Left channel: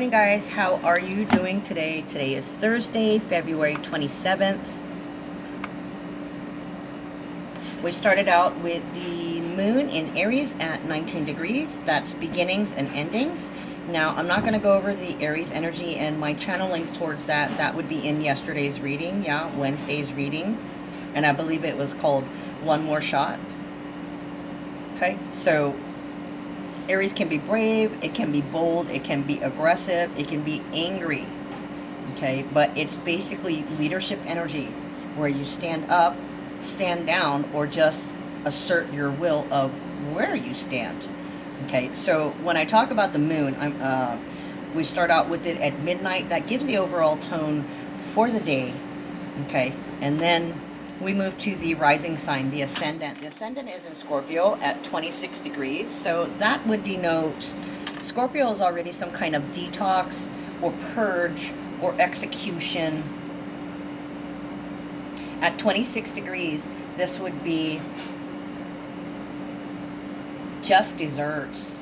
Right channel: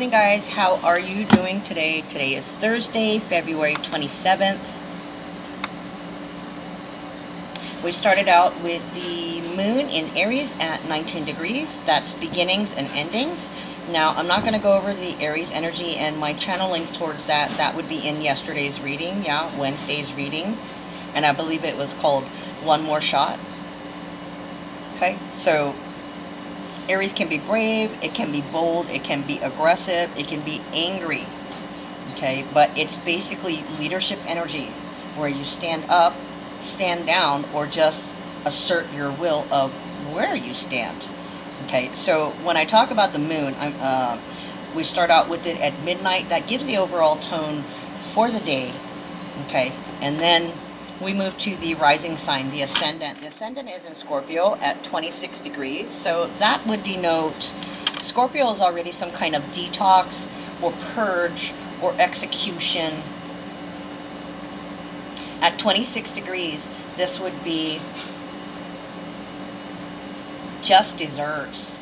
Morning guys, how are you doing today? Today is Thursday, February 27th. We started out with the moon in Aries at 19 degrees. That's beginnings and endings. Now, I'm not going to go over the Aries energy and my channelings towards that. That would be in yesterday's reading, Wednesday's reading. And I believe it was called One More Shot. Okay, so Aries can be brave, it can be bold, it can be aggressive, it can be angry, okay? But it's basically leadership energy where you stand up, stand down, or just assert your will of where you stand, okay? So when I talk about the moon, we start out with it at midnight. That gives the overall tone for the day, okay? And then we move to the rising sign, the ascendant. The ascendant is in Scorpio at 26 degrees. So that would denote Scorpio is already some kind of detox or purge or execution. At 26 degrees, this would be just desserts.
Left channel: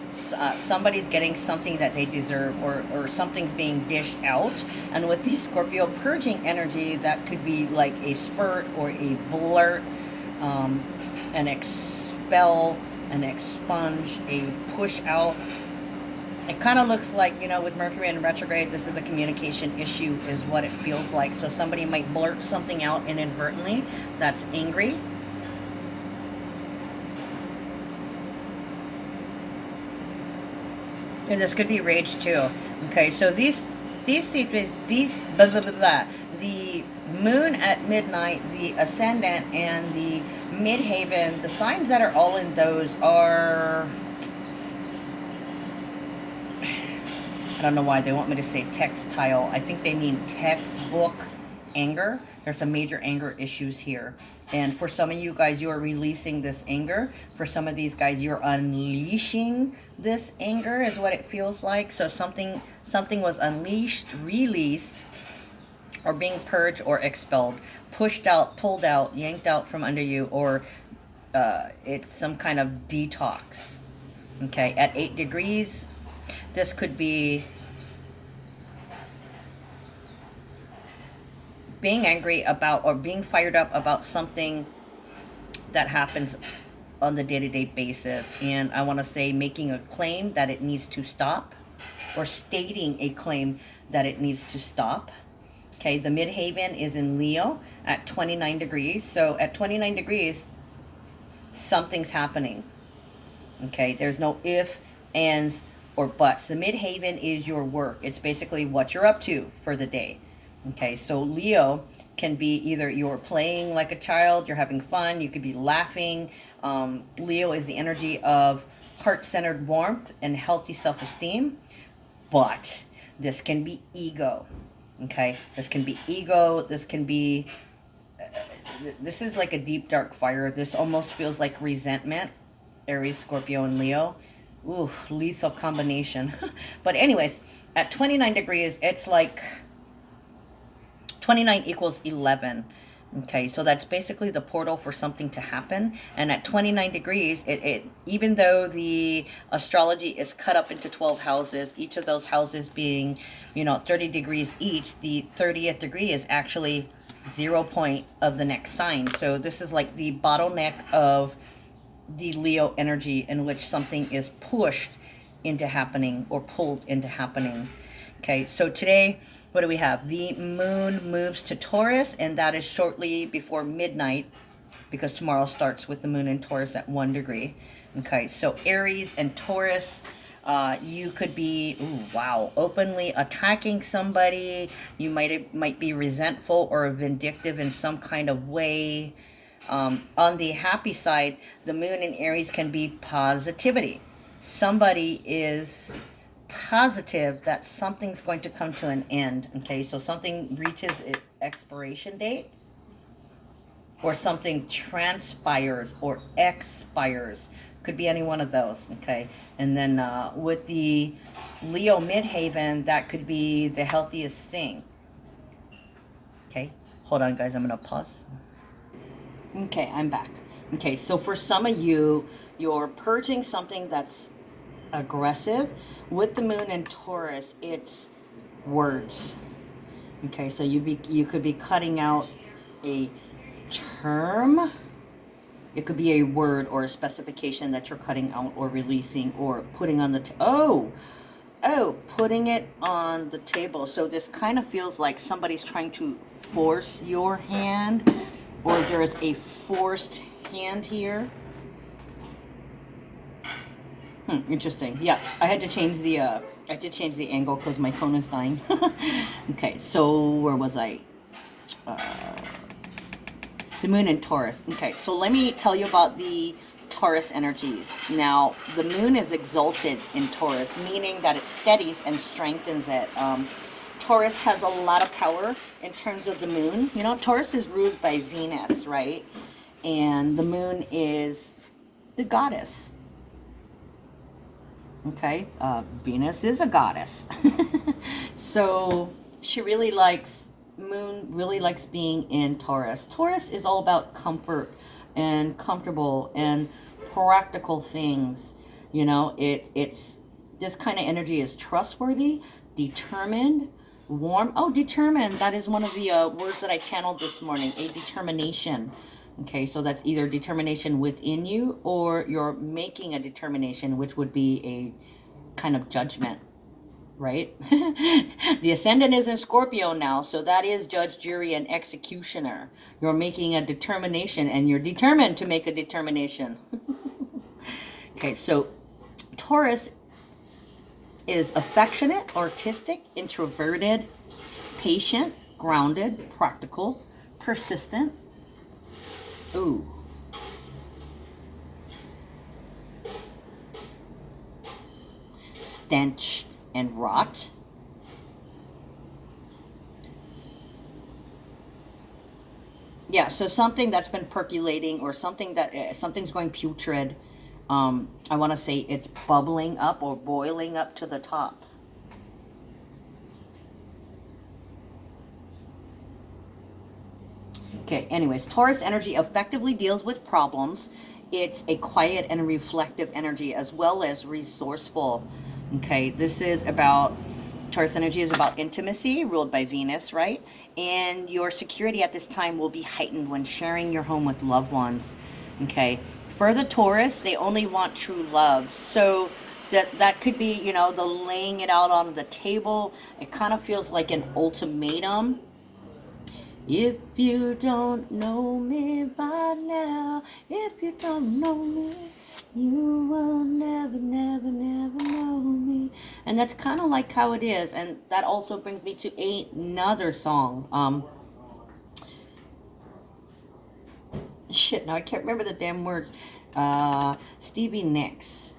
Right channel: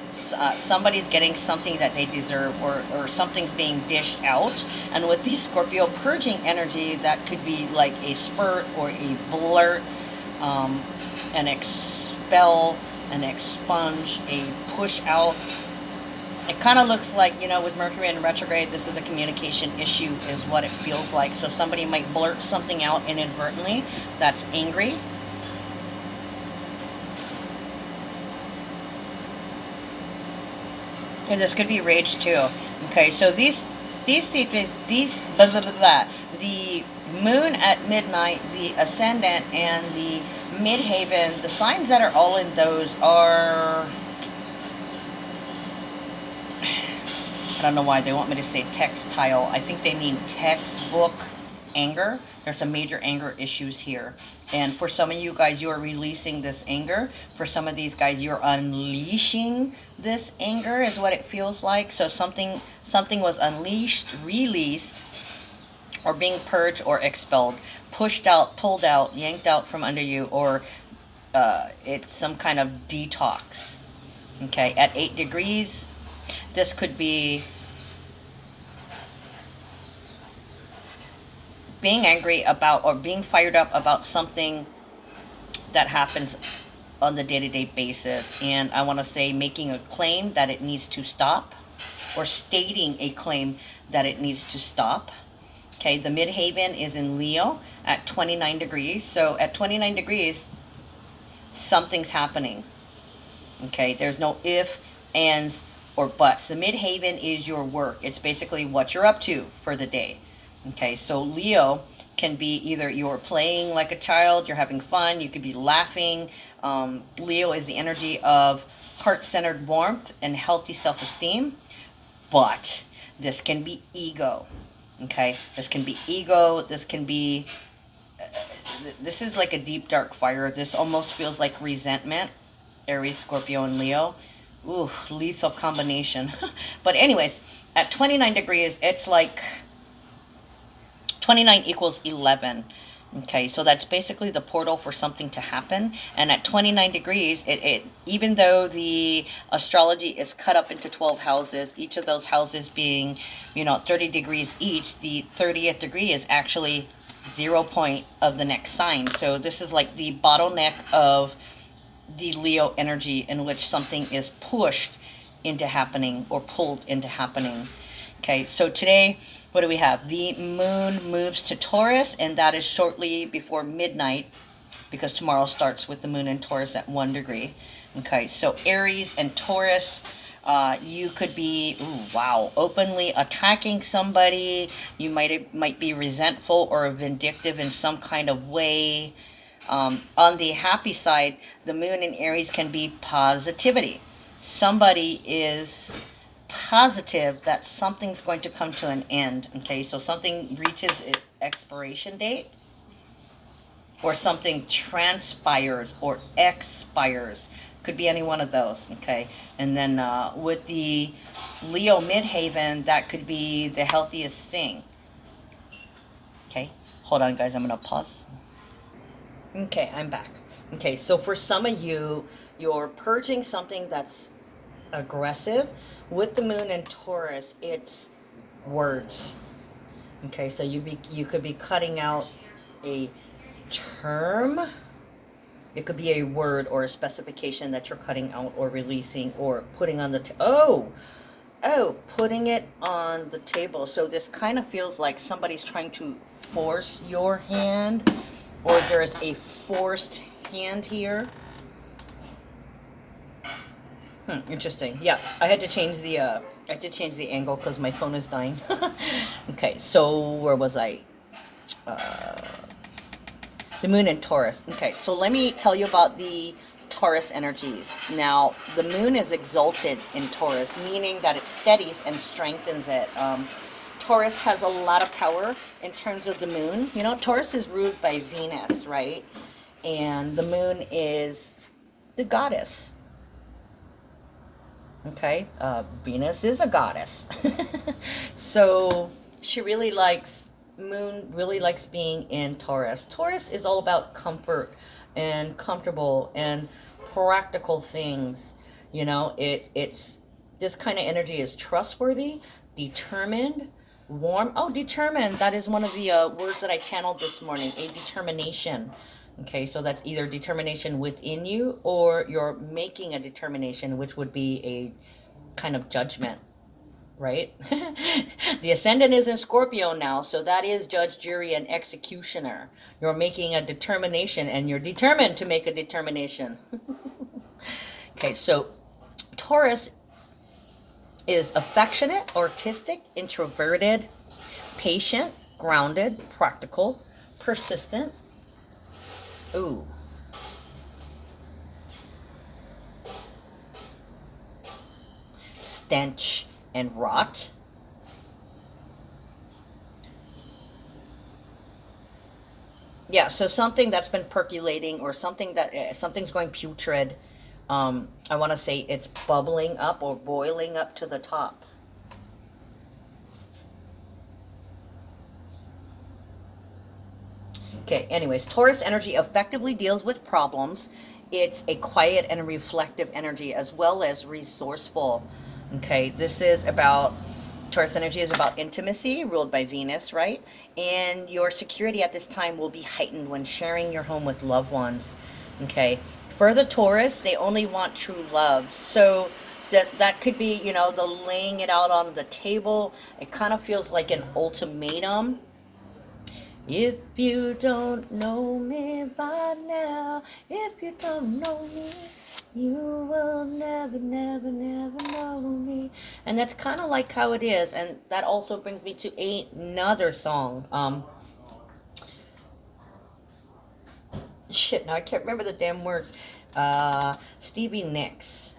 Somebody's getting something that they deserve, or something's being dished out. And with the Scorpio purging energy, that could be like a spurt or a blurt, an expel, an expunge, a push out. It kind of looks like, with Mercury in retrograde, this is a communication issue is what it feels like. So somebody might blurt something out inadvertently that's angry. And this could be rage too. Okay, so these blah, blah, blah, blah. The moon at midnight, the ascendant, and the midhaven, the signs that are all in those are, I don't know why they want me to say textile. I think they mean textbook anger. There's some major anger issues here. And for some of you guys, you are releasing this anger. For some of these guys, you're unleashing this anger is what it feels like. So something was unleashed, released, or being purged or expelled, pushed out, pulled out, yanked out from under you, or it's some kind of detox. Okay, at 8 degrees, this could be being angry about or being fired up about something that happens on the day-to-day basis. And I want to say making a claim that it needs to stop, or stating a claim that it needs to stop. Okay, the midhaven is in Leo at 29 degrees. So at 29 degrees, something's happening. Okay, there's no if, ands, or buts. The midhaven is your work. It's basically what you're up to for the day. Okay, so Leo can be either you're playing like a child, you're having fun, you could be laughing. Leo is the energy of heart-centered warmth and healthy self-esteem, but this can be ego. Okay, this can be ego, this can be, this is like a deep dark fire. This almost feels like resentment. Aries, Scorpio, and Leo. Ooh, lethal combination. But anyways, at 29 degrees, it's like 29 equals 11. Okay, so that's basically the portal for something to happen. And at 29 degrees, it even though the astrology is cut up into 12 houses, each of those houses being, 30 degrees each, the 30th degree is actually 0 point of the next sign. So this is like the bottleneck of the Leo energy in which something is pushed into happening or pulled into happening. Okay, so today, what do we have? The moon moves to Taurus, and that is shortly before midnight, because tomorrow starts with the moon in Taurus at 1 degree. Okay, so Aries and Taurus, you could be, openly attacking somebody. You might be resentful or vindictive in some kind of way. On the happy side, the moon in Aries can be positivity. Somebody is positive that something's going to come to an end. Okay, so something reaches its expiration date, or something transpires or expires. Could be any one of those. Okay, and then with the Leo midhaven, that could be the healthiest thing. Okay, hold on guys, I'm gonna pause. Okay, I'm back. Okay, so for some of you, you're purging something that's aggressive. With the moon in Taurus, it's words. Okay, so you could be cutting out a term. It could be a word or a specification that you're cutting out or releasing or putting on the putting it on the table. So this kind of feels like somebody's trying to force your hand, or there's a forced hand here. Interesting. Yes, I had to change the angle because my phone is dying. Okay, so where was I? The moon in Taurus. Okay, so let me tell you about the Taurus energies. Now, the moon is exalted in Taurus, meaning that it steadies and strengthens it. Taurus has a lot of power in terms of the moon. You know, Taurus is ruled by Venus, right? And the moon is the goddess. Okay, Venus is a goddess. So she really likes, moon really likes being in Taurus. Taurus is all about comfort and comfortable and practical things. You know, it's this kind of energy is trustworthy, determined, warm. Oh, determined. That is one of the words that I channeled this morning, a determination. Okay, so that's either determination within you or you're making a determination, which would be a kind of judgment, right? The ascendant is in Scorpio now, so that is judge, jury, and executioner. You're making a determination and you're determined to make a determination. Okay, so Taurus is affectionate, artistic, introverted, patient, grounded, practical, persistent. Ooh. Stench and rot. Yeah, so something that's been percolating or something that something's going putrid. I want to say it's bubbling up or boiling up to the top. Okay, anyways, Taurus energy effectively deals with problems. It's a quiet and reflective energy as well as resourceful. Okay, this is about, Taurus energy is about intimacy, ruled by Venus, right? And your security at this time will be heightened when sharing your home with loved ones. Okay, for the Taurus, they only want true love. So that could be, you know, the laying it out on the table. It kind of feels like an ultimatum. If you don't know me by now, if you don't know me, you will never, never, never know me. And that's kind of like how it is. And that also brings me to another song. Shit, now I can't remember the damn words. Stevie Nicks.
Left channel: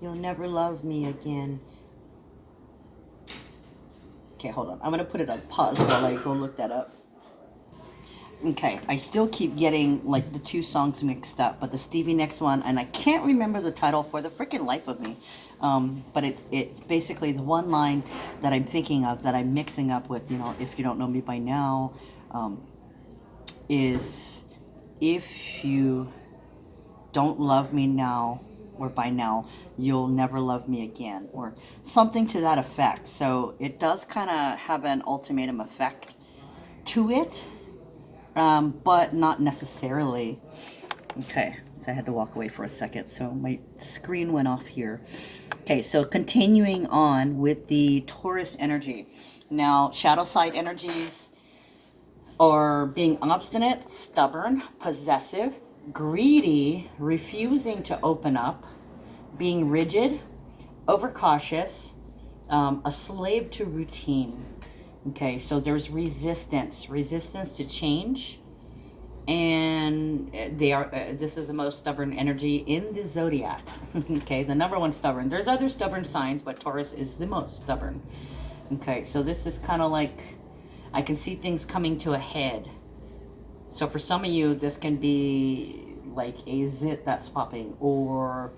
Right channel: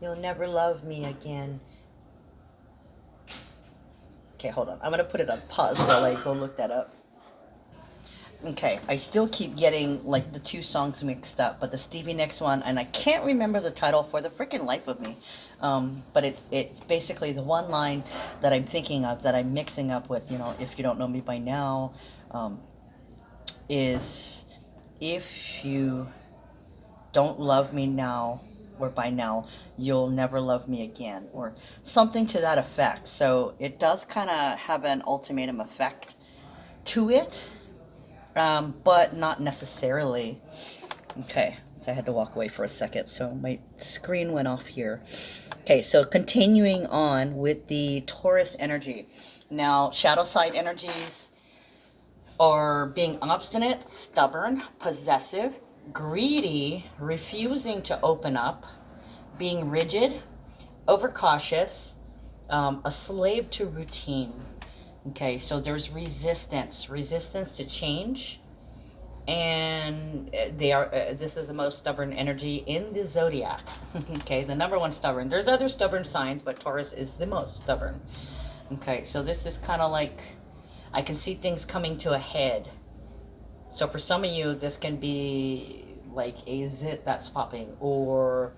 You'll never love me again. Okay, hold on. I'm going to put it on pause while I go look that up. Okay, I still keep getting like the two songs mixed up, but the Stevie Nicks one, and I can't remember the title for the freaking life of me. But it's basically the one line that I'm thinking of that I'm mixing up with, you know, if you don't know me by now, is if you don't love me now, or by now, you'll never love me again, or something to that effect. So it does kind of have an ultimatum effect to it, but not necessarily. Okay, so I had to walk away for a second, so my screen went off here. Okay, so continuing on with the Taurus energy. Now, shadow side energies are being obstinate, stubborn, possessive, greedy, refusing to open up, being rigid, overcautious, a slave to routine. Okay, so there's resistance to change, and they are. This is the most stubborn energy in the zodiac. Okay, the number one stubborn. There's other stubborn signs, but Taurus is the most stubborn. Okay, so this is kind of like, I can see things coming to a head. So for some of you, this can be like a zit that's popping, or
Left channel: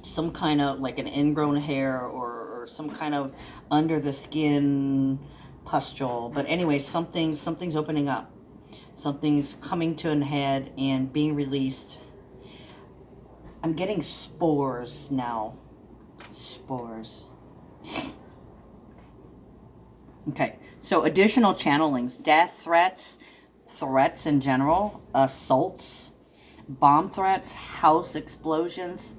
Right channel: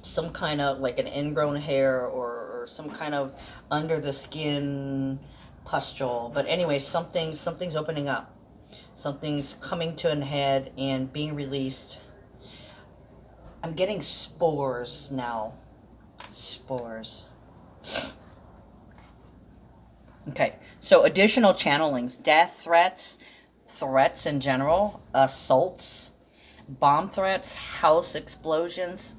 some kind of like an ingrown hair, or some kind of under the skin pustule. But anyway, something's opening up. Something's coming to an head and being released. I'm getting spores now. Spores. Okay, so additional channelings, death threats, threats in general, assaults, bomb threats, house explosions,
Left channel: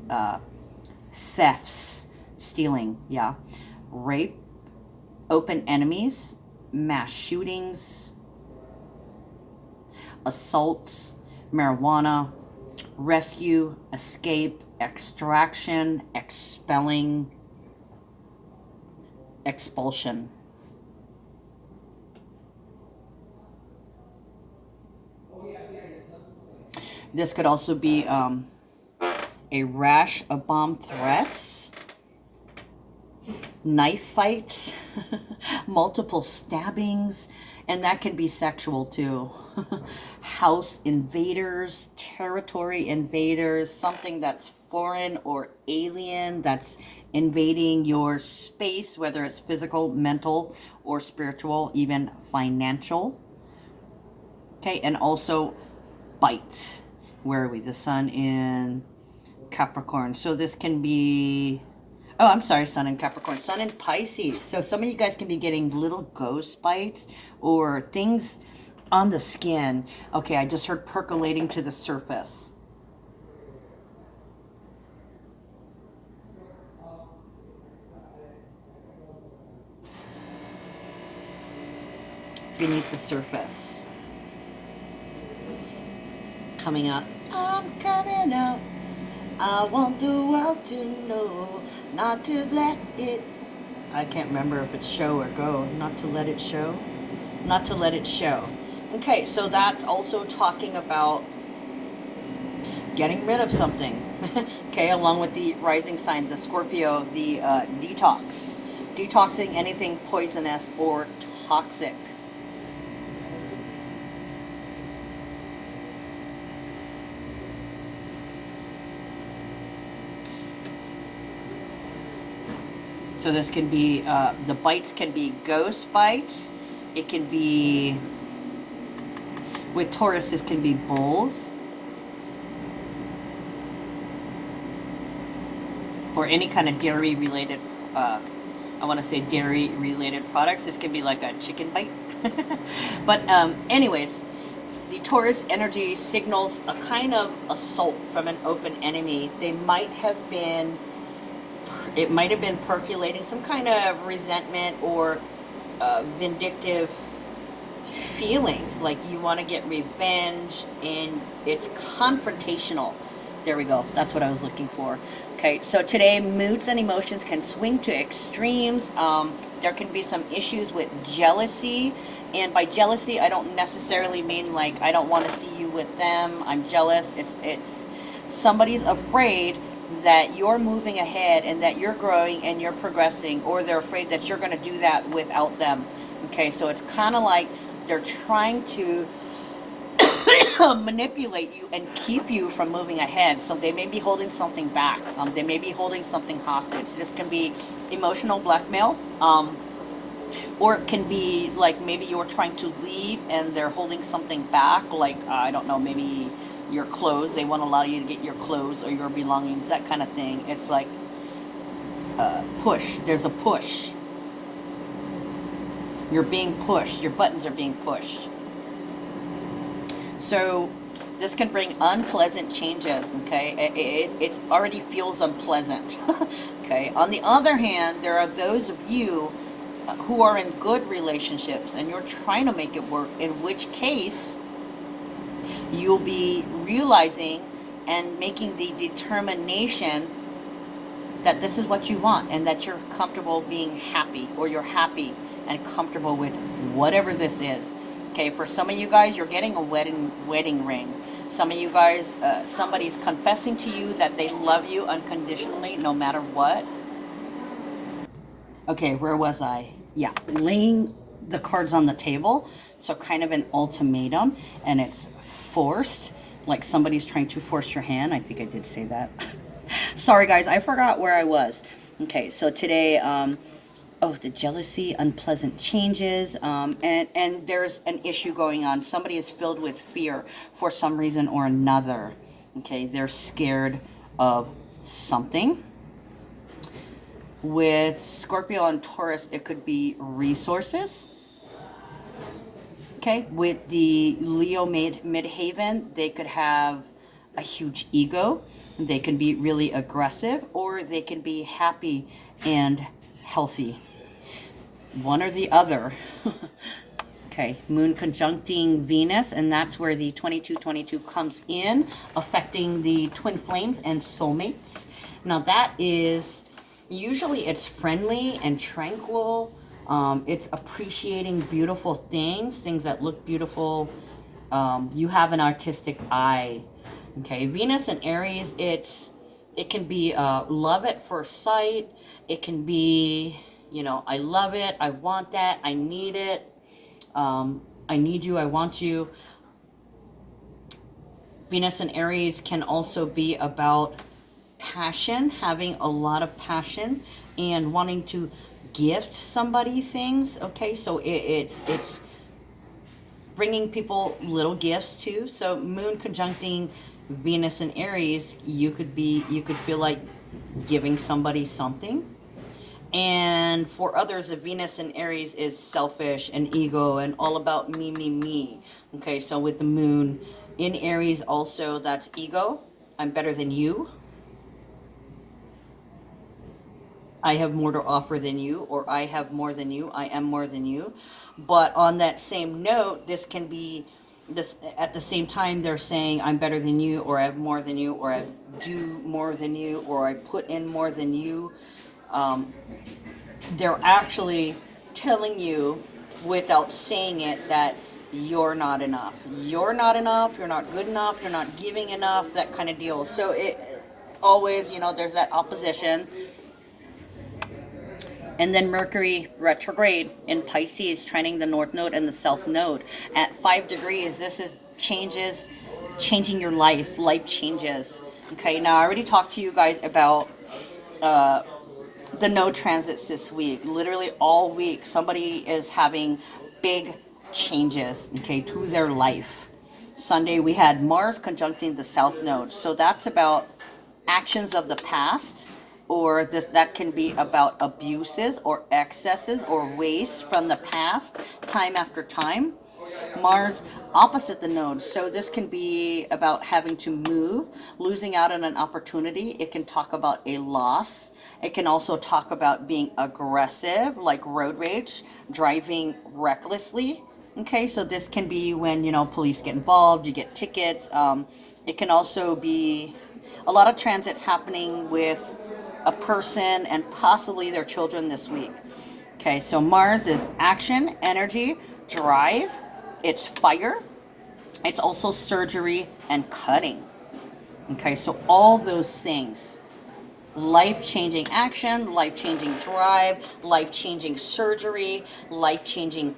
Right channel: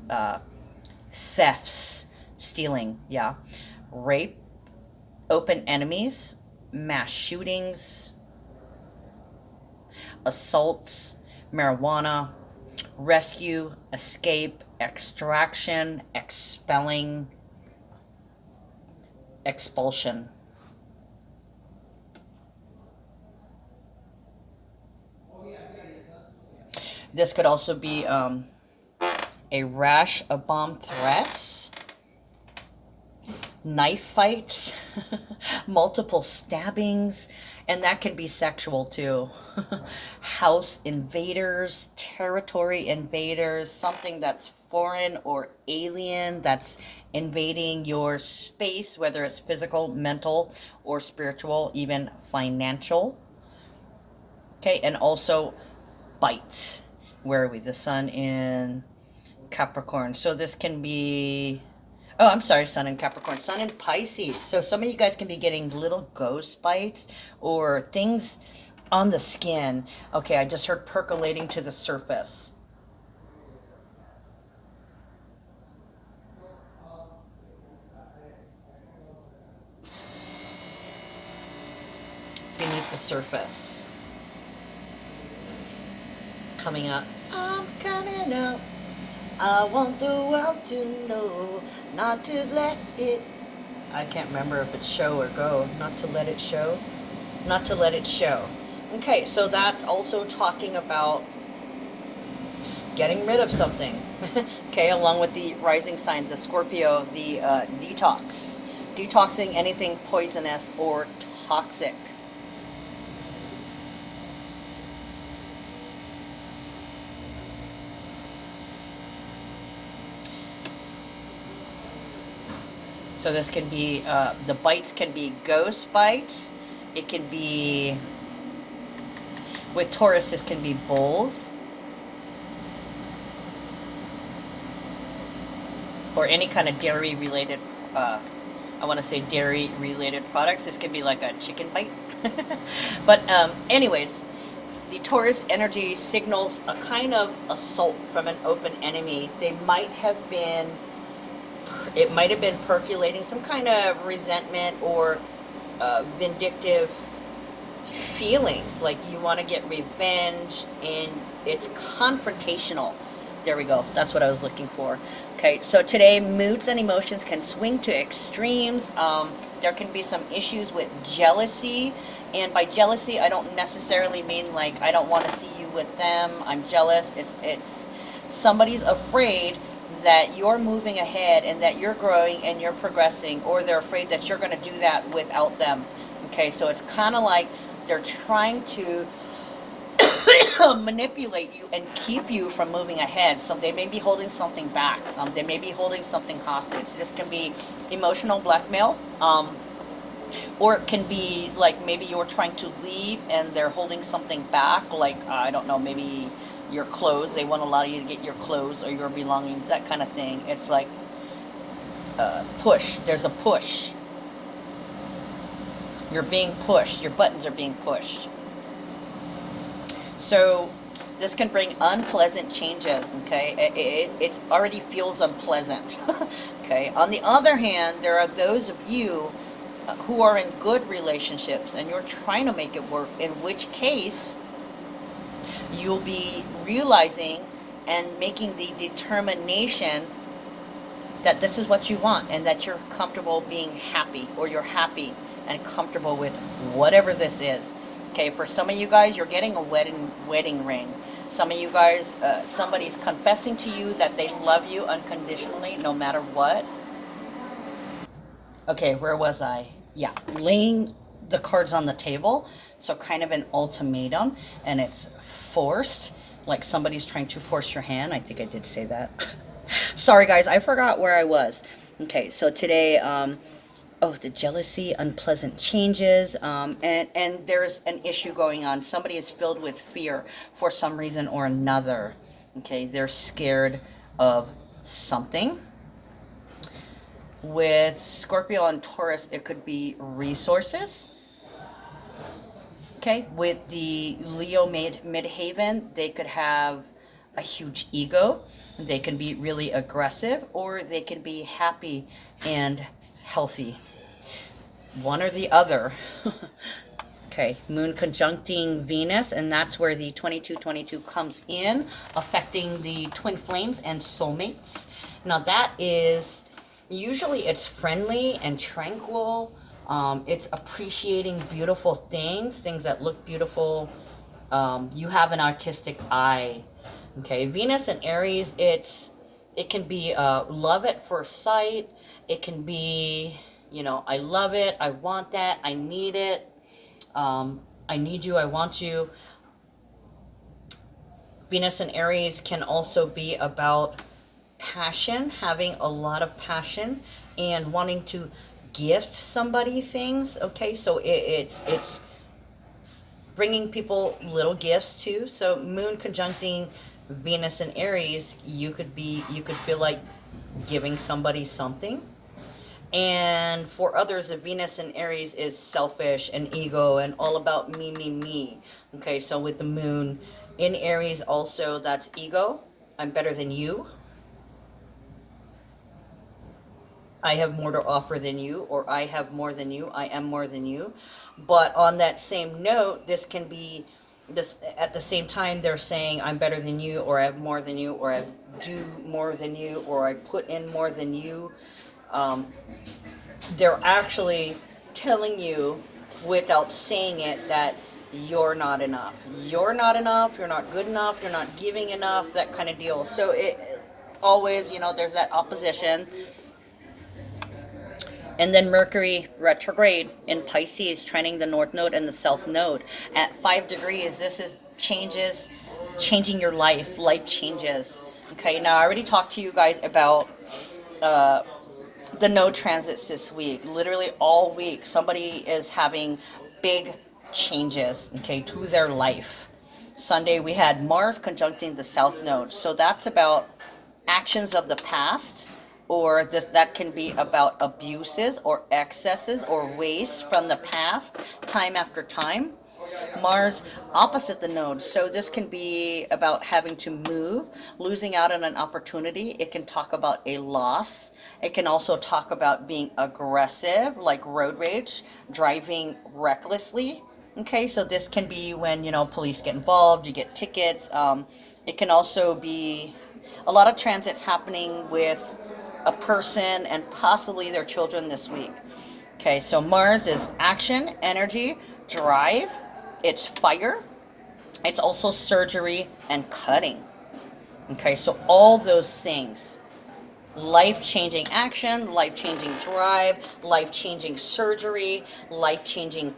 thefts, stealing, yeah, rape, open enemies, mass shootings, assaults, marijuana, rescue, escape, extraction, expelling, expulsion. This could also be a rash of bomb threats, knife fights, multiple stabbings, and that can be sexual too. House invaders, territory invaders, something that's foreign or alien that's invading your space, whether it's physical, mental, or spiritual, even financial. Okay, and also bites. Where are we? The sun in Capricorn. So this can be, oh, I'm sorry, sun in Capricorn. Sun in Pisces. So some of you guys can be getting little ghost bites or things on the skin. Okay, I just heard percolating to the surface. Beneath the surface. Coming out. I'm coming out. I want the world to know, not to let it. I can't remember if it's show or go. Not to let it show. Not to let it show. Okay, so that's also talking about getting rid of something. Okay, along with the rising sign, the Scorpio, the detox. Detoxing anything poisonous or toxic. So this can be, the bites can be ghost bites. It can be, with Taurus, this can be bulls. Or any kind of dairy related, I want to say dairy related products. This can be like a chicken bite. But anyways, the Taurus energy signals a kind of assault from an open enemy. They might have been, it might have been percolating some kind of resentment or vindictive feelings, like you want to get revenge, and it's confrontational. There we go. That's what I was looking for. Okay, so today moods and emotions can swing to extremes. There can be some issues with jealousy, and by jealousy, I don't necessarily mean like I don't want to see you with them. I'm jealous. It's somebody's afraid that you're moving ahead and that you're growing and you're progressing, or they're afraid that you're going to do that without them. Okay, so it's kind of like they're trying to manipulate you and keep you from moving ahead. So they may be holding something back. They may be holding something hostage. This can be emotional blackmail, or it can be like maybe you're trying to leave and they're holding something back, like I don't know, maybe your clothes. They won't allow you to get your clothes or your belongings, that kind of thing. It's like push. There's a push. You're being pushed. Your buttons are being pushed. So this can bring unpleasant changes. Okay, it already feels unpleasant. Okay. On the other hand, there are those of you who are in good relationships and you're trying to make it work, in which case you'll be realizing and making the determination that this is what you want and that you're comfortable being happy, or you're happy and comfortable with whatever this is. Okay, for some of you guys, you're getting a wedding ring. Some of you guys, somebody's confessing to you that they love you unconditionally no matter what. Okay, where was I? Yeah, laying the cards on the table. So kind of an ultimatum, and it's forced, like somebody's trying to force your hand. I think I did say that. Sorry guys, I forgot where I was. Okay, so today, the jealousy, unpleasant changes, and there's an issue going on. Somebody is filled with fear for some reason or another. Okay, they're scared of something. With Scorpio and Taurus, it could be resources. Okay, with the Leo midhaven, they could have a huge ego. They can be really aggressive, or they can be happy and healthy. One or the other. Okay, Moon conjuncting Venus, and that's where the 2222 comes in, affecting the twin flames and soulmates. Now that is, usually it's friendly and tranquil. It's appreciating beautiful things, things that look beautiful. You have an artistic eye. Okay, Venus and Aries, it can be love at first sight. It can be, I love it, I want that, I need it. I need you, I want you. Venus and Aries can also be about passion, having a lot of passion and wanting to gift somebody things. Okay, so it's bringing people little gifts too. So Moon conjuncting Venus and Aries, you could feel like giving somebody something. And for others, the Venus in Aries is selfish and ego and all about me, me, me. Okay, so with the Moon in Aries also, that's ego. I'm better than you. I have more to offer than you, or I have more than you. I am more than you. But on that same note, this can be, this at the same time they're saying I'm better than you, or I have more than you, or I do more than you, or I put in more than you. They're actually telling you without saying it that you're not enough. You're not enough, you're not good enough, you're not giving enough, that kind of deal. So it always, there's that opposition. And then Mercury retrograde in Pisces, trending the North Node and the South Node. At 5 degrees, this is changing your life. Life changes. Okay, now I already talked to you guys about the node transits this week. Literally all week, somebody is having big changes, okay, to their life. Sunday, we had Mars conjuncting the South Node. So that's about actions of the past, or that can be about abuses or excesses or waste from the past, time after time. Mars opposite the node. So this can be about having to move, losing out on an opportunity. It can talk about a loss. It can also talk about being aggressive, like road rage, driving recklessly. Okay, so this can be when, police get involved, you get tickets. It can also be a lot of transits happening with a person and possibly their children this week. Okay, so Mars is action, energy, drive. It's fire. It's also surgery and cutting. Okay, so all those things. Life-changing action, life-changing drive, life-changing surgery, life-changing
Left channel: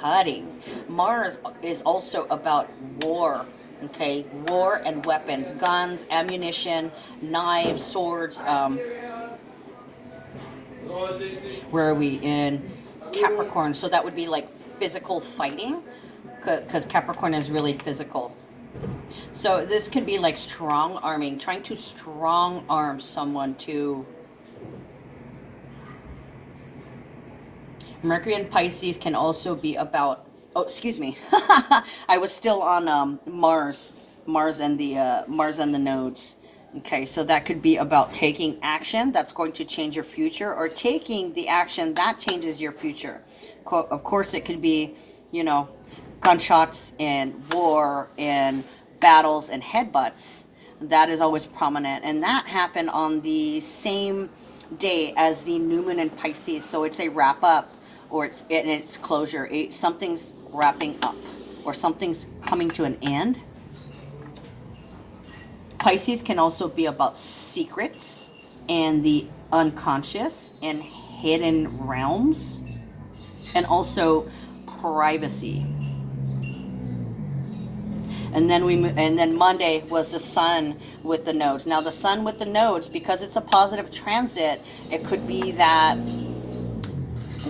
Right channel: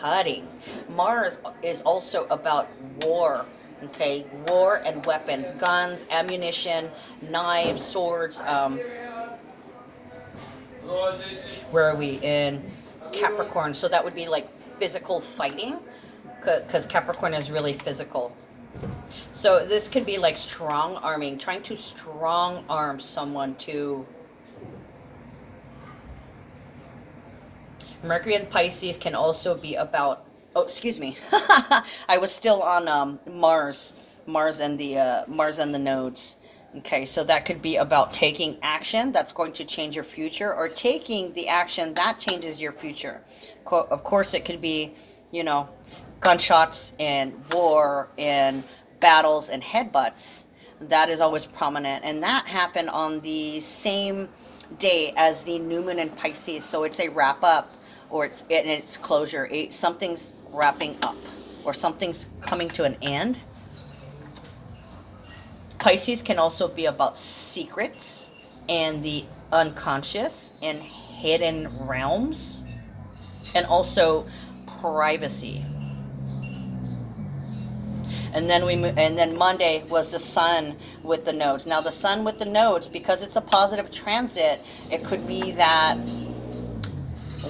cutting. Mars is also about war. Okay, war and weapons, guns, ammunition, knives, swords. Where are we? In Capricorn. So that would be like physical fighting, because Capricorn is really physical. So this could be like strong arming, trying to strong arm someone to. Mercury in Pisces can also be about, oh, excuse me. I was still on Mars and the nodes. Okay, so that could be about taking action that's going to change your future, or taking the action that changes your future. Of course, it could be, gunshots and war and battles and headbutts. That is always prominent, and that happened on the same day as the new moon in Pisces. So it's a wrap up, or it's closure. Something's wrapping up, or something's coming to an end. Pisces can also be about secrets and the unconscious and hidden realms, and also privacy. And then Monday was the sun with the nodes. Now the sun with the nodes, because it's a positive transit, it could be that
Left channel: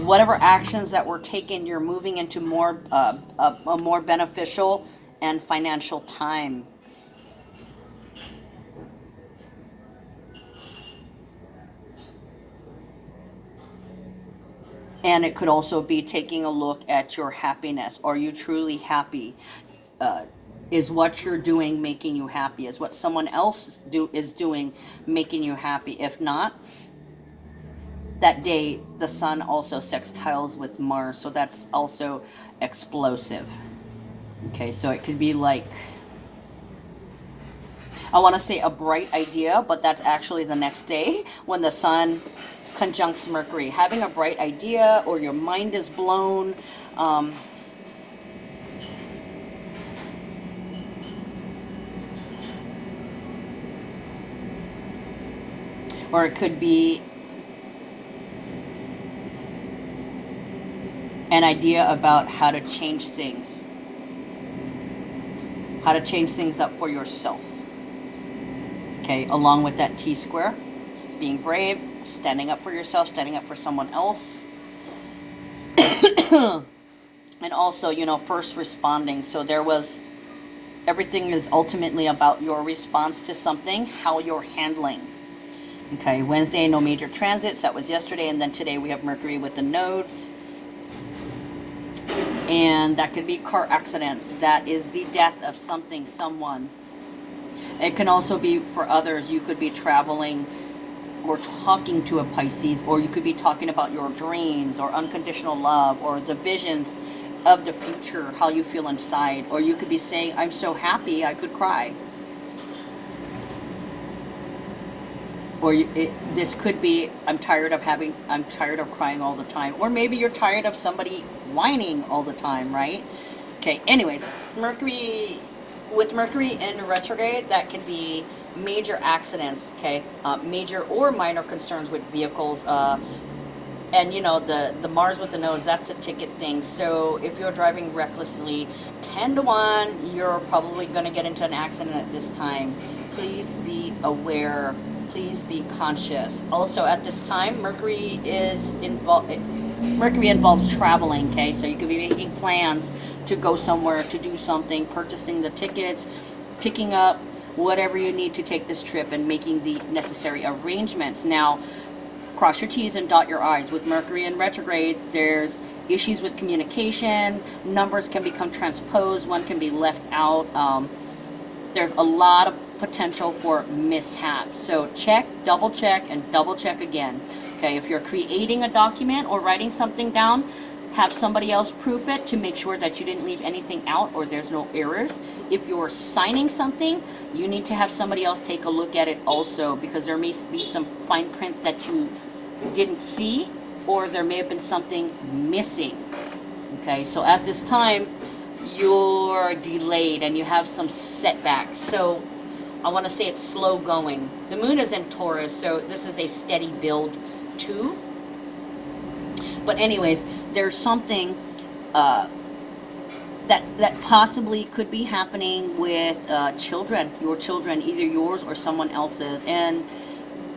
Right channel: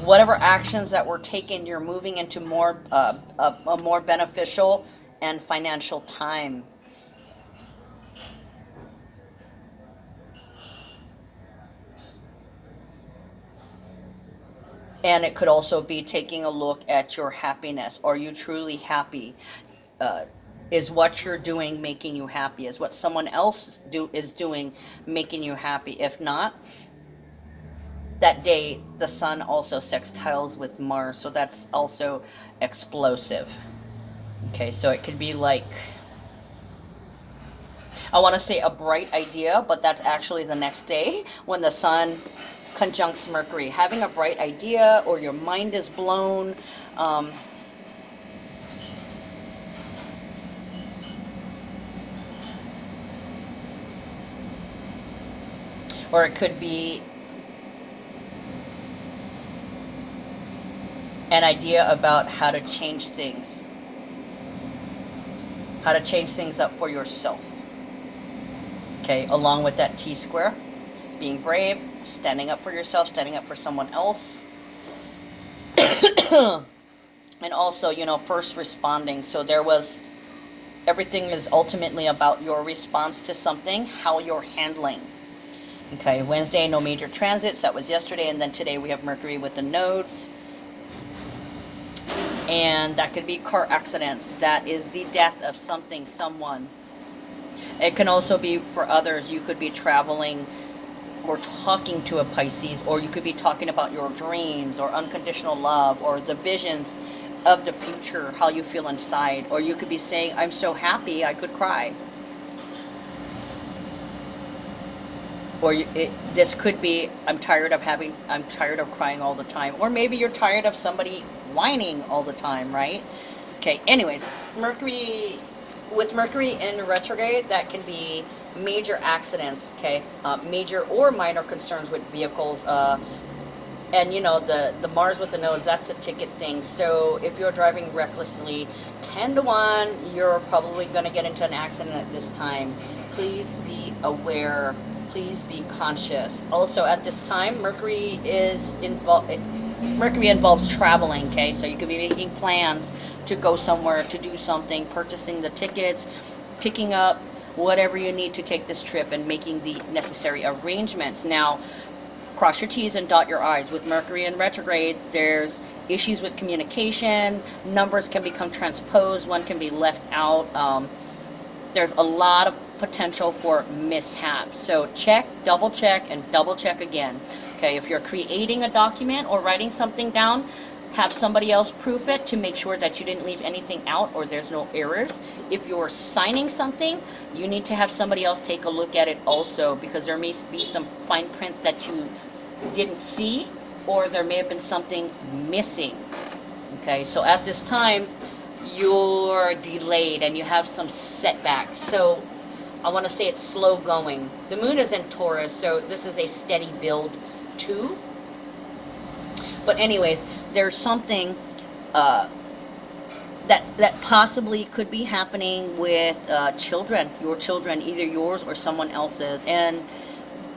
whatever actions that were taken, you're moving into a more beneficial and financial time. And it could also be taking a look at your happiness. Are you truly happy? Uh, is what you're doing making you happy? Is what someone else is doing making you happy? If not, that day the sun also sextiles with Mars, so that's also explosive. Okay, so it could be like, I want to say a bright idea, but that's actually the next day when the sun conjuncts Mercury. Having a bright idea, or your mind is blown. Or it could be an idea about how to change things. How to change things up for yourself. Okay, along with that T square. Being brave, standing up for yourself, standing up for someone else. And also, first responding. So everything is ultimately about your response to something, how you're handling. Okay, Wednesday, no major transits. That was yesterday. And then today we have Mercury with the nodes. And that could be car accidents. That is the death of something, someone. It can also be for others. You could be traveling or talking to a Pisces, or you could be talking about your dreams or unconditional love or the visions of the future, how you feel inside. Or you could be saying, I'm so happy I could cry. Or this could be, I'm tired of crying all the time. Or maybe you're tired of somebody whining all the time, right? Okay, anyways, with Mercury in retrograde, that can be major accidents, okay? Major or minor concerns with vehicles. And the Mars with the nose, that's a ticket thing. So if you're driving recklessly, 10 to 1, you're probably going to get into an accident at this time. Please be aware. Please be conscious. Also, at this time, Mercury involves traveling, okay? So you could be making plans to go somewhere, to do something, purchasing the tickets, picking up whatever you need to take this trip, and making the necessary arrangements. Now, cross your T's and dot your I's. With Mercury in retrograde, there's issues with communication. Numbers can become transposed. One can be left out. There's a lot of potential for mishaps. So check, double check, and double check again. Okay, if you're creating a document or writing something down, have somebody else proof it to make sure that you didn't leave anything out or there's no errors. If you're signing something, you need to have somebody else take a look at it also, because there may be some fine print that you didn't see, or there may have been something missing. Okay, so at this time, you're delayed and you have some setbacks. So I want to say it's slow going. The moon is in Taurus, so this is a steady build too. But anyways, there's something that possibly could be happening with children, your children, either yours or someone else's. And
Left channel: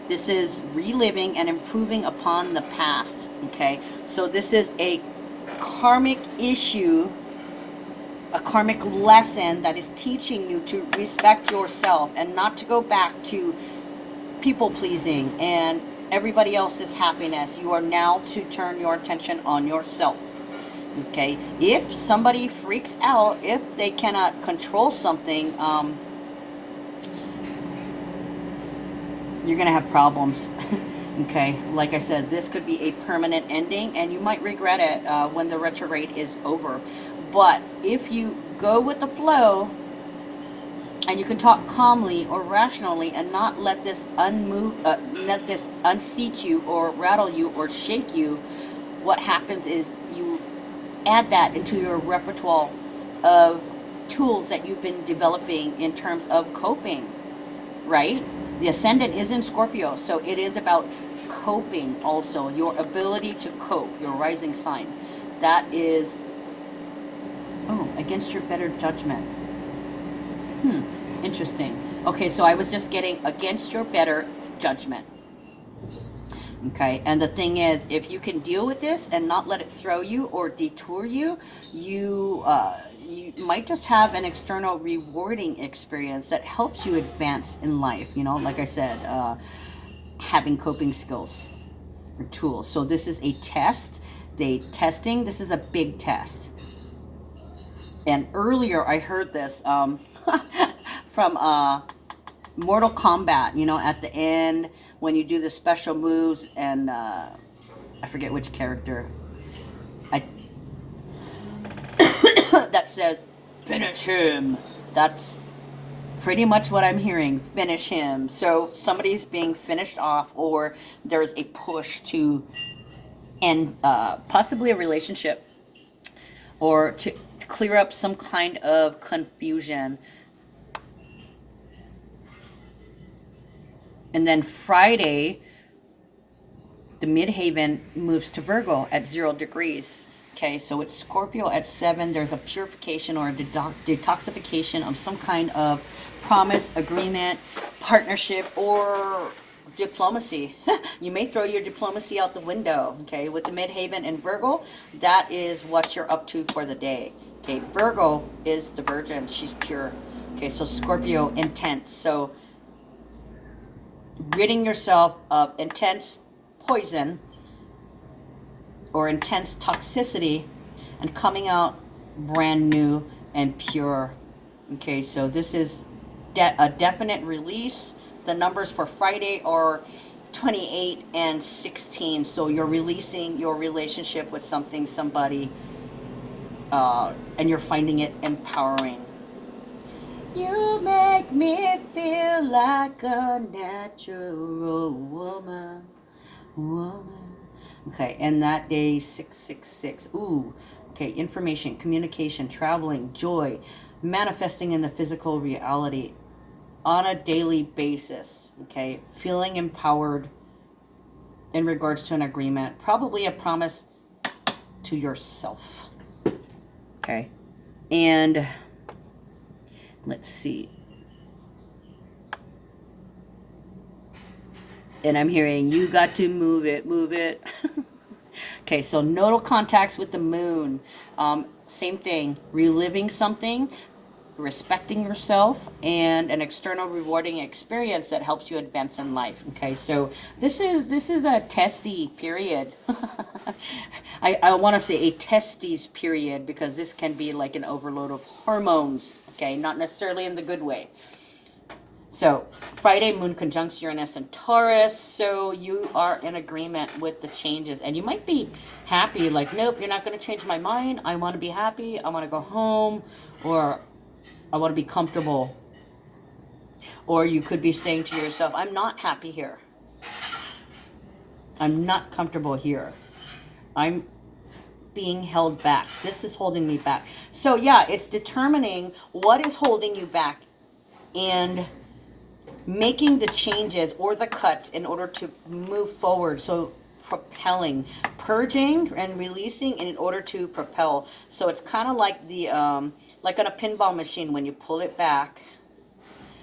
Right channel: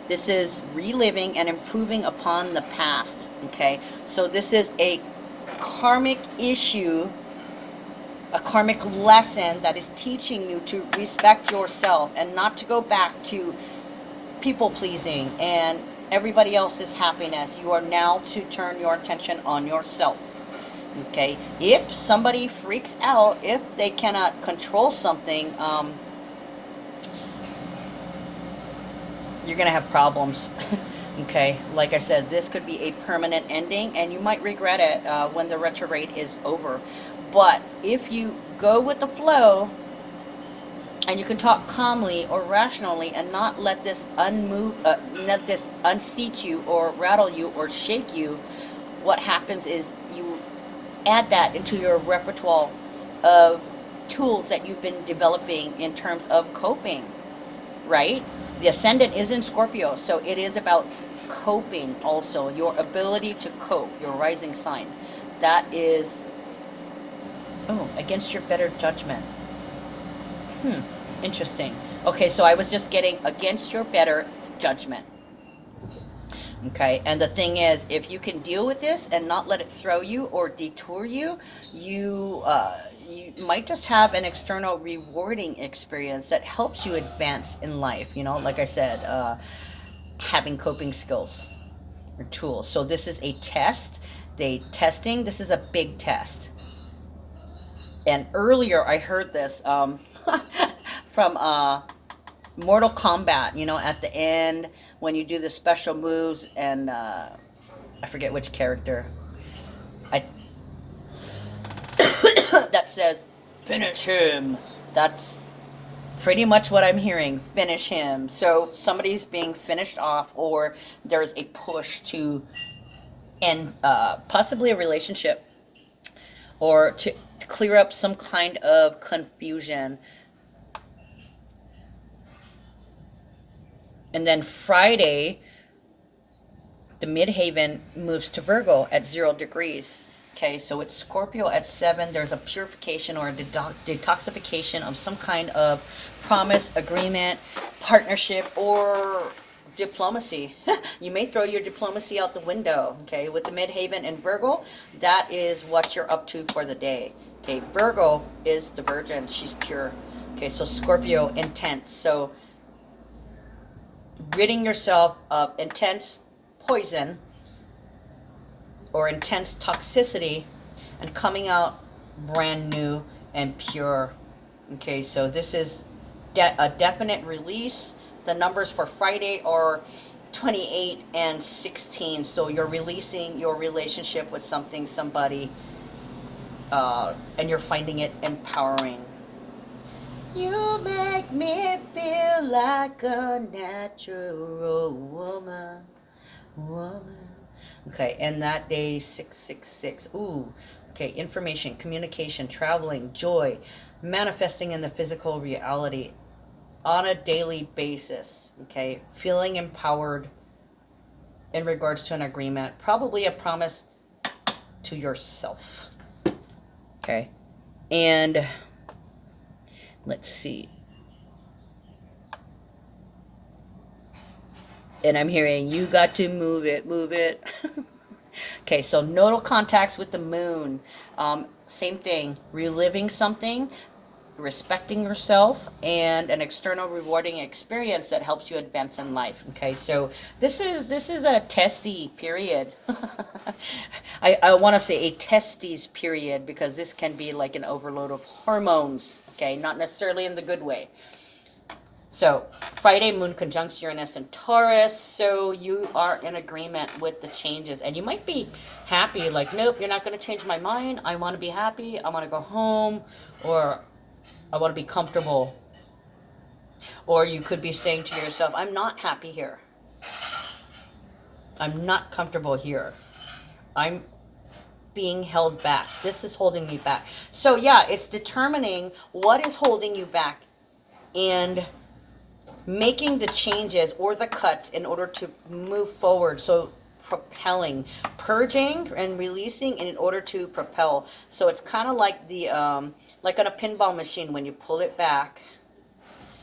this is reliving and improving upon the past, okay? So this is a karmic issue, a karmic lesson that is teaching you to respect yourself and not to go back to people pleasing and everybody else's happiness. You are now to turn your attention on yourself. Okay, if somebody freaks out, if they cannot control something, you're gonna have problems. Okay, like I said, this could be a permanent ending, and you might regret it when the retrograde is over. But if you go with the flow, and you can talk calmly or rationally, and not let this unseat you or rattle you or shake you, what happens is you add that into your repertoire of tools that you've been developing in terms of coping, right? The ascendant is in Scorpio, so it is about coping also, your ability to cope, your rising sign. That is, against your better judgment. Interesting. Okay, so I was just getting against your better judgment. Okay, and the thing is, if you can deal with this and not let it throw you or detour you, you might just have an external rewarding experience that helps you advance in life. Like I said, having coping skills. or tools. So this is a test. This is a big test. And earlier I heard this from Mortal Kombat, you know, at the end when you do the special moves, and I forget which character I that says finish him. That's pretty much what I'm hearing. Finish him. So somebody's being finished off, or there's a push to end possibly a relationship, or to clear up some kind of confusion. And then Friday, the midhaven moves to Virgo at 0 degrees. Okay, so it's Scorpio at 7. There's a purification or a detoxification of some kind of promise, agreement, partnership, or diplomacy. You may throw your diplomacy out the window. Okay, with the midhaven and Virgo, that is what you're up to for the day. Okay, Virgo is the virgin. She's pure. Okay, so Scorpio, intense. So ridding yourself of intense poison or intense toxicity and coming out brand new and pure. Okay, so this is a definite release. The numbers for Friday are 28 and 16. So you're releasing your relationship with somebody, and you're finding it empowering. You make me feel like a natural woman. Okay, and that day 666. Ooh, okay, information, communication, traveling, joy, manifesting in the physical reality on a daily basis. Okay, feeling empowered in regards to an agreement, probably a promise to yourself. Okay, and let's see. And I'm hearing, you got to move it, move it. Okay, so nodal contacts with the moon. Same thing, reliving something, respecting yourself, and an external rewarding experience that helps you advance in life. Okay, so this is a testy period. I want to say a testes period, because this can be like an overload of hormones. Okay, not necessarily in the good way. So Friday, moon conjuncts Uranus and Taurus. So you are in agreement with the changes, and you might be happy, like, nope, you're not going to change my mind. I want to be happy. I want to go home, or I want to be comfortable. Or you could be saying to yourself, I'm not happy here. I'm not comfortable here. I'm being held back. This is holding me back. So yeah, it's determining what is holding you back and making the changes or the cuts in order to move forward. So propelling, purging and releasing in order to propel. So it's kind of like the like on a pinball machine, when you pull it back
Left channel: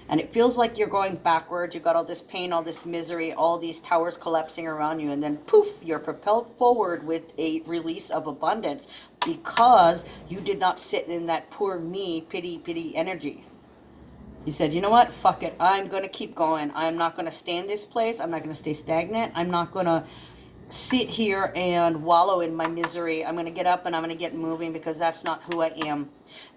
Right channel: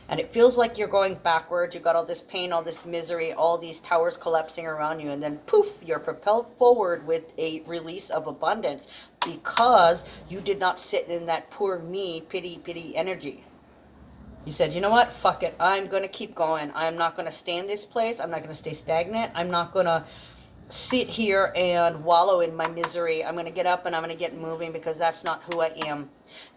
and it feels like you're going backwards. You got all this pain, all this misery, all these towers collapsing around you, and then poof, you're propelled forward with a release of abundance, because you did not sit in that poor me, pity energy. You said, you know what, fuck it, I'm going to keep going. I'm not going to stay in this place. I'm not going to stay stagnant. I'm not going to sit here and wallow in my misery. I'm going to get up and I'm going to get moving, because that's not who I am.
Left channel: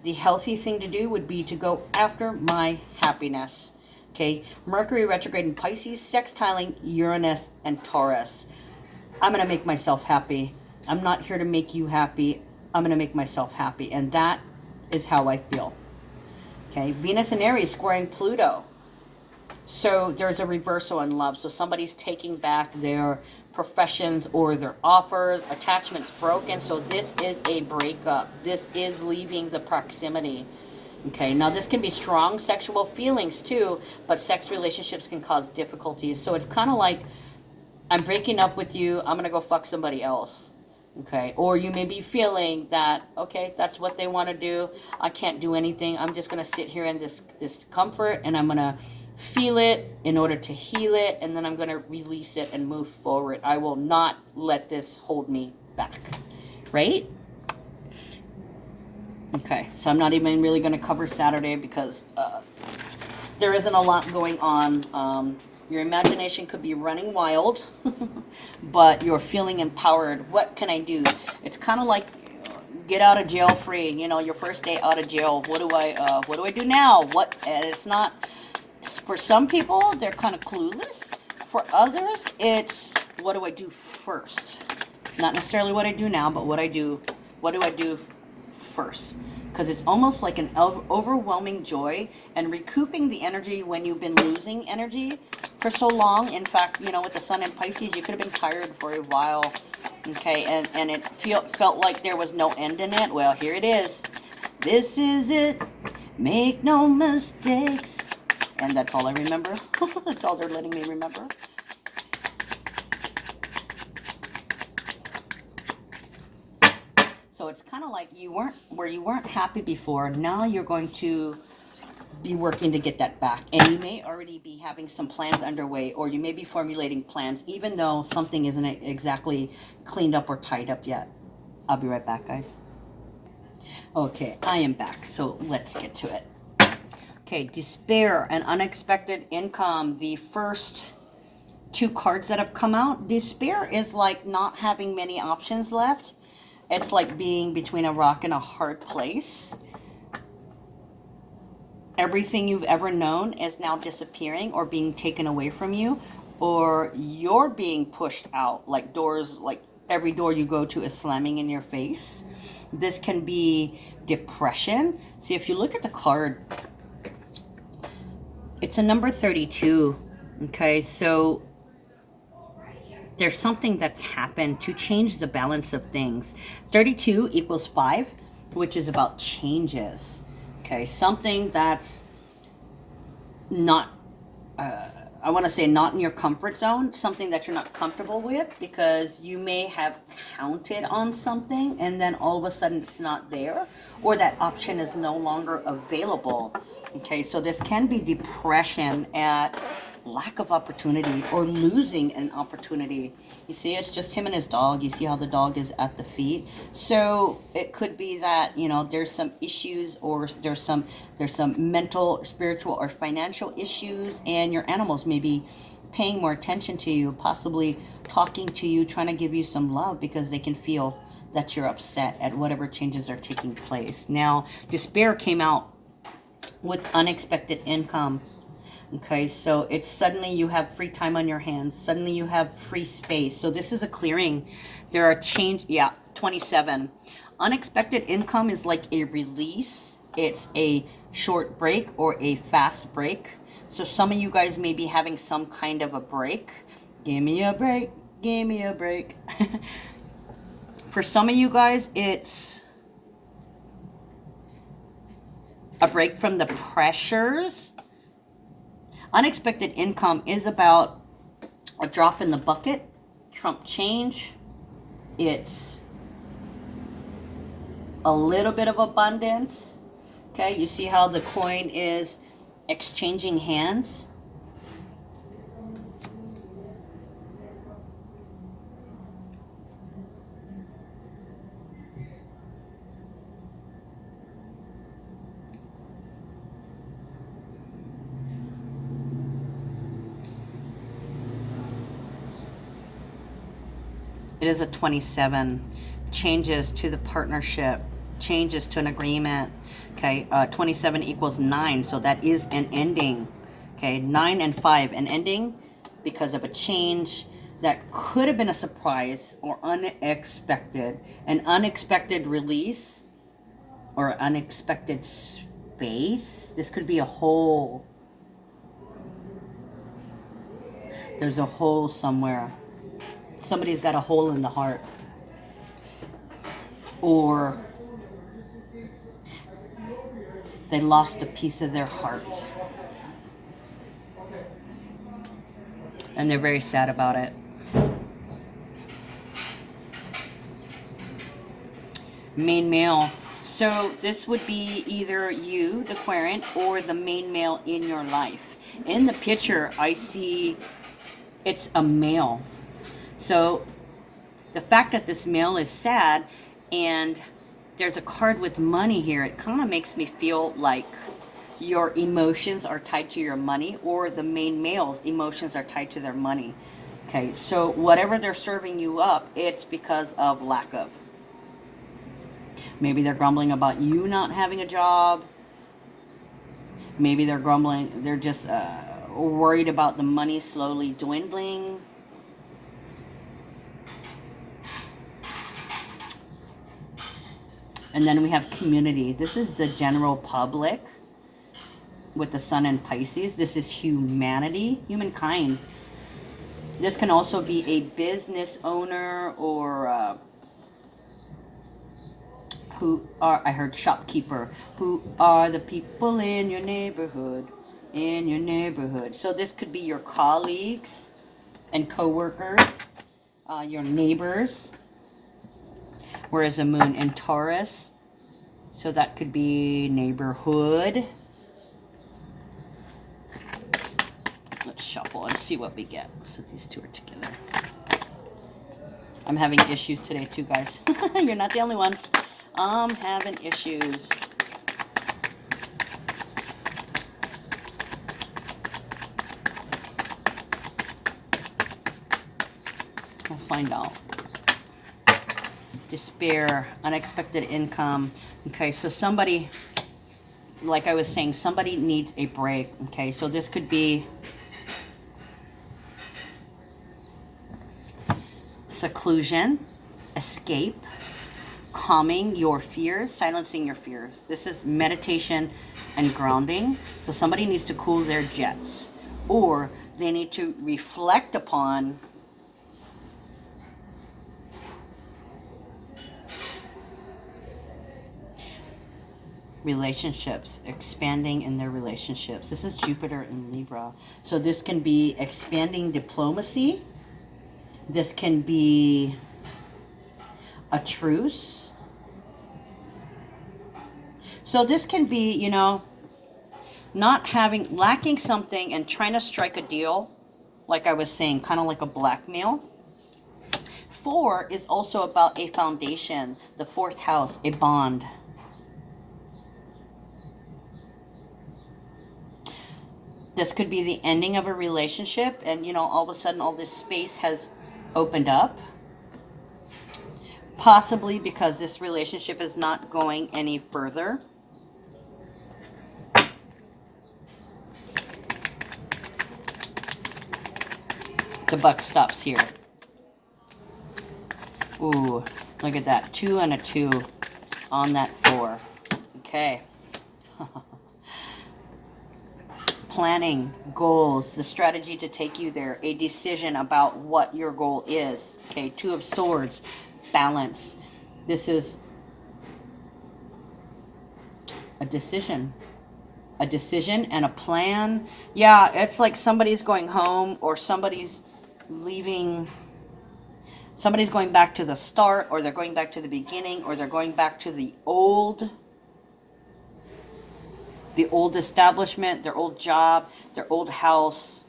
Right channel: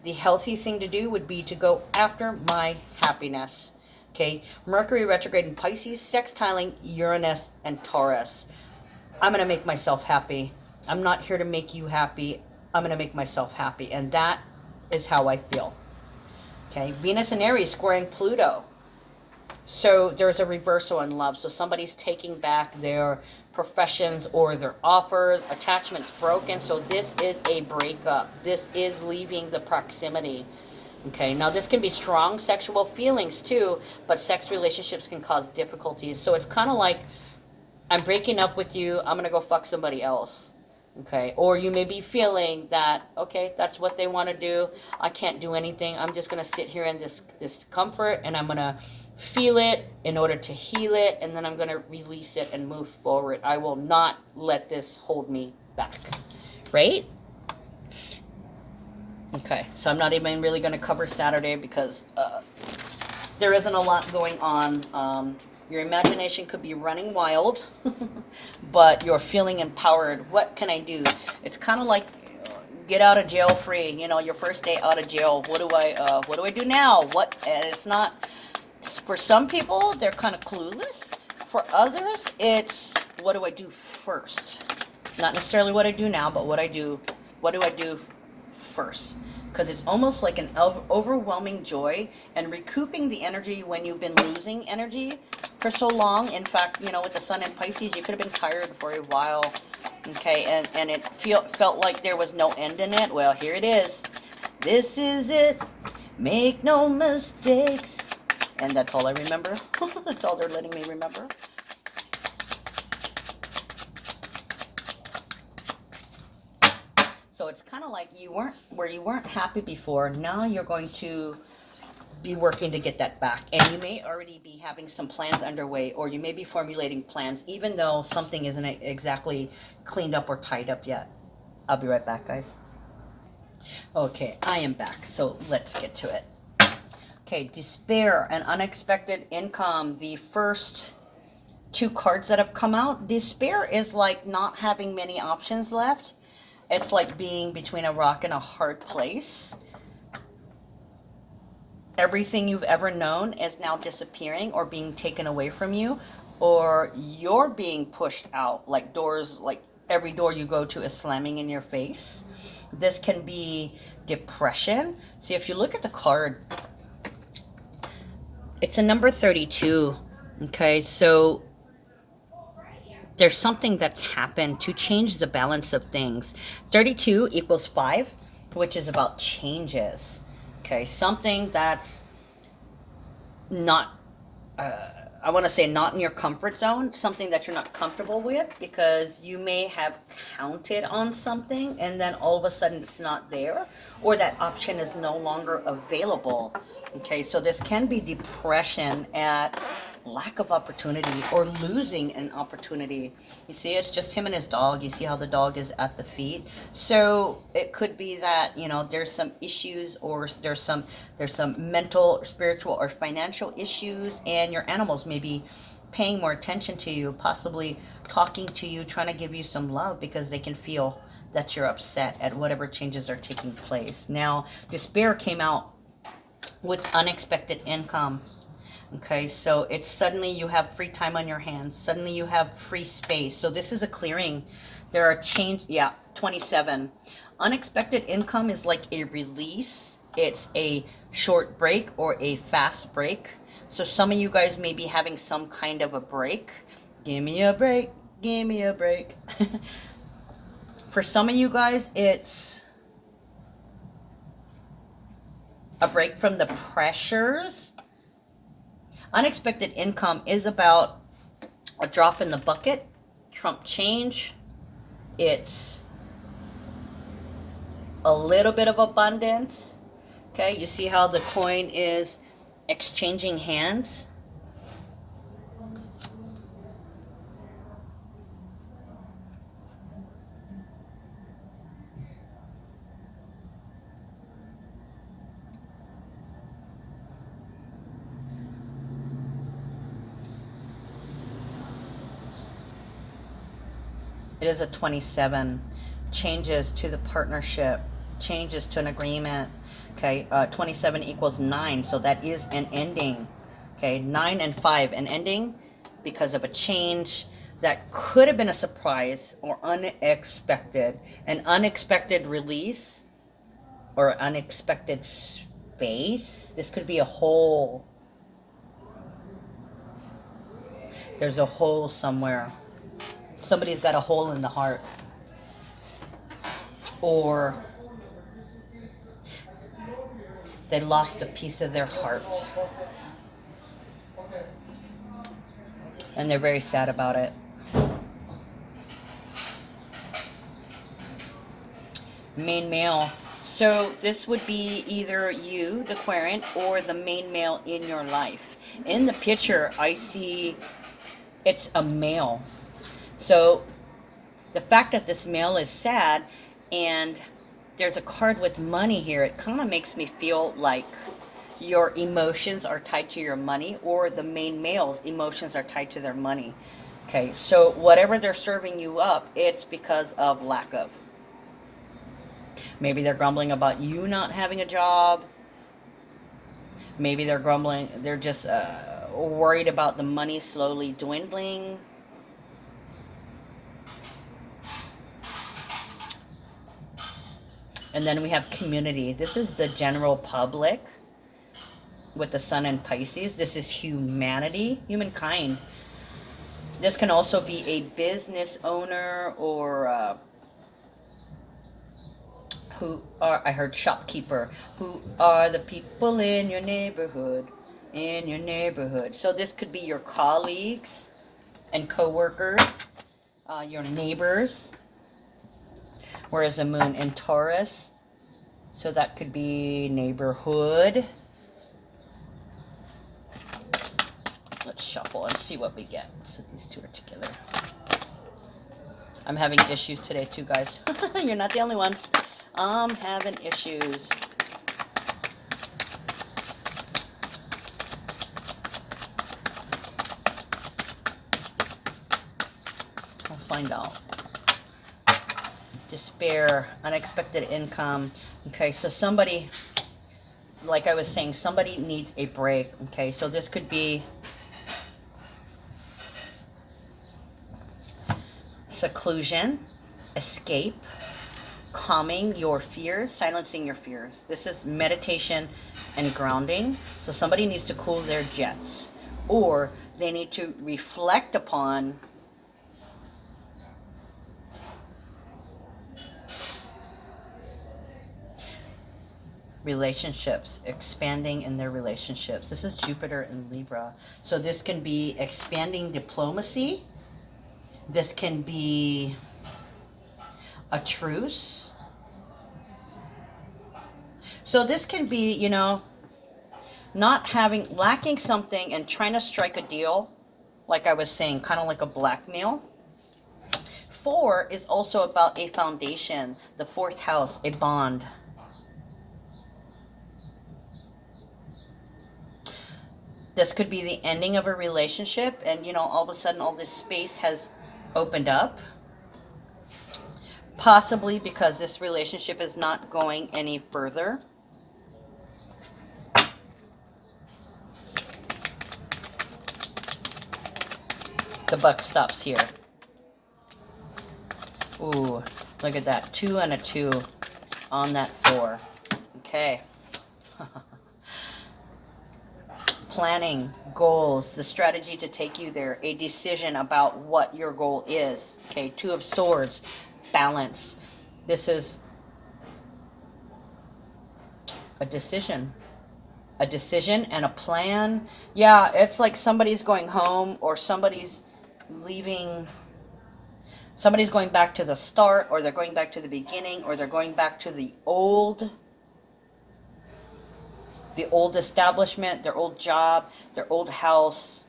The healthy thing to do would be to go after my happiness. Okay, Mercury retrograde in Pisces, sextiling Uranus and Taurus. I'm going to make myself happy. I'm not here to make you happy. I'm going to make myself happy, and that is how I feel. Okay, Venus and Aries squaring Pluto. So there's a reversal in love. So somebody's taking back their professions or their offers. Attachment's broken. So this is a breakup. This is leaving the proximity. Okay, now this can be strong sexual feelings too, but sex relationships can cause difficulties. So it's kind of like, I'm breaking up with you, I'm going to go fuck somebody else. Okay, or you may be feeling that, okay, that's what they want to do. I can't do anything. I'm just going to sit here in this discomfort, and I'm going to feel it in order to heal it, and then I'm going to release it and move forward. I will not let this hold me back, right? Okay, so I'm not even really going to cover Saturday, because there isn't a lot going on. Your imagination could be running wild, but you're feeling empowered. What can I do? It's kind of like get out of jail free. You know, your first day out of jail. What do I do now? And it's not, for some people, they're kind of clueless. For others, it's what do I do first? Not necessarily what I do now, but what do I do first? Because it's almost like an overwhelming joy and recouping the energy when you've been losing energy for so long. In fact, you know, with the sun in Pisces, you could have been tired for a while, okay, and it felt like there was no end in it. Well, here it is. This is it. Make no mistakes. And that's all I remember. That's all they're letting me remember. So it's kind of like you weren't happy before. Now you're going to be working to get that back. And you may already be having some plans underway, or you may be formulating plans, even though something isn't exactly cleaned up or tied up yet. I'll be right back, guys. Okay, I am back. So let's get to it. Okay, despair and unexpected income. The first two cards that have come out. Despair is like not having many options left. It's like being between a rock and a hard place. Everything you've ever known is now disappearing or being taken away from you, or you're being pushed out, like doors, like every door you go to is slamming in your face. This can be depression. See, if you look at the card, it's a number 32. Okay, so there's something that's happened to change the balance of things. 32 equals 5, which is about changes. Okay, something that's not, I want to say not in your comfort zone, something that you're not comfortable with, because you may have counted on something and then all of a sudden it's not there, or that option is no longer available. Okay, so this can be depression at lack of opportunity or losing an opportunity. You see, it's just him and his dog. You see how the dog is at the feet. So it could be that, you know, there's some issues, or there's some mental, spiritual, or financial issues, and your animals may be paying more attention to you, possibly talking to you, trying to give you some love, because they can feel that you're upset at whatever changes are taking place. Now, despair came out with unexpected income. Okay, so it's suddenly you have free time on your hands. Suddenly you have free space. So this is a clearing. There are 27. Unexpected income is like a release. It's a short break or a fast break. So some of you guys may be having some kind of a break. Give me a break. Give me a break. For some of you guys, it's a break from the pressures. Unexpected income is about a drop in the bucket, Trump change. It's a little bit of abundance. Okay, you see how the coin is exchanging hands? It is a 27. Changes to the partnership, changes to an agreement. Okay, 27 equals 9, so that is an ending. Okay, 9 and 5, an ending because of a change that could have been a surprise or unexpected. An unexpected release or unexpected space. This could be a hole. There's a hole somewhere. Somebody's got a hole in the heart. Or they lost a piece of their heart. And they're very sad about it. Main male. So this would be either you, the querent, or the main male in your life. In the picture, I see it's a male. So the fact that this male is sad and there's a card with money here, it kind of makes me feel like your emotions are tied to your money, or the main male's emotions are tied to their money. Okay, so whatever they're serving you up, it's because of lack of. Maybe they're grumbling about you not having a job. Maybe they're grumbling, they're just worried about the money slowly dwindling. And then we have community. This is the general public with the sun in Pisces. This is humanity, humankind. This can also be a business owner, or who are, I heard shopkeeper, who are the people in your neighborhood, So this could be your colleagues and co-workers, your neighbors. Whereas the moon in Taurus, so that could be neighborhood. Let's shuffle and see what we get. So these two are together. I'm having issues today too, guys. You're not the only ones. I'm having issues. I'll find out. Despair, unexpected income. Okay, so somebody, like I was saying, somebody needs a break. Okay, so this could be seclusion, escape, calming your fears, silencing your fears. This is meditation and grounding. So somebody needs to cool their jets, or they need to reflect upon relationships, expanding in their relationships. This is Jupiter in Libra. So this can be expanding diplomacy. This can be a truce. So this can be, you know, lacking something and trying to strike a deal, like I was saying, kind of like a blackmail. 4 is also about a foundation, the 4th house, a bond. This could be the ending of a relationship, and, you know, all of a sudden all this space has opened up. Possibly because this relationship is not going any further. The buck stops here. Ooh, look at that. 2 and a 2 on that 4. Okay. Planning, goals, the strategy to take you there, a decision about what your goal is. Okay, 2 of Swords, balance. This is a decision and a plan. Yeah, it's like somebody's going home, or somebody's leaving, somebody's going back to the start, or they're going back to the beginning, or they're going back to the old establishment, their old job, their old house.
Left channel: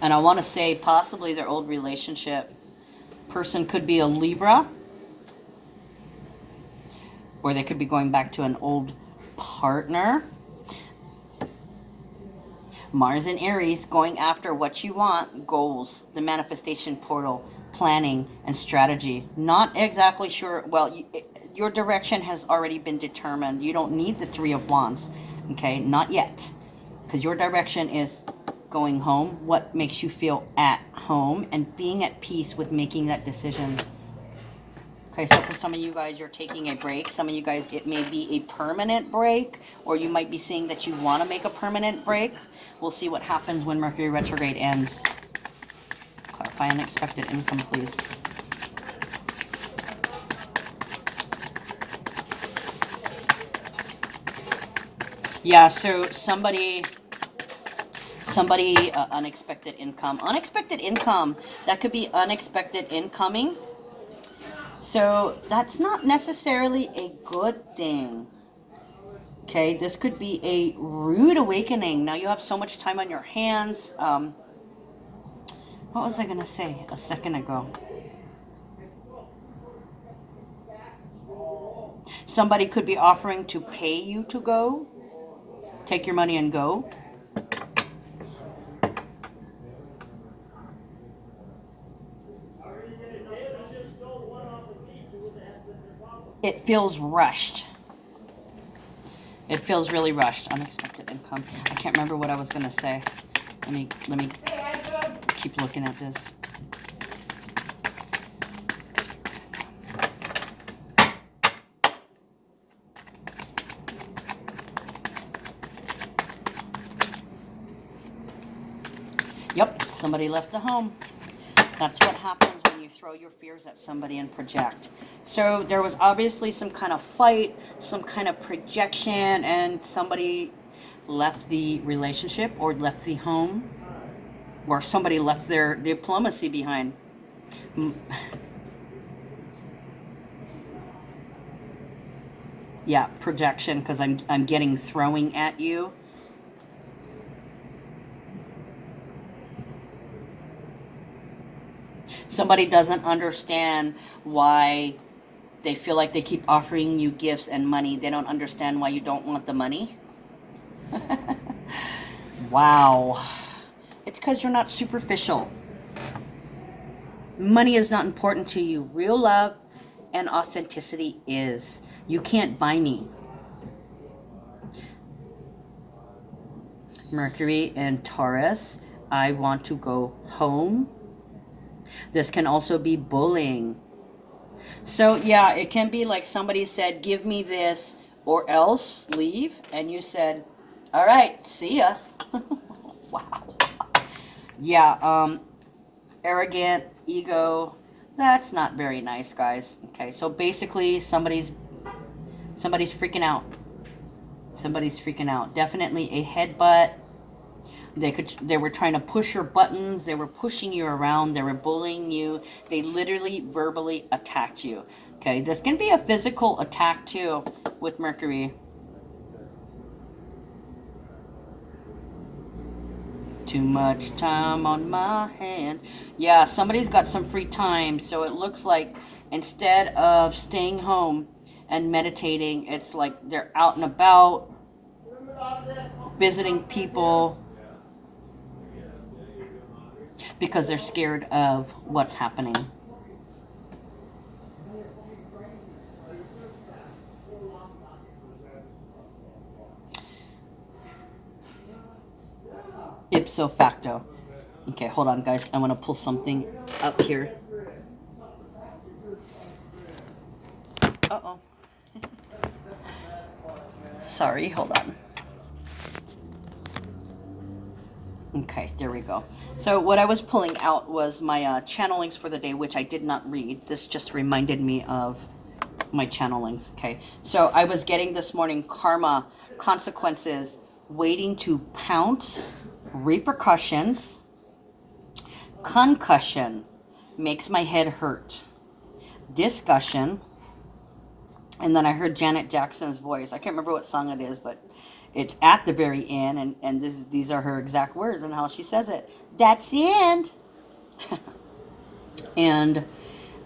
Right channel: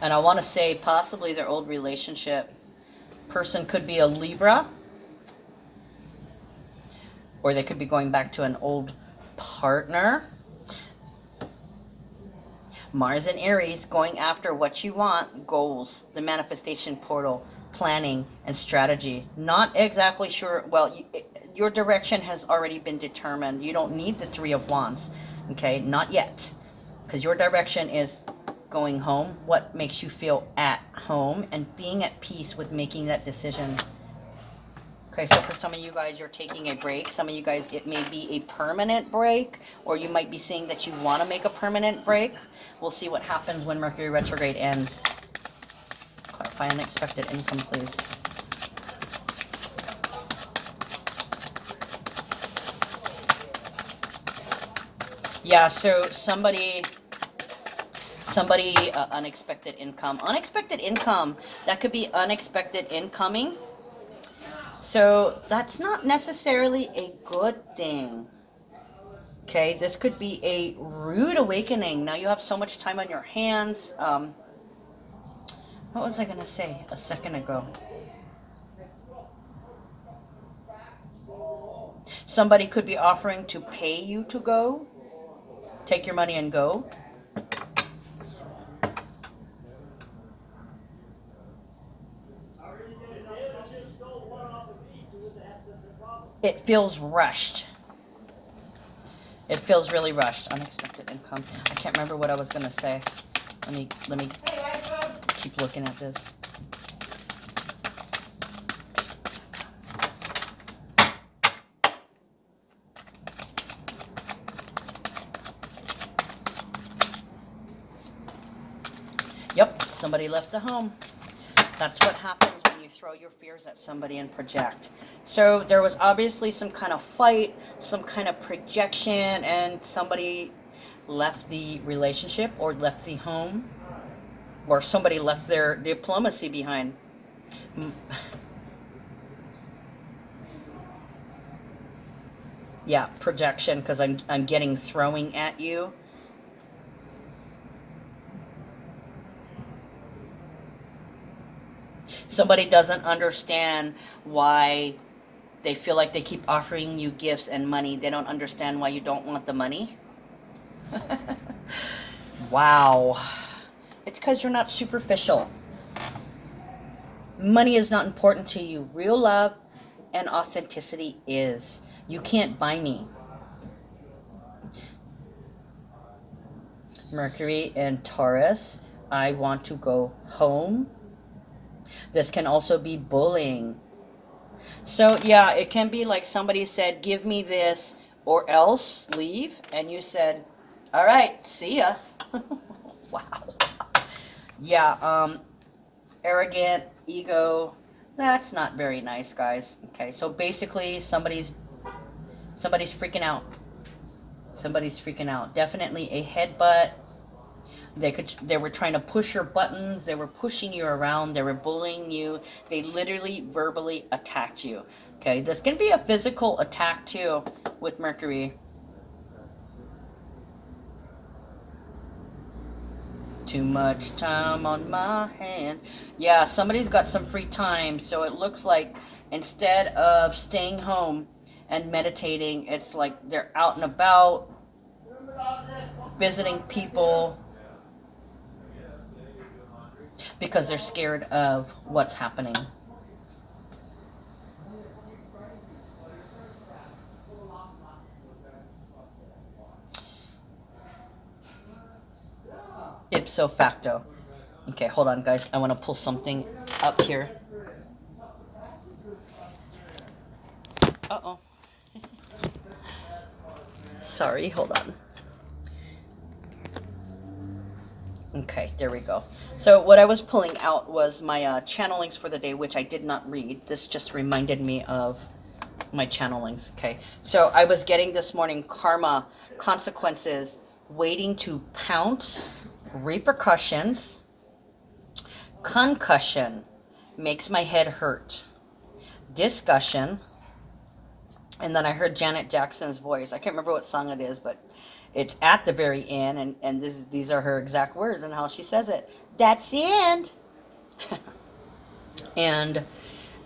And I want to say possibly their old relationship. Person could be a Libra, or they could be going back to an old partner. Mars and Aries, going after what you want, goals, the manifestation portal, planning and strategy. Not exactly sure, well, your direction has already been determined. You don't need the 3 of Wands, okay? Not yet, because your direction is going home, what makes you feel at home, and being at peace with making that decision. Okay, so for some of you guys, you're taking a break. Some of you guys, it may be a permanent break, or you might be saying that you want to make a permanent break. We'll see what happens when Mercury retrograde ends. Clarify unexpected income, please. Yeah, so somebody unexpected income. Unexpected income, that could be unexpected incoming. So that's not necessarily a good thing. Okay, this could be a rude awakening. Now you have so much time on your hands. What was I going to say a second ago? Somebody could be offering to pay you to go. take your money and go. It feels rushed. It feels really rushed. Unexpected income. I can't remember what I was gonna say. Let me keep looking at this. Yep, somebody left the home. That's what happens when you throw your fears at somebody and project. So there was obviously some kind of fight, some kind of projection, and somebody left the relationship or left the home, or somebody left their diplomacy behind. Yeah, projection, because I'm getting throwing at you. Somebody doesn't understand why they feel like they keep offering you gifts and money. They don't understand why you don't want the money. Wow. It's because you're not superficial. Money is not important to you. Real love and authenticity is. You can't buy me. Mercury and Taurus. I want to go home. This can also be bullying. So yeah, it can be like somebody said, give me this or else leave. And you said, all right, see ya. Wow. Yeah, arrogant, ego. That's not very nice, guys. Okay, so basically somebody's freaking out. Somebody's freaking out. Definitely a headbutt. They were trying to push your buttons. They were pushing you around. They were bullying you. They literally verbally attacked you. Okay, this can be a physical attack too with Mercury. Too much time on my hands. Yeah, somebody's got some free time. So it looks like instead of staying home and meditating, it's like they're out and about, visiting people, because they're scared of what's happening. Ipso facto. Okay, hold on, guys. I want to pull something up here. Uh-oh. Sorry, hold on. Okay, there we go. So what I was pulling out was my channelings for the day, which I did not read. This just reminded me of my channelings. Okay, so I was getting this morning karma, consequences, waiting to pounce, repercussions, concussion, makes my head hurt, discussion, and then I heard Janet Jackson's voice. I can't remember what song it is, but it's at the very end, and these are her exact words and how she says it. That's the end. And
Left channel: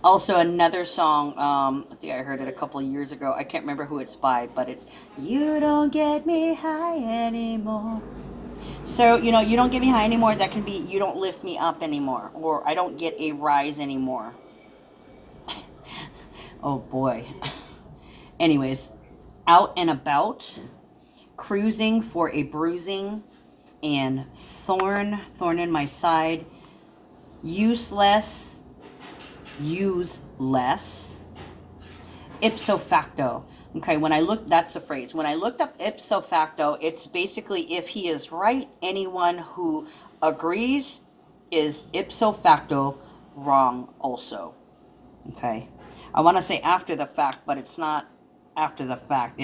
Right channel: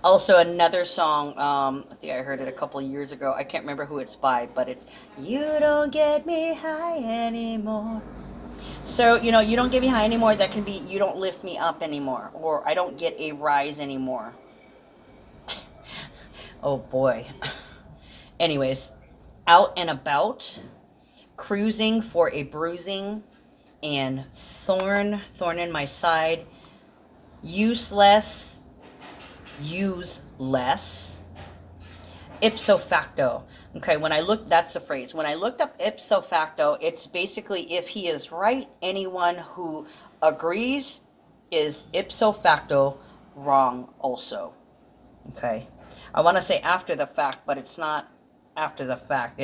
also another song, I think I heard it a couple of years ago. I can't remember who it's by, but it's, you don't get me high anymore. So, you know, you don't get me high anymore. That can be, you don't lift me up anymore, or I don't get a rise anymore. Oh, boy. Anyways, out and about, cruising for a bruising, and thorn in my side, useless, use less, ipso facto. Okay, when I look, that's the phrase. When I looked up ipso facto, it's basically if he is right, anyone who agrees is ipso facto wrong also. Okay, I want to say after the fact, but it's not after the fact.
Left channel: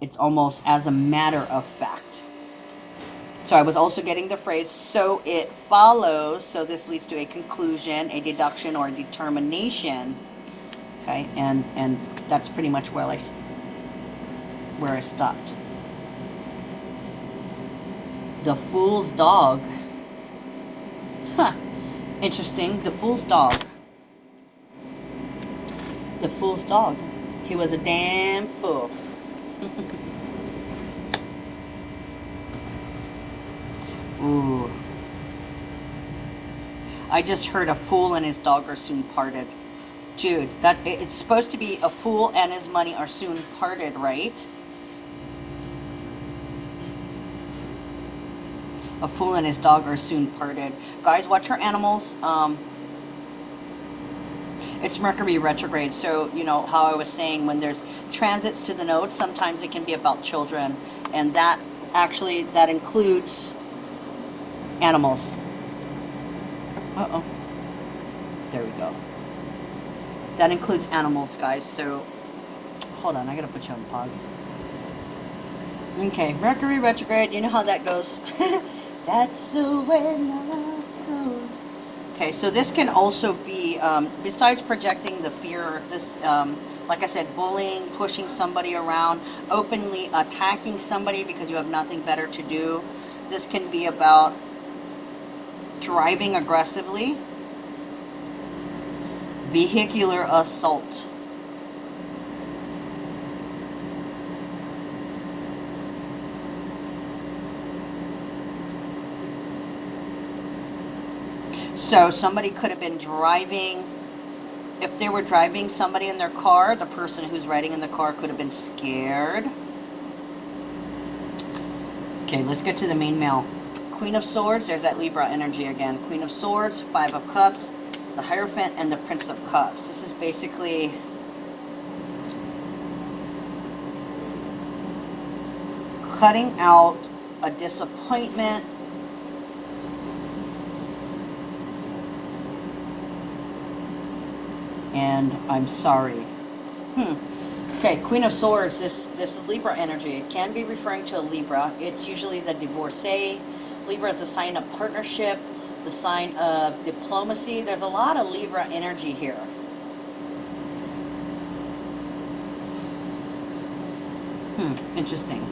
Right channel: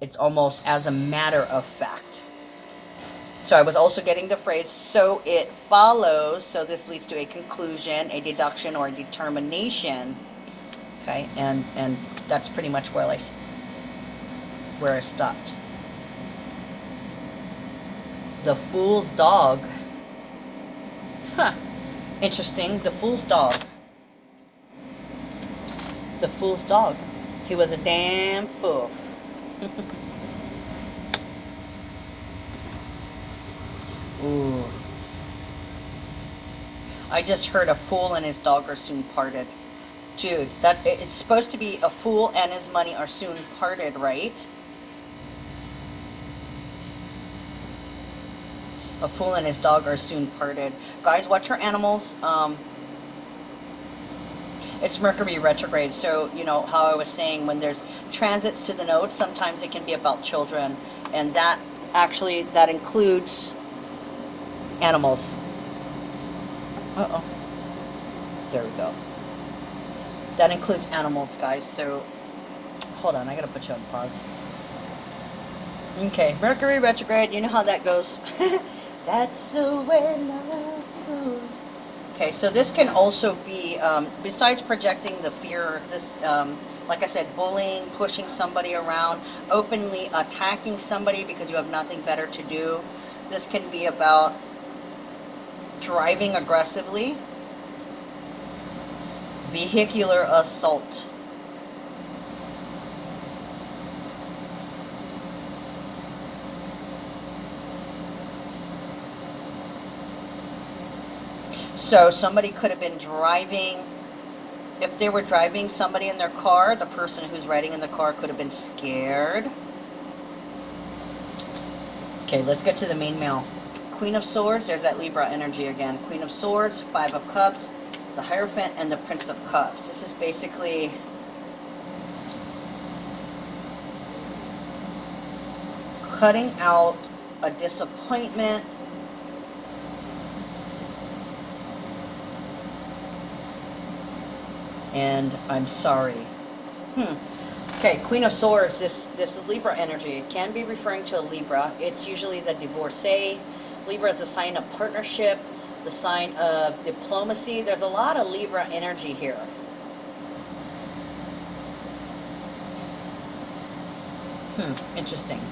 It's almost as a matter of fact. So I was also getting the phrase, so it follows, so this leads to a conclusion, a deduction, or a determination. Okay, and that's pretty much where I stopped. The fool's dog. Huh. Interesting. The fool's dog. The fool's dog. He was a damn fool. Ooh. I just heard a fool and his dog are soon parted. Dude, it's supposed to be a fool and his money are soon parted, right? A fool and his dog are soon parted. Guys, watch your animals. It's Mercury retrograde, so you know how I was saying when there's transits to the nodes, sometimes it can be about children, and that includes animals. Uh-oh. There we go. That includes animals, guys. So hold on, I gotta put you on pause. Okay, Mercury retrograde, you know how that goes. That's the way love goes. Okay, so this can also be, besides projecting the fear, this, like I said, bullying, pushing somebody around, openly attacking somebody because you have nothing better to do. This can be about driving aggressively, vehicular assault. So somebody could have been driving, if they were driving somebody in their car, the person who's riding in the car could have been scared. Okay, let's get to the main male. Queen of Swords, there's that Libra energy again. Queen of Swords, Five of Cups, the Hierophant, and the Prince of Cups. This is basically cutting out a disappointment. And I'm sorry. Okay, Queen of Swords, this is Libra energy. It can be referring to a Libra. It's usually the divorcee. Libra is a sign of partnership, the sign of diplomacy. There's a lot of Libra energy here. Interesting.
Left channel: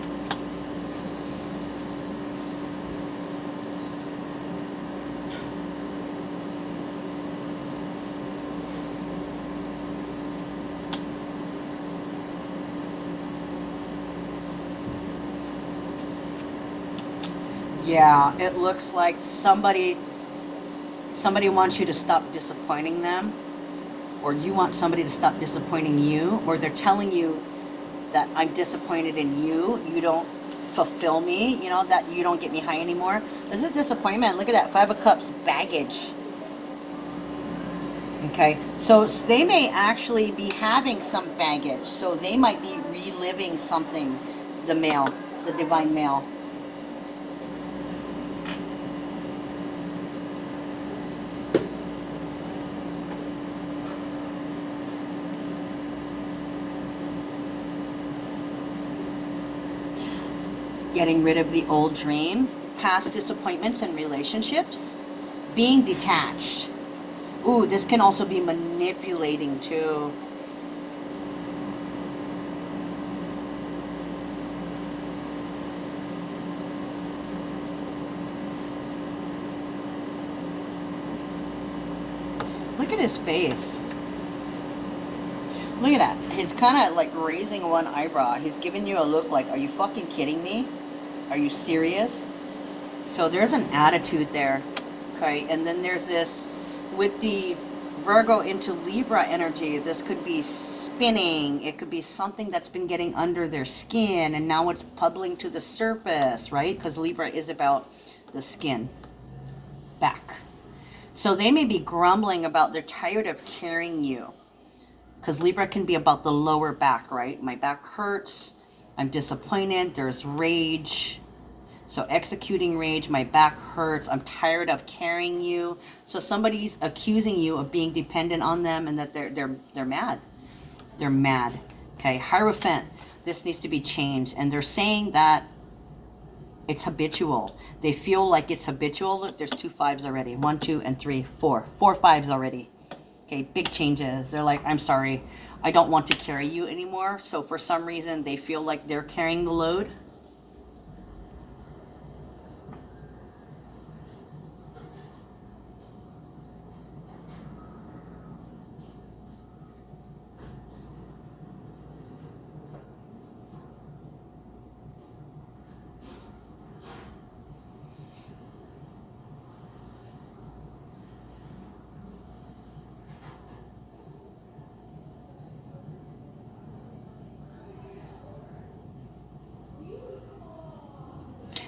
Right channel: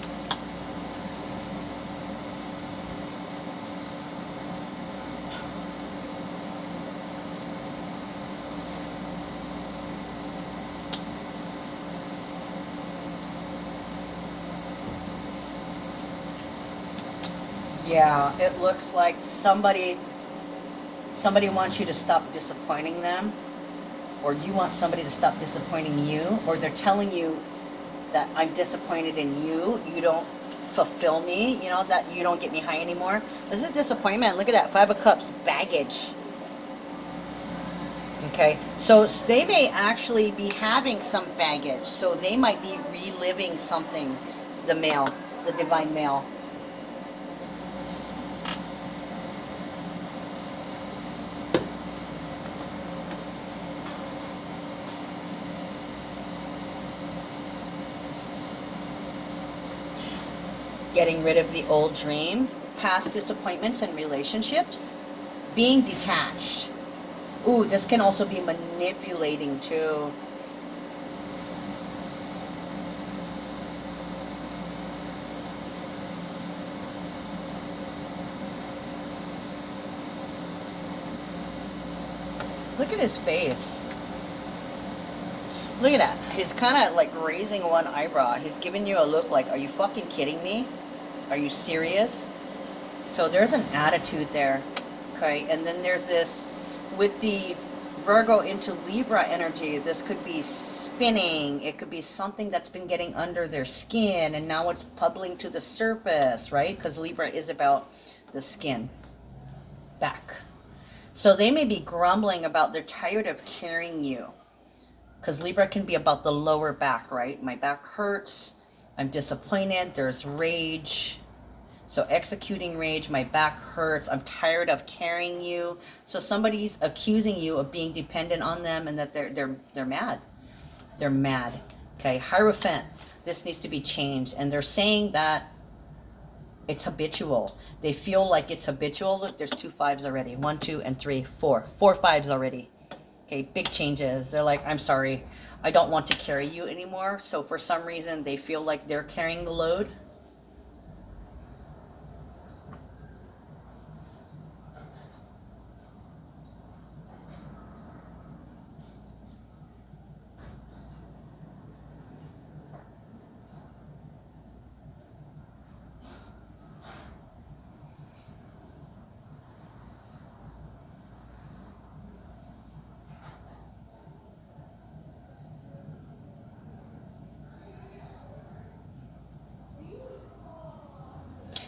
Yeah, it looks like somebody wants you to stop disappointing them, or you want somebody to stop disappointing you, or they're telling you that I'm disappointed in you. You don't fulfill me, you know, that you don't get me high anymore. This is disappointment. Look at that. Five of Cups, baggage. Okay, so they may actually be having some baggage. So they might be reliving something, the male, the divine male. Getting rid of the old dream, past disappointments in relationships, being detached. Ooh, this can also be manipulating too. Look at his face. Look at that. He's kind of like raising one eyebrow. He's giving you a look like, are you fucking kidding me? Are you serious? So there's an attitude there. Okay, and then there's this, with the Virgo into Libra energy, this could be spinning. It could be something that's been getting under their skin and now it's bubbling to the surface, right? Because Libra is about the skin, back. So they may be grumbling about they're tired of carrying you. Because Libra can be about the lower back, right? My back hurts. I'm disappointed. There's rage. So executing rage, my back hurts. I'm tired of carrying you. So somebody's accusing you of being dependent on them and that they're mad. They're mad. Okay, Hierophant. This needs to be changed. And they're saying that it's habitual. They feel like it's habitual. Look, there's 2 5s already. 1, 2, and 3, 4. 4 5s already. Okay, big changes. They're like, I'm sorry, I don't want to carry you anymore. So for some reason, they feel like they're carrying the load.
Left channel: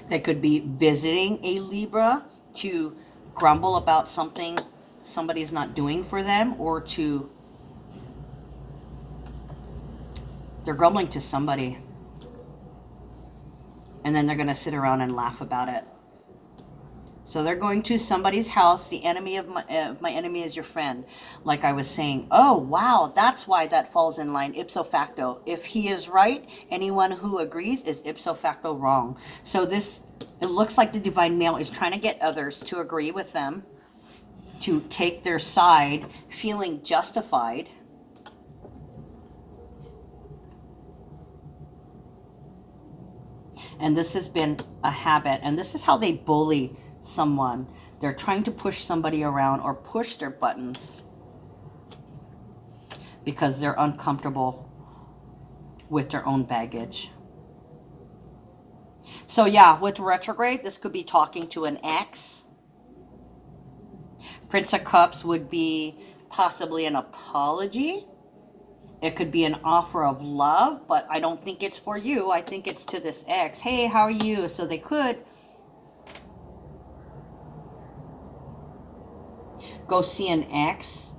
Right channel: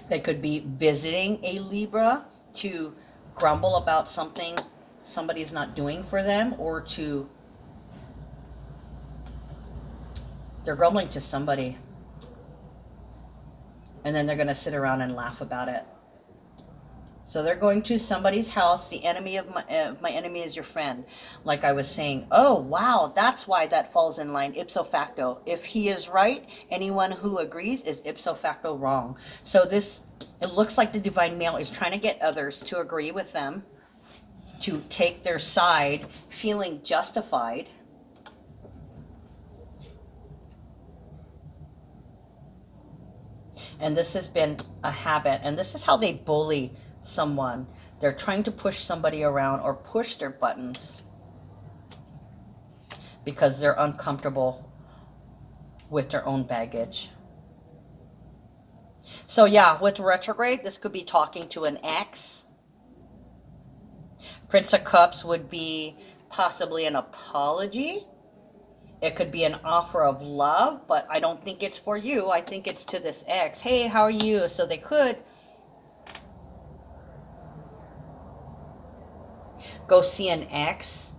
They could be visiting a Libra to grumble about something somebody's not doing for them, or they're grumbling to somebody, and then they're going to sit around and laugh about it. So they're going to somebody's house. The enemy of my enemy is your friend. Like I was saying, oh, wow, that's why that falls in line ipso facto. If he is right, anyone who agrees is ipso facto wrong. So it looks like the divine male is trying to get others to agree with them, to take their side, feeling justified. And this has been a habit. And this is how they bully someone. They're trying to push somebody around or push their buttons because they're uncomfortable with their own baggage. So yeah, with retrograde, this could be talking to an ex. Prince of Cups would be possibly an apology. It could be an offer of love, but I don't think it's for you. I think it's to this ex. Hey, how are you? So they could go see an ex,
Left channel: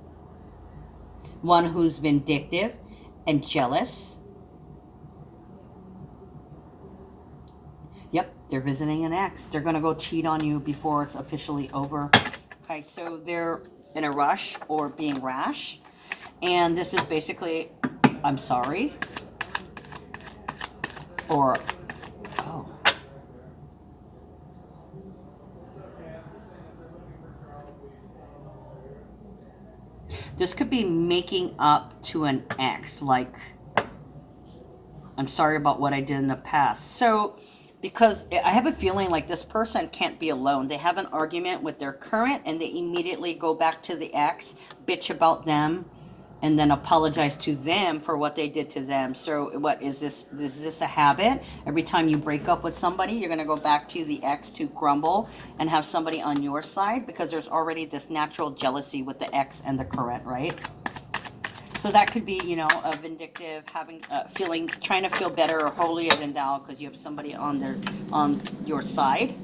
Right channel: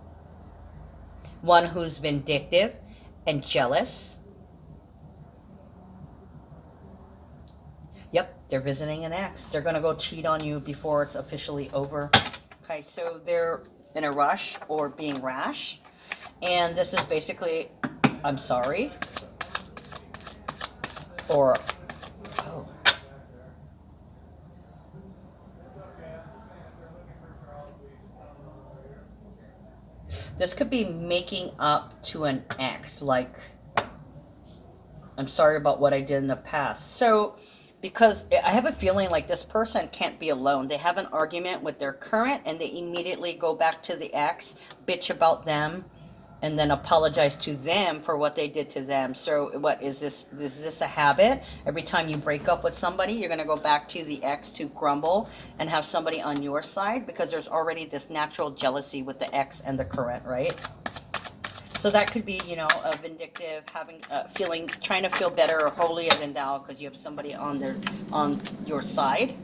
one who's vindictive and jealous. Yep, they're visiting an ex. They're going to go cheat on you before it's officially over. Okay, so they're in a rush or being rash. And this is basically, I'm sorry. Or, oh. This could be making up to an ex, like, I'm sorry about what I did in the past. So, because I have a feeling like this person can't be alone. They have an argument with their current and they immediately go back to the ex, bitch about them, and then apologize to them for what they did to them. So what is this? Is this a habit? Every time you break up with somebody, you're going to go back to the ex to grumble and have somebody on your side, because there's already this natural jealousy with the ex and the current, right? So that could be, you know, a vindictive, having, feeling, trying to feel better or holier than thou because you have somebody on your side.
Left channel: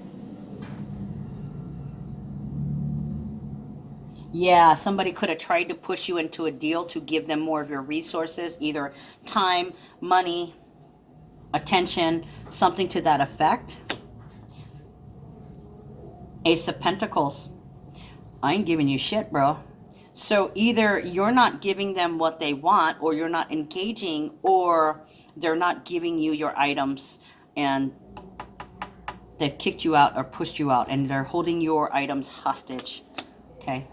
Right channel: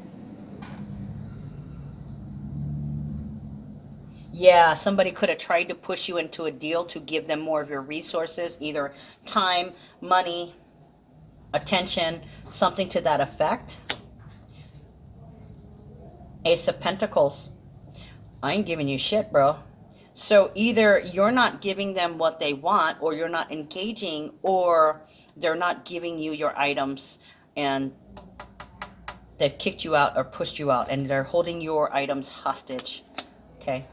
Yeah, somebody could have tried to push you into a deal to give them more of your resources, either time, money, attention, something to that effect. Ace of Pentacles. I ain't giving you shit, bro. So either you're not giving them what they want, or you're not engaging, or they're not giving you your items and they've kicked you out or pushed you out and they're holding your items hostage. Okay.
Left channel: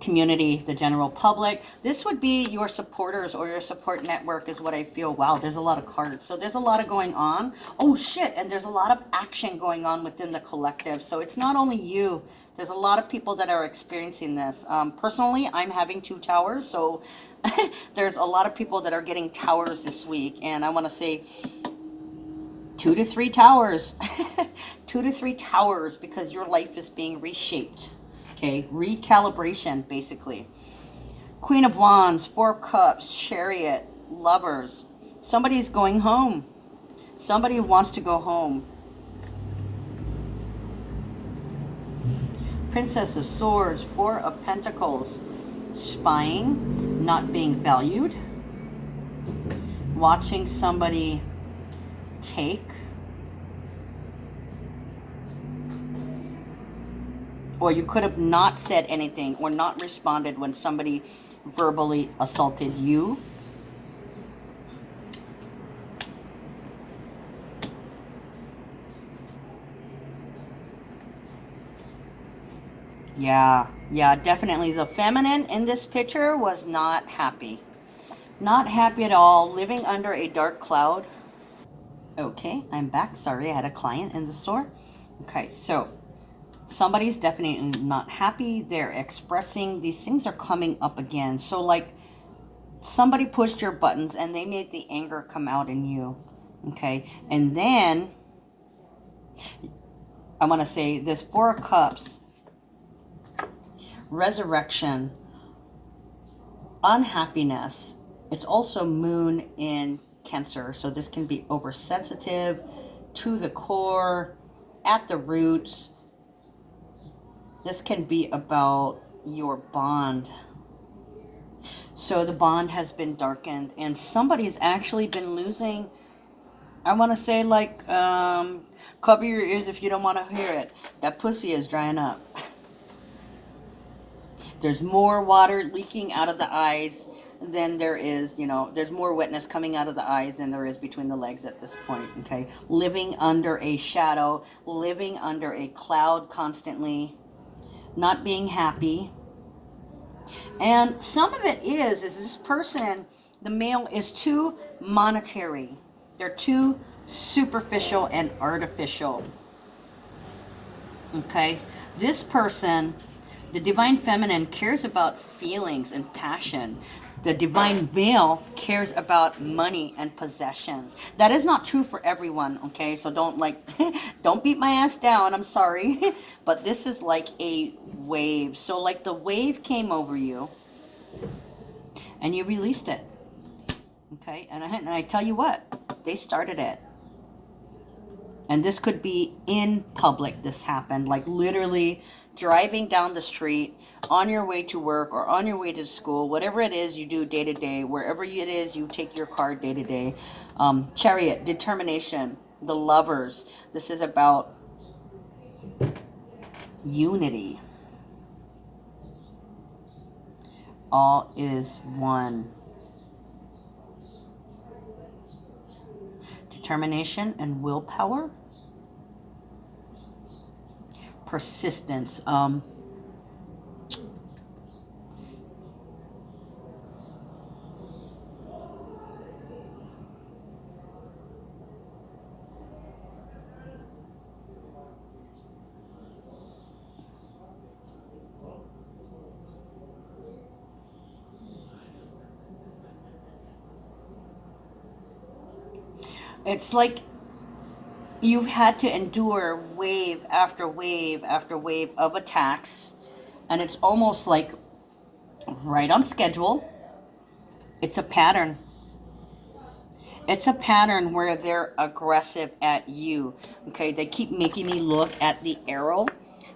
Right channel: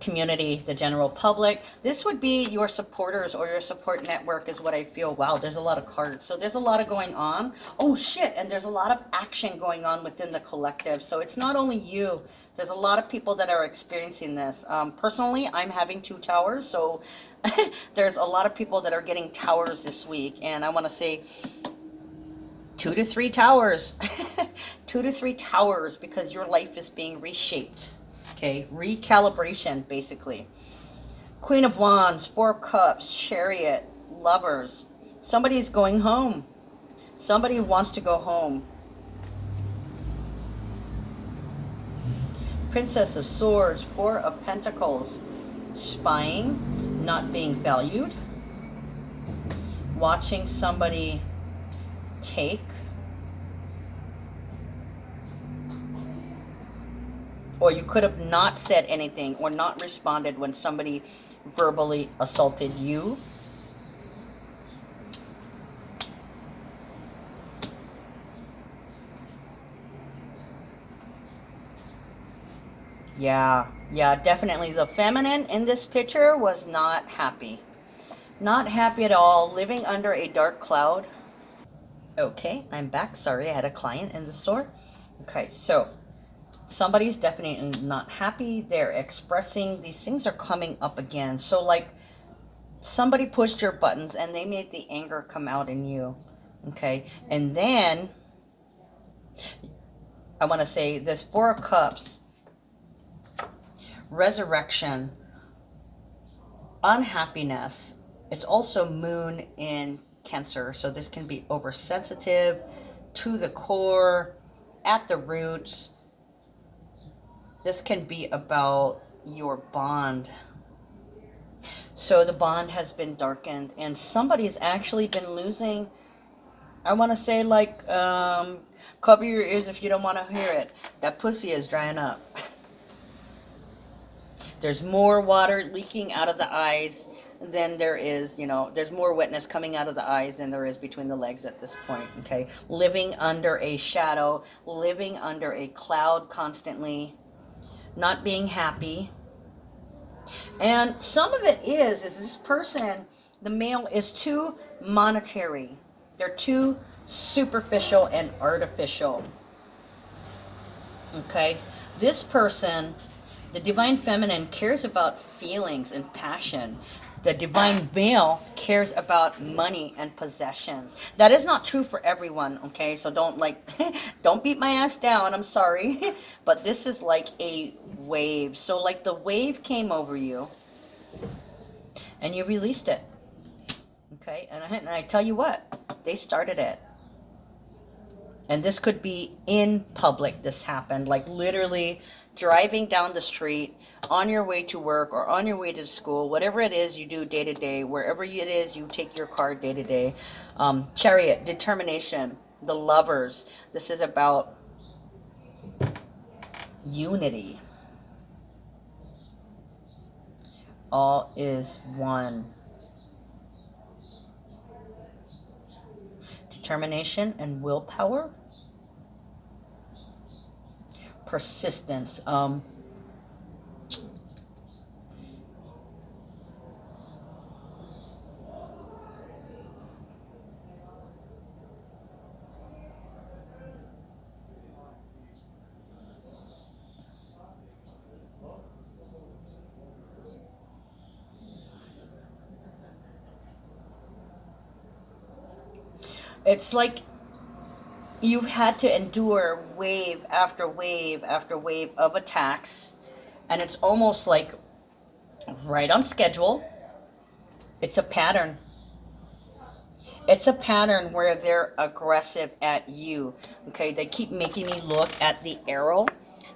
Community, the general public. This would be your supporters or your support network is what I feel. Wow, there's a lot of cards. So there's a lot of going on. Oh shit, and there's a lot of action going on within the collective. So it's not only you. There's a lot of people that are experiencing this. Personally, I'm having 2 towers. So there's a lot of people that are getting towers this week. And I want to say 2 to 3 towers. 2 to 3 towers, because your life is being reshaped. Okay, recalibration, basically. Queen of Wands, 4 Cups, Chariot, Lovers. Somebody's going home. Somebody wants to go home. Princess of Swords, 4 of Pentacles. Spying, not being valued. Watching somebody take. Or you could have not said anything or not responded when somebody verbally assaulted you. Yeah, definitely. The feminine in this picture was not happy. Not happy at all. Living under a dark cloud. Okay, I'm back. Sorry, I had a client in the store. Okay, so somebody's definitely not happy. They're expressing, these things are coming up again. So like somebody pushed your buttons and they made the anger come out in you. Okay, and then I want to say this 4 of Cups, resurrection, unhappiness. It's also moon in Cancer, so this can be oversensitive, to the core, at the roots. This can be about your bond. So the bond has been darkened, and somebody's actually been losing, I want to say, like, cover your ears if you don't want to hear it. That pussy is drying up. There's more water leaking out of the eyes than there is, there's more wetness coming out of the eyes than there is between the legs at this point, okay? Living under a shadow, living under a cloud constantly, not being happy. And some of it is this person, the male, is too monetary. They're too superficial and artificial, okay? This person, the divine feminine, cares about feelings and passion. The divine male cares about money and possessions. That is not true for everyone, okay? So don't don't beat my ass down, I'm sorry. But this is like a wave. So like the wave came over you and you released it, okay? And I tell you what, they started it. And this could be in public, this happened, like literally driving down the street, on your way to work or on your way to school, whatever it is you do day to day, wherever it is you take your car day to day. Chariot, determination, the lovers. This is about unity. All is one. Determination and willpower. Persistence. It's like you've had to endure wave after wave after wave of attacks, and it's almost like right on schedule. It's a pattern. It's a pattern where they're aggressive at you. Okay, they keep making me look at the arrow.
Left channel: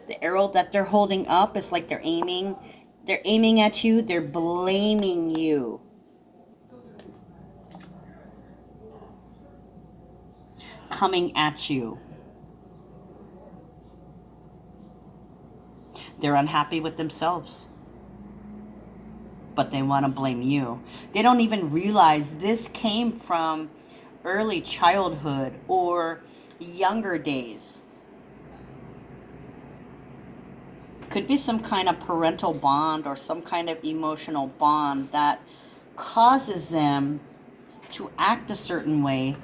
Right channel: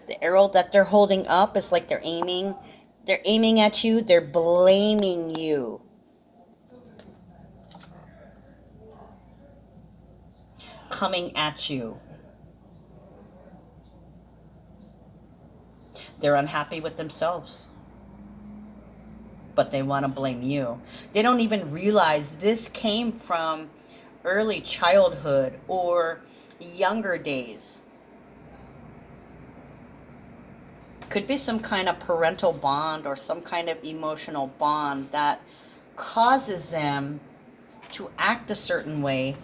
The arrow that they're holding up is like they're aiming. They're aiming at you. They're blaming you. Coming at you. They're unhappy with themselves, but they want to blame you. They don't even realize this came from early childhood or younger days. Could be some kind of parental bond or some kind of emotional bond that causes them to act a certain way,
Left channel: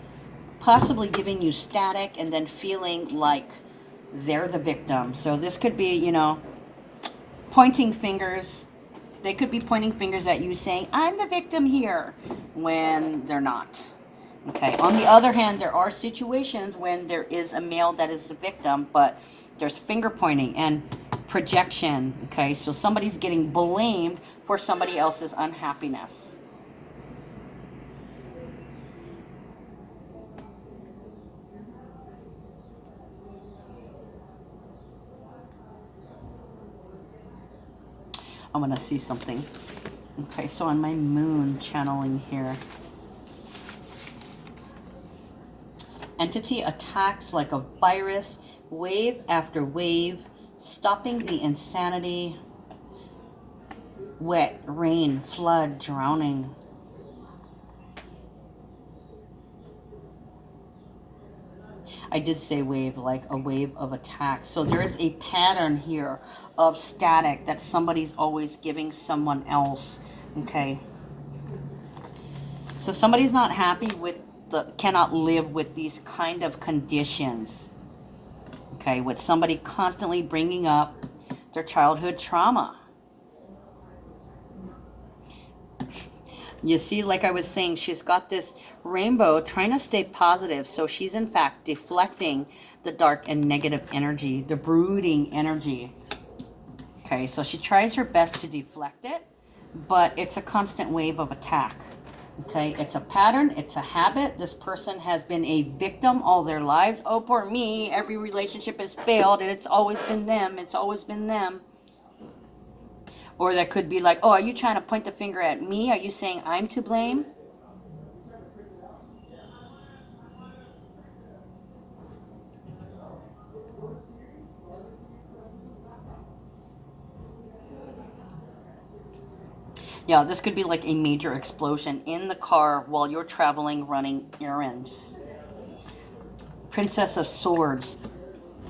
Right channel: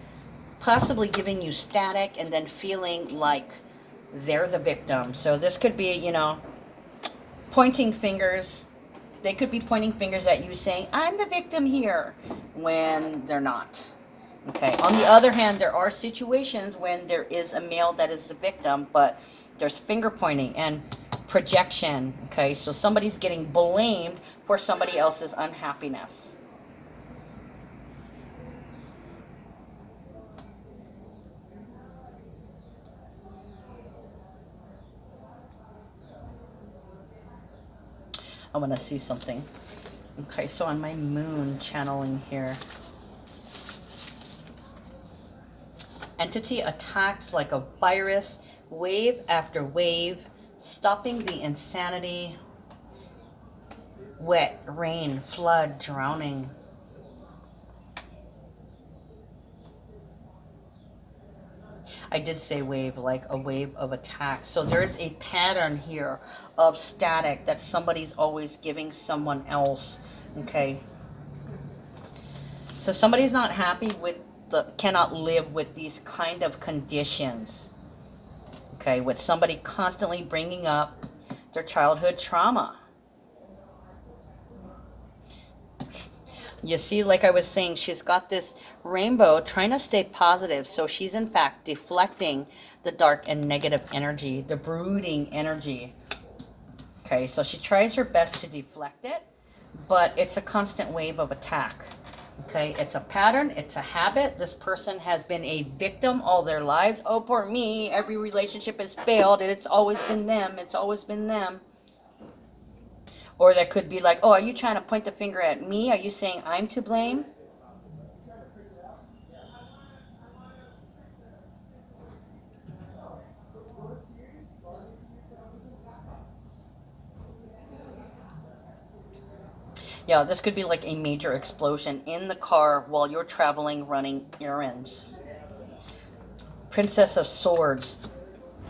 possibly giving you static and then feeling like they're the victim. So this could be, pointing fingers. They could be pointing fingers at you saying, I'm the victim here, when they're not. Okay. On the other hand, there are situations when there is a male that is the victim, but there's finger pointing and projection. Okay. So somebody's getting blamed for somebody else's unhappiness. I want to see something. Okay, so on my moon channeling here. Entity attacks like a virus, wave after wave, stopping the insanity. Wet, rain, flood, drowning. I did say wave, like a wave of attack. So there's a pattern here of static that somebody's always giving someone else. Okay. So somebody's not happy with cannot live with these kind of conditions. Okay. With somebody constantly bringing up their childhood trauma. You see, like I was saying, she's got this rainbow trying to stay positive. So she's in fact deflecting the dark and negative energy, the brooding energy. Okay, so she tries her best to deflect it, but it's a constant wave of attack. Okay, it's a pattern, it's a habit. This person has been a victim all their lives. Oh, poor me, every relationship has failed and it's always been them, it's always been them. Or that could be like, oh, are you trying to point the finger at me? Are you saying I'm to blame? Yeah, this could be like a major explosion in the car while you're traveling, running errands. Princess of Swords.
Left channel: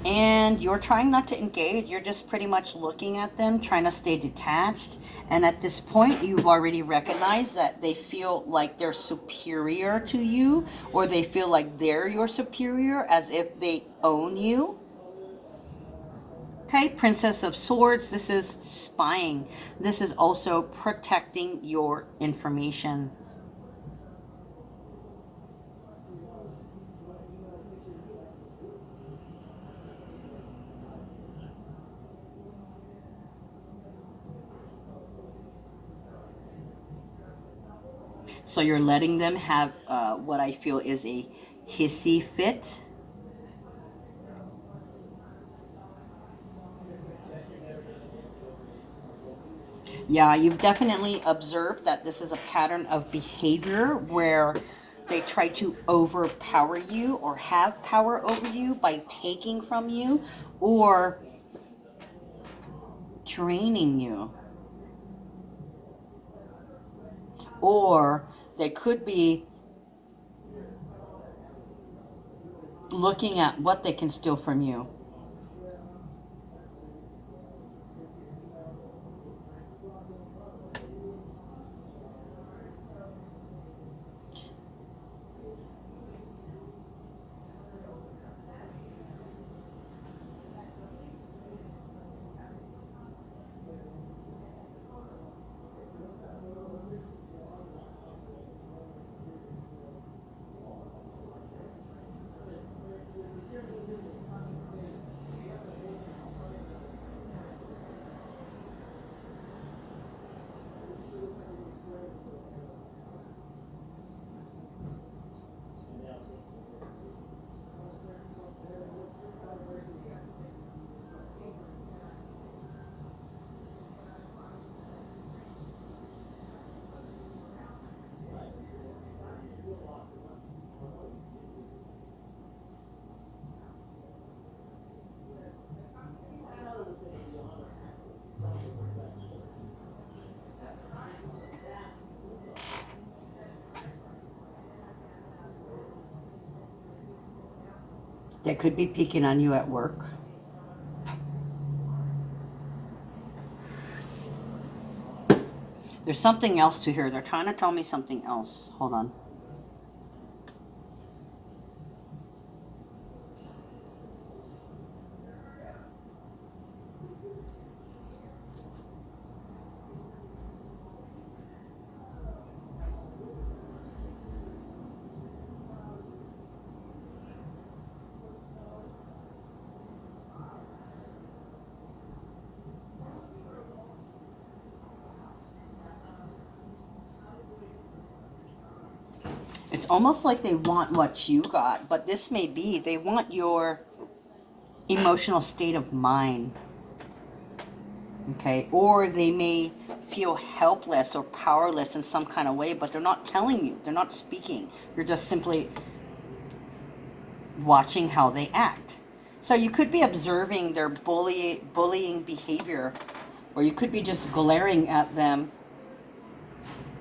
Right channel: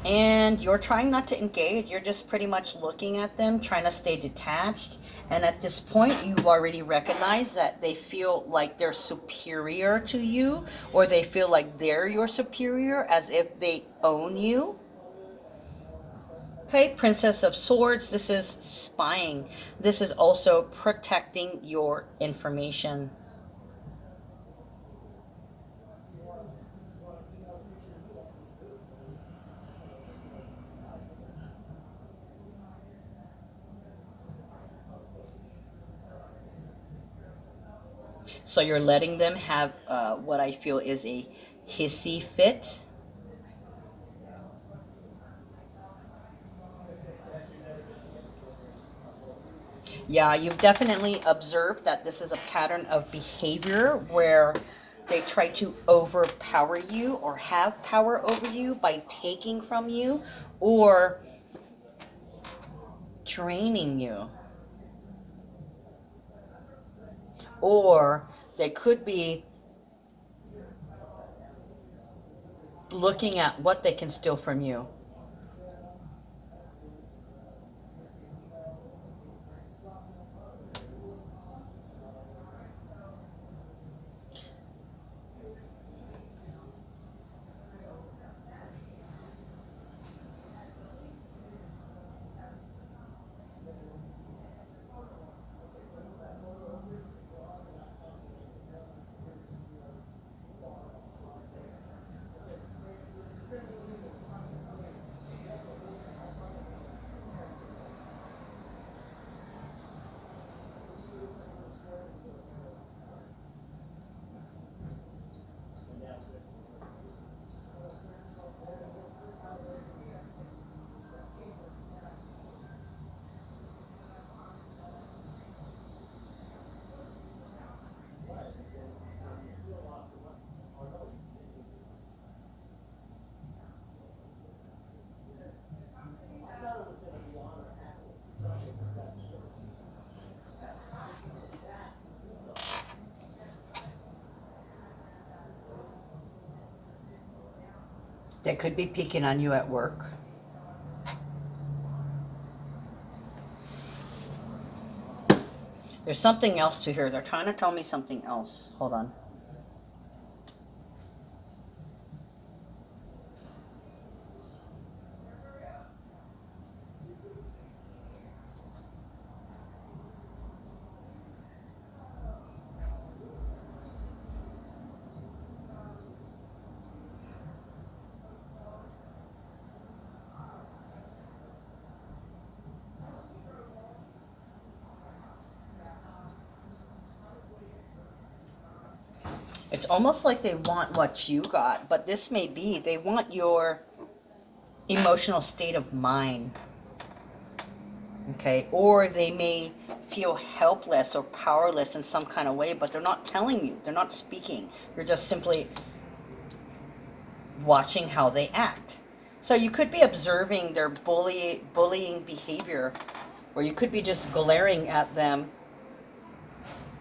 And you're trying not to engage. You're just pretty much looking at them, trying to stay detached. And at this point, you've already recognized that they feel like they're superior to you, or they feel like they're your superior, as if they own you. Okay, Princess of Swords, this is spying. This is also protecting your information. So you're letting them have what I feel is a hissy fit. Yeah, you've definitely observed that this is a pattern of behavior where they try to overpower you or have power over you by taking from you or draining you. Or they could be looking at what they can steal from you. They could be peeking on you at work. There's something else to hear. They're trying to tell me something else. Hold on. It's almost like they want what you got, but this may be they want your emotional state of mind. Okay, or they may feel helpless or powerless in some kind of way, but they're not telling you, they're not speaking. You're just simply watching how they act. So you could be observing their bullying behavior, or you could be just glaring at them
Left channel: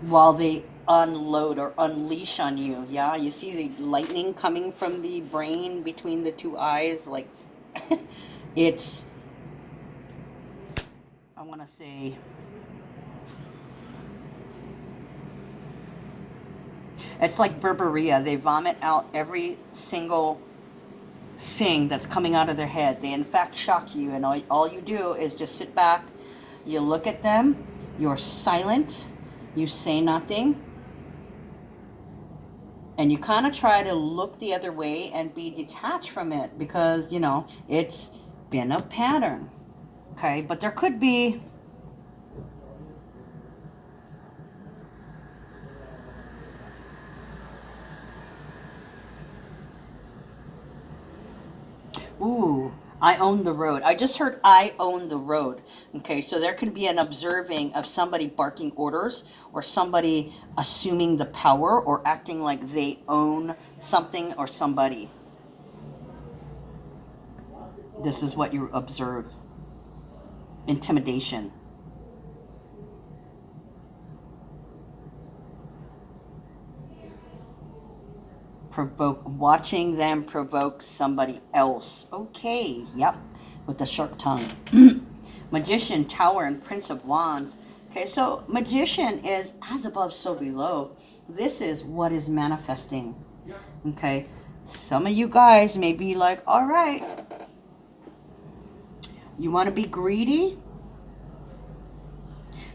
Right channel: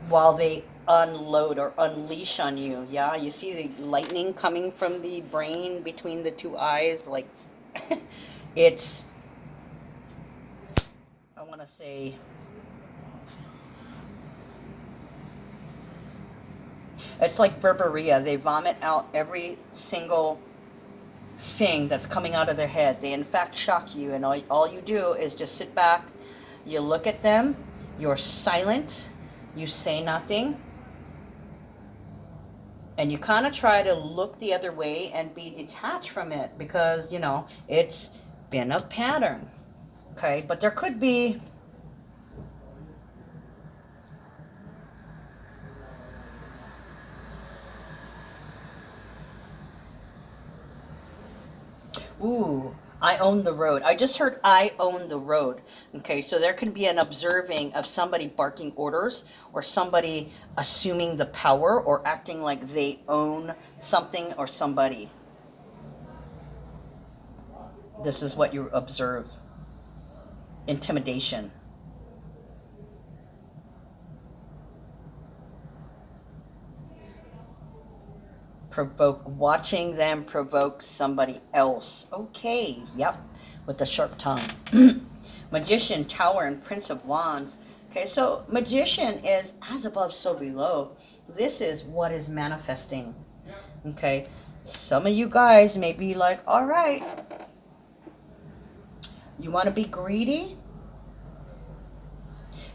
while they unload or unleash on you. Yeah, you see the lightning coming from the brain between the two eyes, like it's, I want to say, it's like Verberia. They vomit out every single thing that's coming out of their head. They in fact shock you, and all you do is just sit back, you look at them, you're silent, you say nothing, and you kind of try to look the other way and be detached from it because, you know, it's been a pattern. Okay, but there could be Ooh, I own the road. I just heard I own the road. Okay, so there can be an observing of somebody barking orders or somebody assuming the power or acting like they own something or somebody. This is what you observe. Intimidation. Watching them provoke somebody else. Okay, yep, with the sharp tongue. Magician, Tower, and Prince of Wands. Okay, so Magician is as above, so below. This is what is manifesting. Okay, some of you guys may be like, all right, you want to be greedy?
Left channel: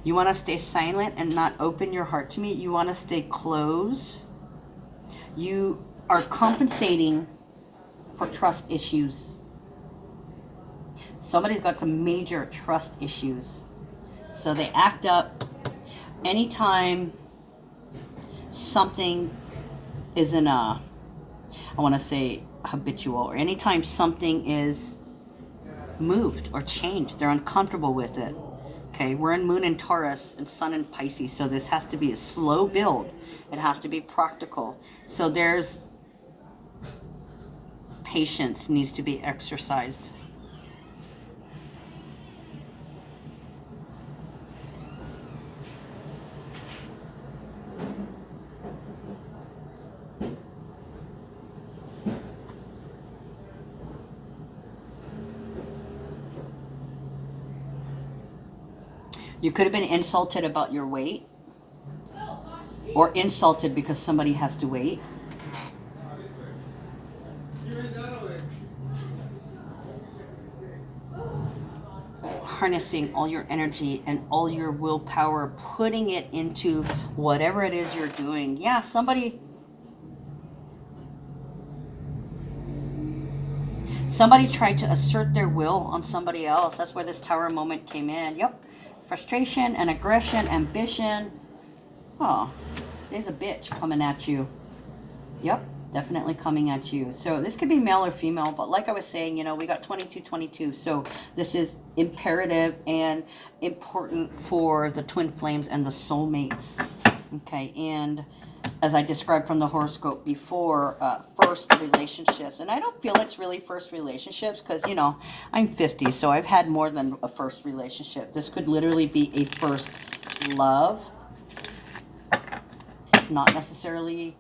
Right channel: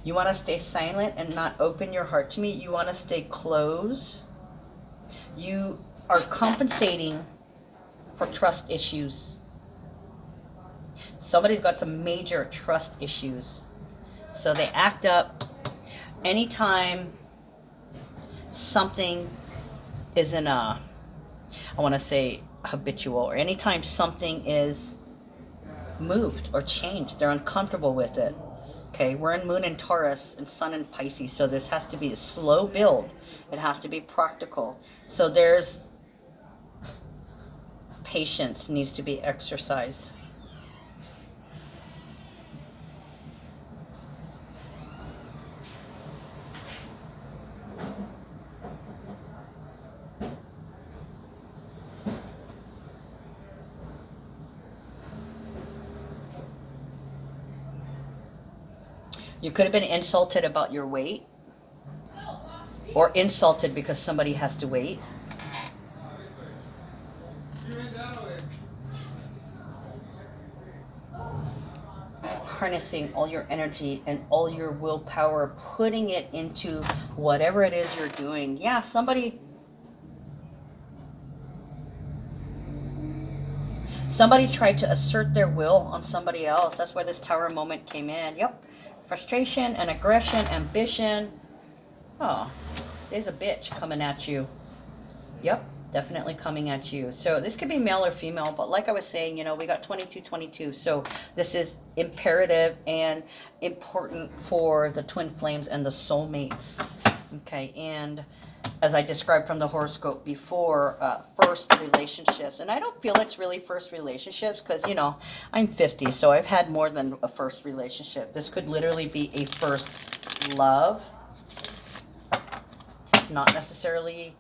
You want to stay silent and not open your heart to me? You want to stay closed? You are compensating for trust issues. Somebody's got some major trust issues. So they act up anytime something isn't I want to say habitual, or anytime something is moved or changed, they're uncomfortable with it. Okay, we're in Moon in Taurus and Sun in Pisces, so this has to be a slow build. It has to be practical. So there's patience needs to be exercised. You could have been insulted about your weight, or insulted because somebody has to wait. Harnessing all your energy and all your willpower, putting it into whatever it is you're doing. Yeah, somebody tried to assert their will on somebody else. That's why this Tower moment came in. Yep. Frustration and aggression, ambition. Oh, there's a bitch coming at you. Yep, definitely coming at you. So this could be male or female, but like I was saying, you know, we got 2222. So this is imperative and important for the twin flames and the soulmates. Okay, and as I described from the horoscope before, first relationships. And I don't feel it's really first relationships because, you know, I'm 50, so I've had more than a first relationship. This could literally be a first love, not necessarily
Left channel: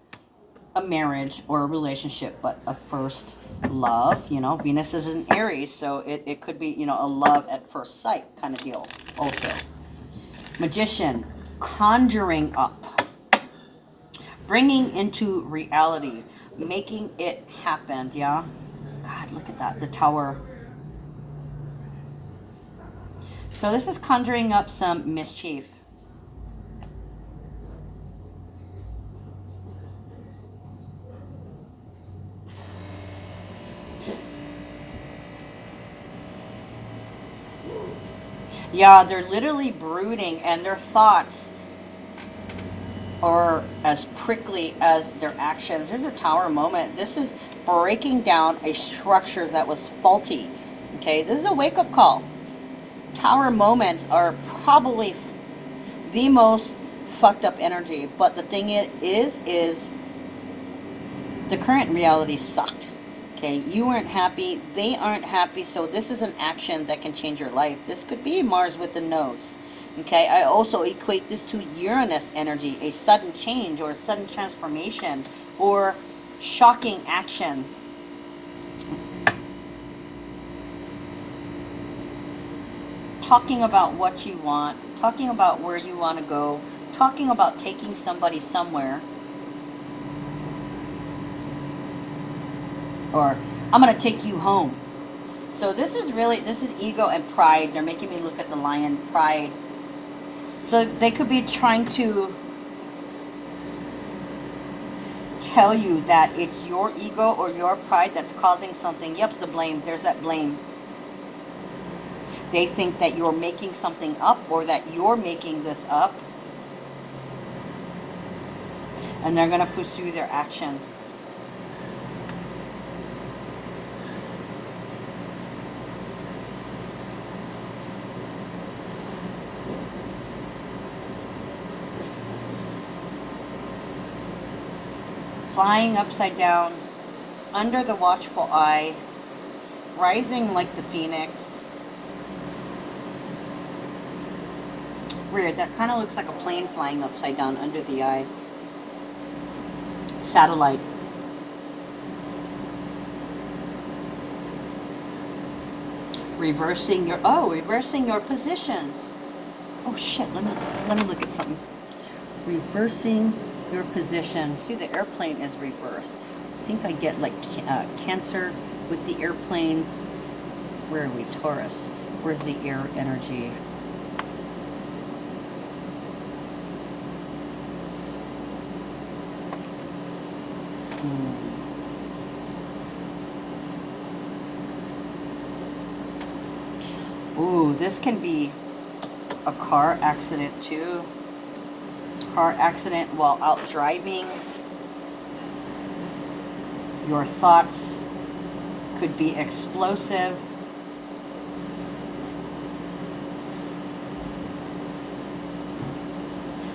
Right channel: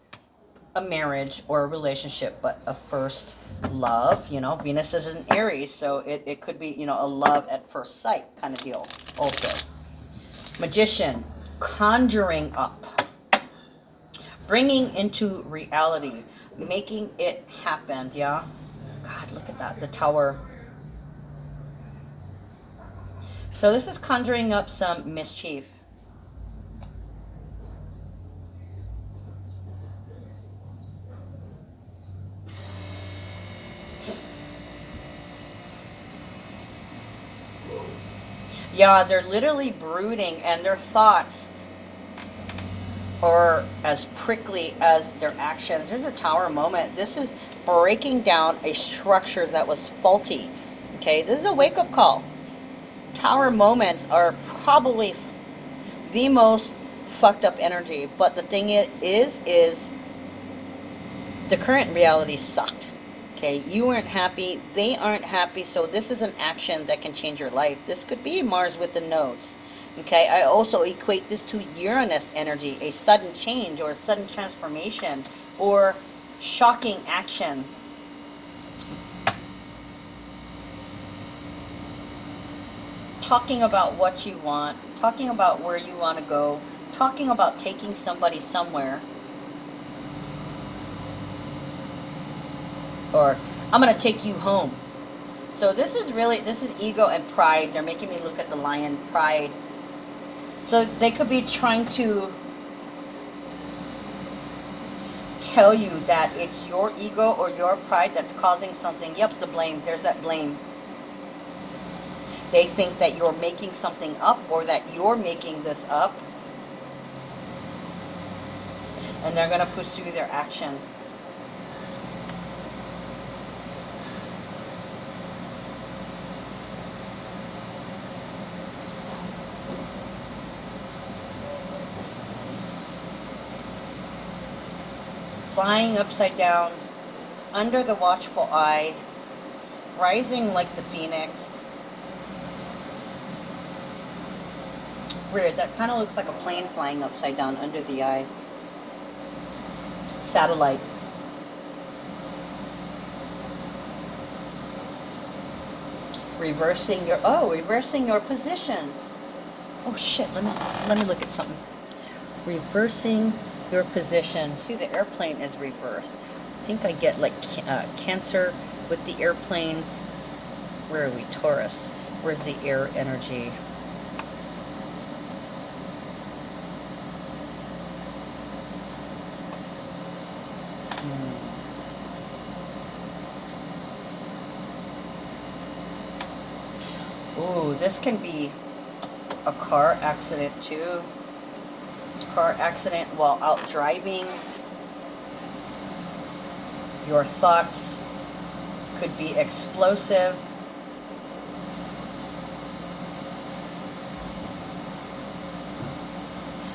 a marriage or a relationship, but a first love. You know, Venus is in Aries, so it could be, you know, a love at first sight kind of deal also. Magician, conjuring up, bringing into reality, making it happen. Yeah, God, look at that, the Tower. So this is conjuring up some mischief. Yeah, they're literally brooding, and their thoughts are as prickly as their actions. There's a Tower moment. This is breaking down a structure that was faulty. Okay, this is a wake-up call. Tower moments are probably the most fucked up energy, but the thing is the current reality sucked. Okay, you weren't happy, they aren't happy, so this is an action that can change your life. This could be Mars with the nodes. Okay, I also equate this to Uranus energy, a sudden change or a sudden transformation or shocking action. Talking about what you want, talking about where you want to go, talking about taking somebody somewhere. Or I'm going to take you home. So this is ego and pride. They're making me look at the lion, pride. So they could be trying to tell you that it's your ego or your pride that's causing something. Yep, the blame. There's that blame. They think that you're making something up or that you're making this up. And they're going to pursue their action. flying upside down, under the watchful eye, rising like the phoenix. Weird, that kind of looks like a plane flying upside down under the eye. Satellite. Reversing your position. Oh shit, let me look at something. Reversing your position. See, the airplane is reversed. I think I get like Cancer with the airplanes. Where are we? Taurus. Where's the air energy? Ooh, this can be a car accident too. Car accident while out driving. Your thoughts could be explosive.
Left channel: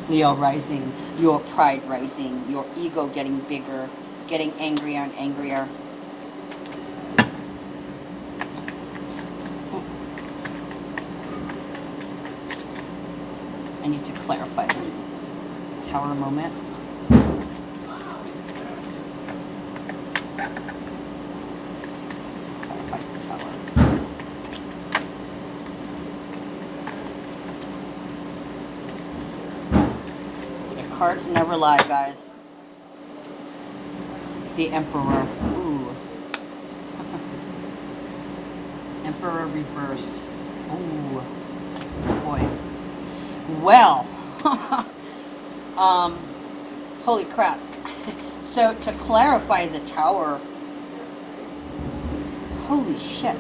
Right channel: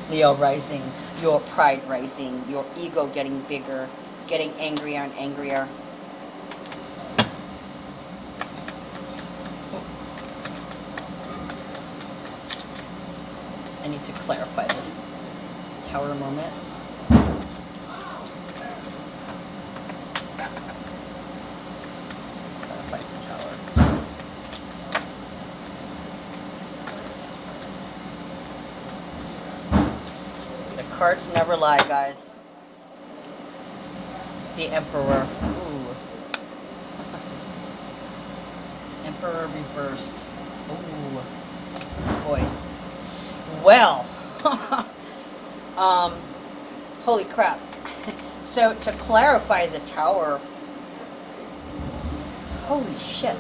Leo rising, your pride rising, your ego getting bigger, getting angrier and angrier. I need to clarify this tower moment. Clarify the tower. The cards never lie, guys. The Emperor. Ooh. Emperor reversed. Ooh. Boy. Well, holy crap. So to clarify the tower, holy shit.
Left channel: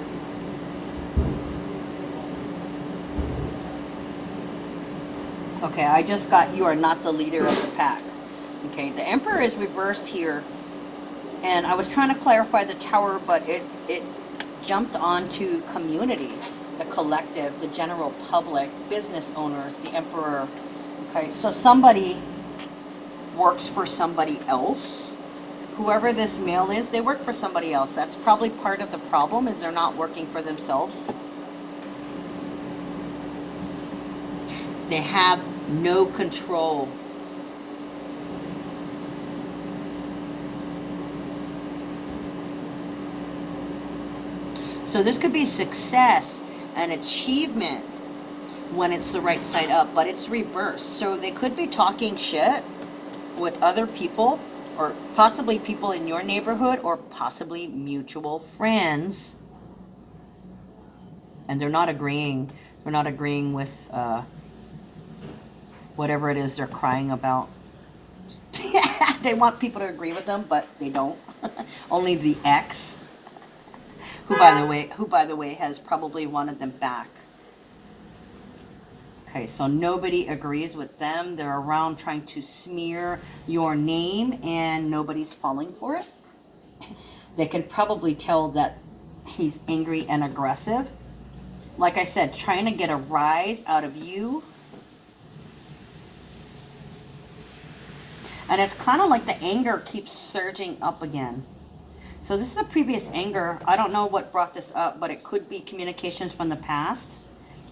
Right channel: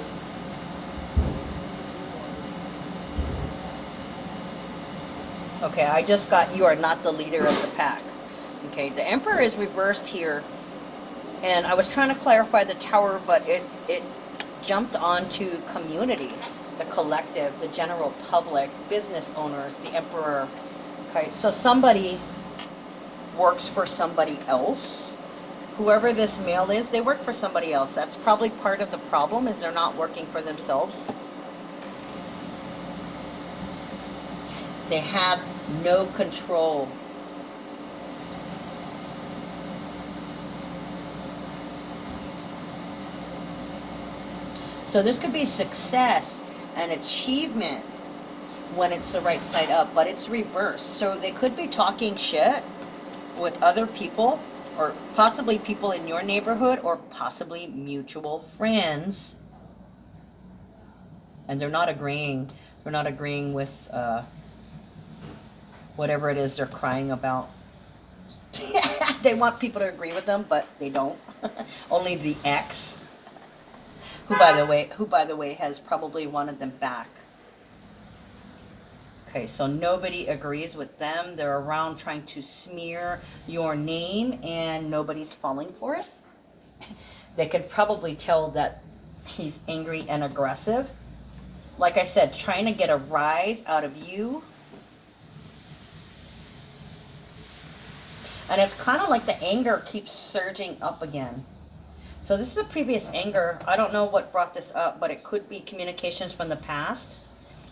Okay, I just got you are not the leader of the pack. Okay, the Emperor is reversed here, and I was trying to clarify the tower, but it jumped onto community. The collective, the general public, business owners, the Emperor. Okay, so somebody works for somebody else. Whoever this male is, they work for somebody else. That's probably part of the problem, is they're not working for themselves. They have no control. So this could be success and achievement when it's the right side up, but it's reversed. So they could be talking shit with other people, or possibly people in your neighborhood, or possibly mutual friends, and they're not agreeing. They're not agreeing with whatever it is they're crying about. They want people to agree with them, but they don't. Only the ex, who by the way has probably wanted them back. Okay, so nobody agrees with them. They're around trying to smear your name, and nobody's falling for it. They can probably tell that he's angry and aggressive. Like I said, trying to get a rise out of you. And it's kind of like the anger keeps surging up again. So this is the previous anger. I don't know what brought this up, but it could be communications from the past.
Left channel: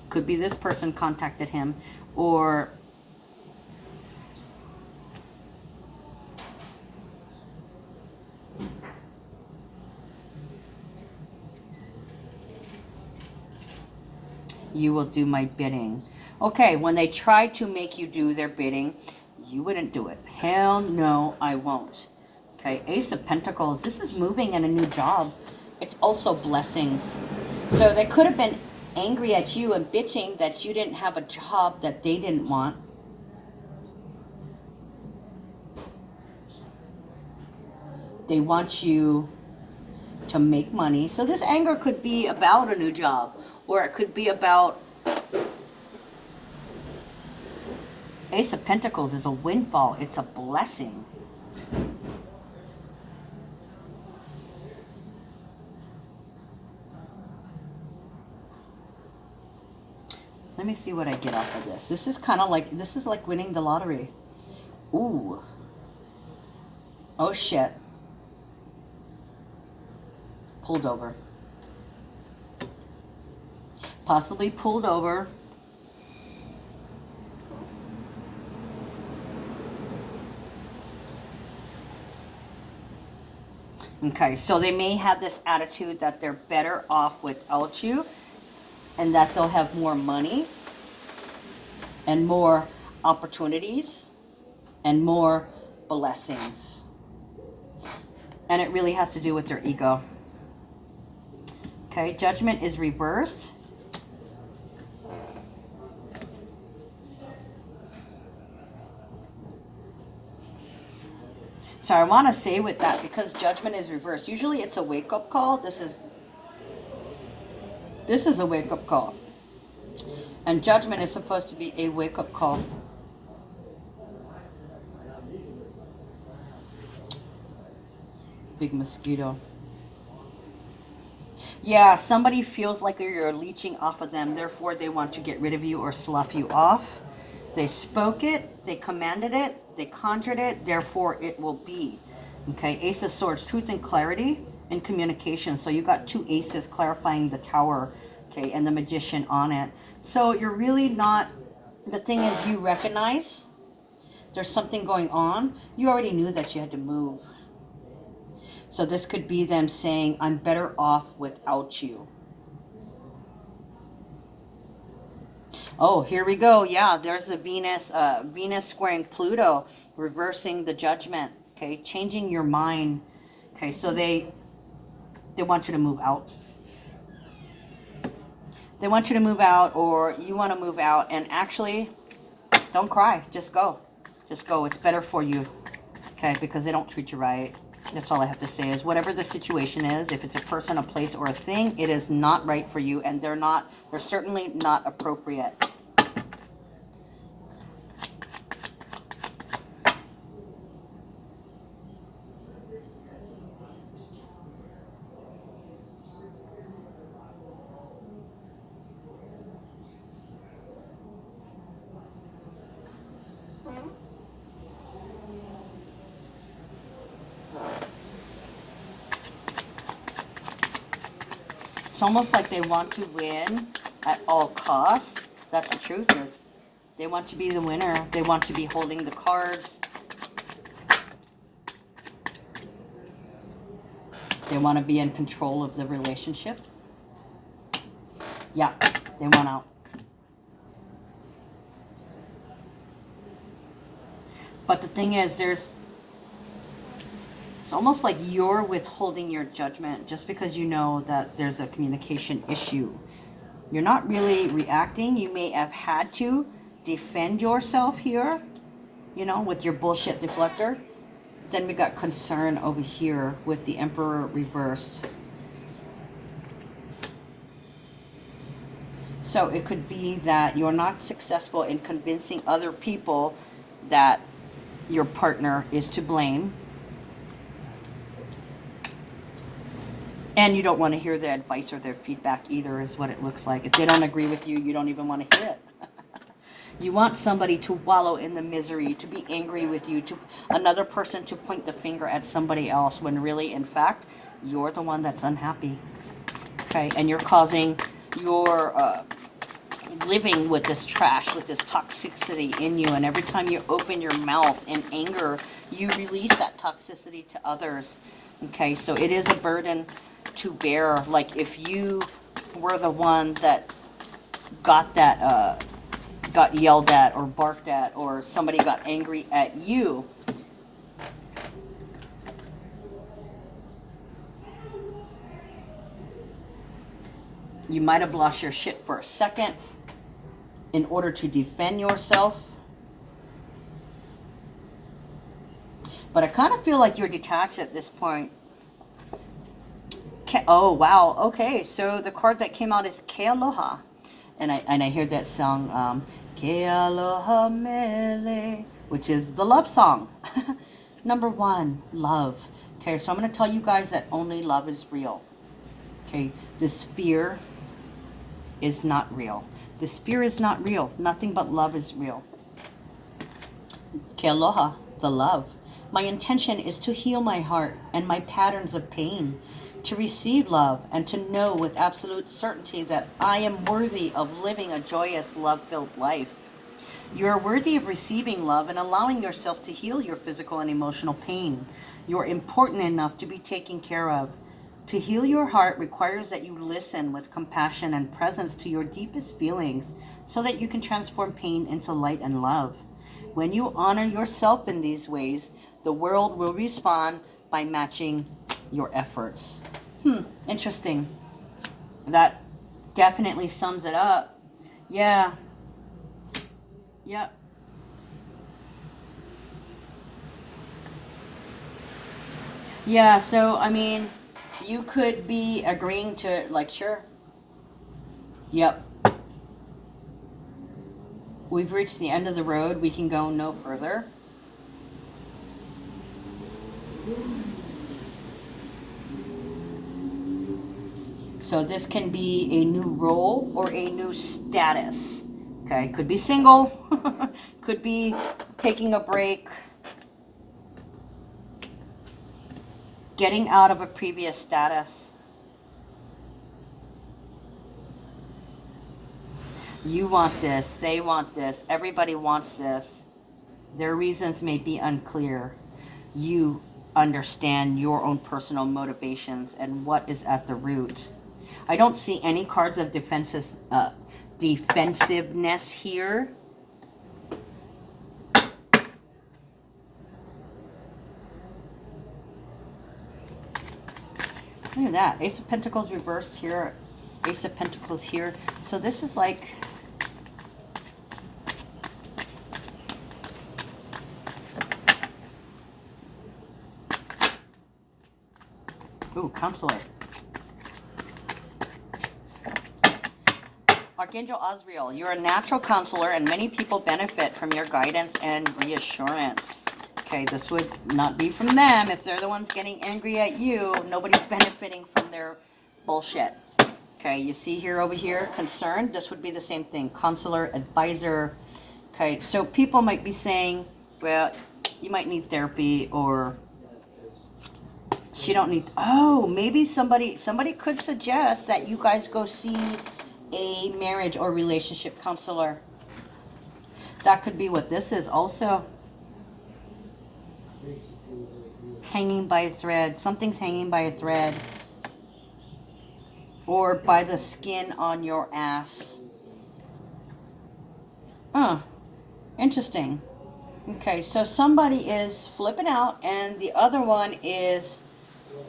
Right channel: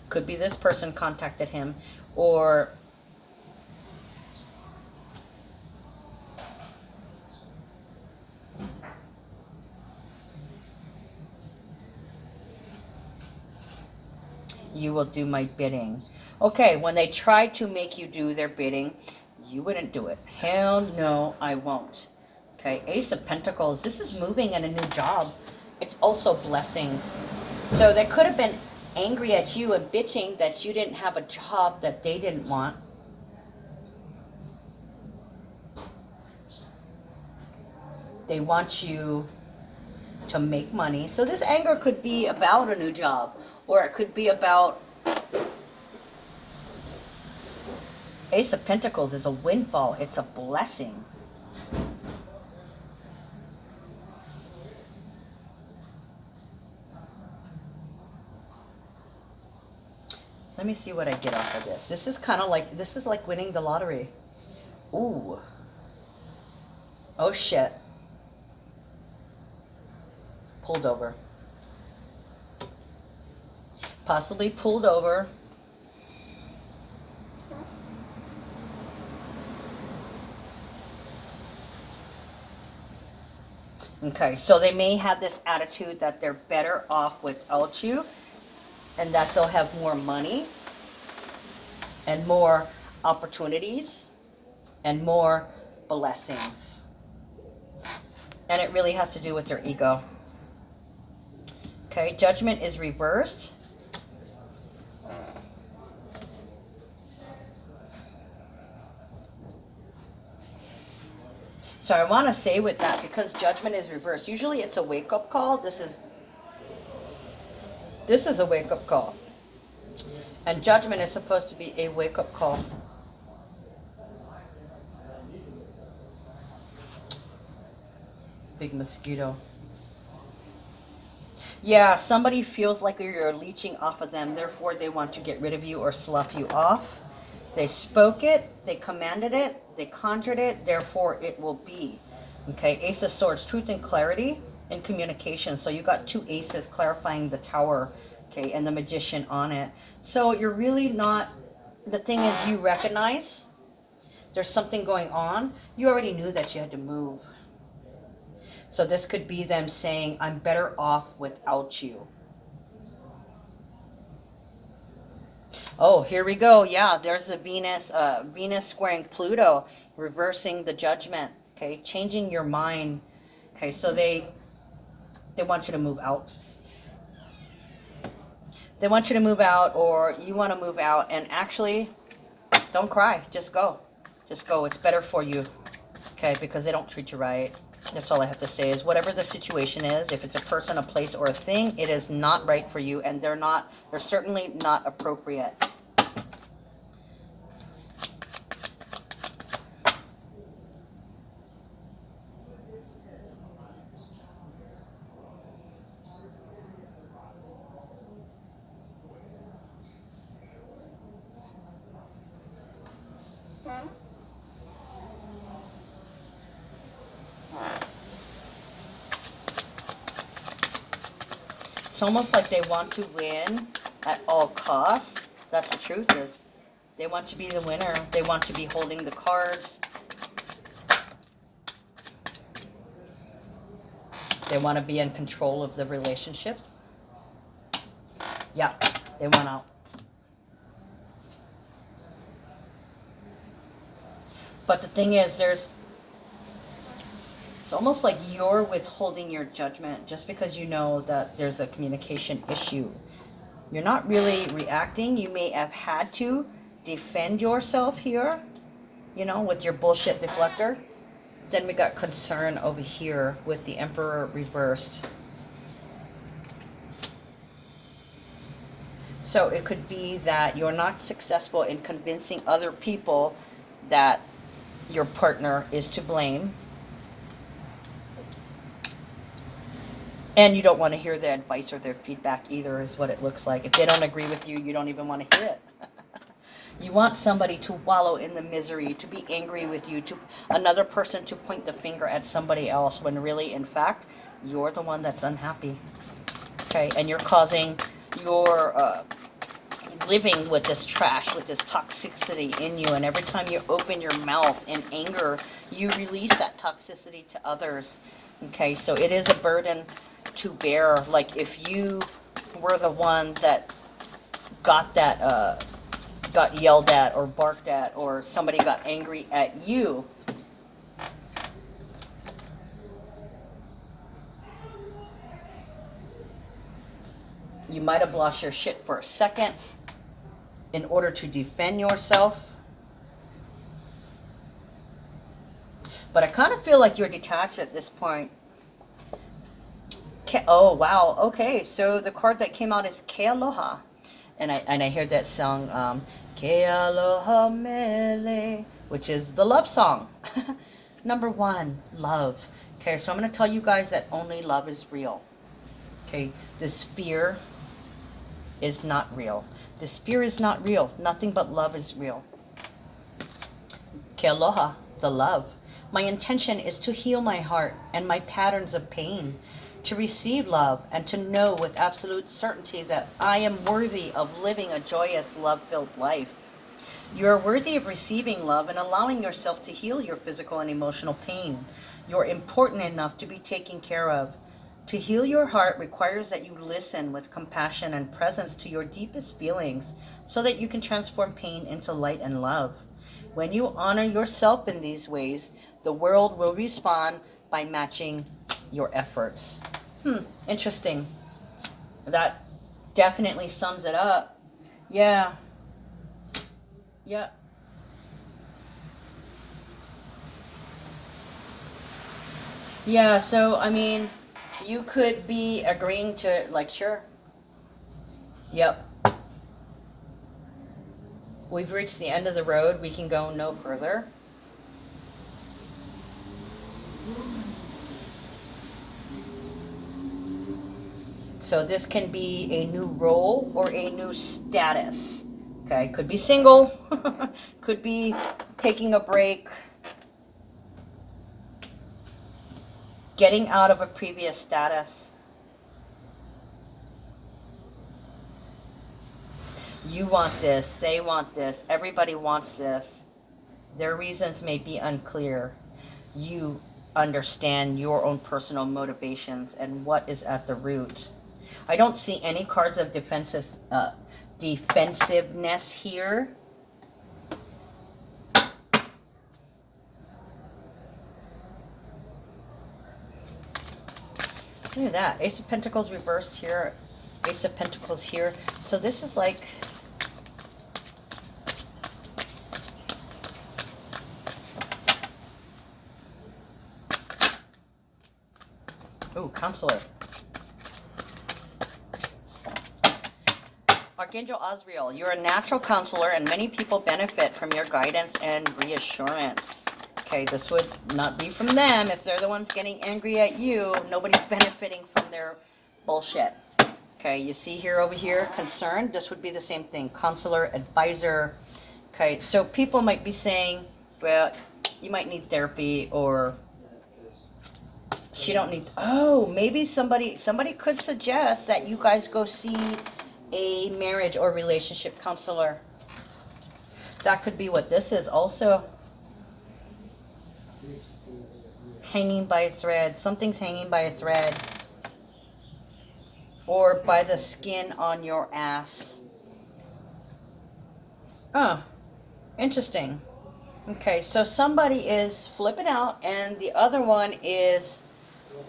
Could be this person contacted him, or you will do my bidding. Okay, when they try to make you do their bidding, you wouldn't do it. Hell no, I won't. Okay, Ace of Pentacles. This is moving in a new job. It's also blessings. So they could have been angry at you and bitching that you didn't have a job that they didn't want. They want you to make money. So this anger could be about a new job, or it could be about Ace of Pentacles is a windfall. It's a blessing. Let me see what I get off of this. This is kind of like, this is like winning the lottery. Ooh. Oh, shit. Pulled over. Possibly pulled over. Okay, so they may have this attitude that they're better off without you and that they'll have more money and more opportunities and more blessings. And it really has to do with their ego. Okay, Judgment is reversed. So I want to say with that, because Judgment is reversed, usually it's a wake-up call. This is a wake-up call. And Judgment is supposed to be a wake-up call. Big mosquito. Yeah, somebody feels like you're leeching off of them, therefore they want to get rid of you or slough you off. They spoke it, they commanded it, they conjured it, therefore it will be. Okay, Ace of Swords, truth and clarity and communication. So you got two aces clarifying the Tower, okay, and the Magician on it. So you're really not, the thing is you recognize there's something going on. You already knew that you had to move. So this could be them saying, I'm better off without you. Oh, here we go. Yeah, there's the Venus, Venus squaring Pluto, reversing the Judgment. Okay, changing your mind. Okay, so they want you to move out. They want you to move out, or you want to move out. And actually, don't cry. Just go. Just go. It's better for you. Okay, because they don't treat you right. That's all I have to say is whatever the situation is, if it's a person, a place, or a thing, it is not right for you, and they're certainly not appropriate. It's almost like they want to win at all costs. That's the truth is they want to be the winner. They want to be holding the cards. They want to be in control of the relationship. Yeah, they want out. But the thing is, it's almost like you're withholding your judgment just because you know that there's a communication issue. You're not really reacting. You may have had to defend yourself here, you know, with your bullshit deflector. Then we got concern over here with the Emperor reversed. So it could be that you're not successful in convincing other people that your partner is to blame. And you don't want to hear their advice or their feedback either, is what it looks like. If they don't agree with you, you don't even want to hear it. You want somebody to wallow in the misery, to be angry with you, to another person to point the finger at somebody else, when really, in fact, you're the one that's unhappy. Okay, and you're causing your living with this trash, with this toxicity in you. And every time you open your mouth in anger, you release that toxicity to others. Okay, so it is a burden to bear. Like if you were the one that got that, got yelled at or barked at, or somebody got angry at you, you might have lost your shit for a second in order to defend yourself. But I kind of feel like you're detached at this point. Oh, wow. Okay, so the card that came out is Ke Aloha. And I hear that song, Ke Aloha Mele, which is the love song. Number one, love. Okay, so I'm going to tell you guys that only love is real. Okay, this fear is not real. This fear is not real. Nothing but love is real. Ke Aloha, the love. My intention is to heal my heart and my patterns of pain, to receive love, and to know with absolute certainty that I am worthy of living a joyous, love-filled life. You are worthy of receiving love and allowing yourself to heal your physical and emotional pain. You're important enough to be taken care of. To heal your heart requires that you listen with compassion and presence to your deepest feelings so that you can transform pain into light and love. When you honor yourself in these ways, the world will respond by matching your efforts. Interesting. That definitely sums it up. Yeah. Yep. Yeah, so I mean, you could be agreeing to, like, sure. Yep. We've reached the end of the road. We can go no further. So this can be a new role or a new status. Okay, could be single, could be taking a break, getting out of a previous status. You want this, they want this, everybody wants this. Their reasons may be unclear. You understand your own personal motivations and what is at the root. I don't see any cards of defensiveness here. Look at that. Ace of Pentacles reversed here. Ace of Pentacles here. So this is like... Ooh, Counselor. Archangel Azrael, you're a natural counselor and many people benefit from your guidance and reassurance. Okay, this would not be from them. If they're the ones getting angry at you, nobody's benefiting from their bullshit. Okay, you see here over here, concerned. This would be the same thing. Counselor, advisor. Okay, so people might be saying, well, you might need therapy, or she don't need... Oh, maybe somebody could suggest that you guys go see a marriage or relationship counselor. That could be what this is also. Hanging by a thread. Something's hanging by a thread. Or by the skin on your ass. Oh, interesting. Okay, so somebody is flipping out and the other one is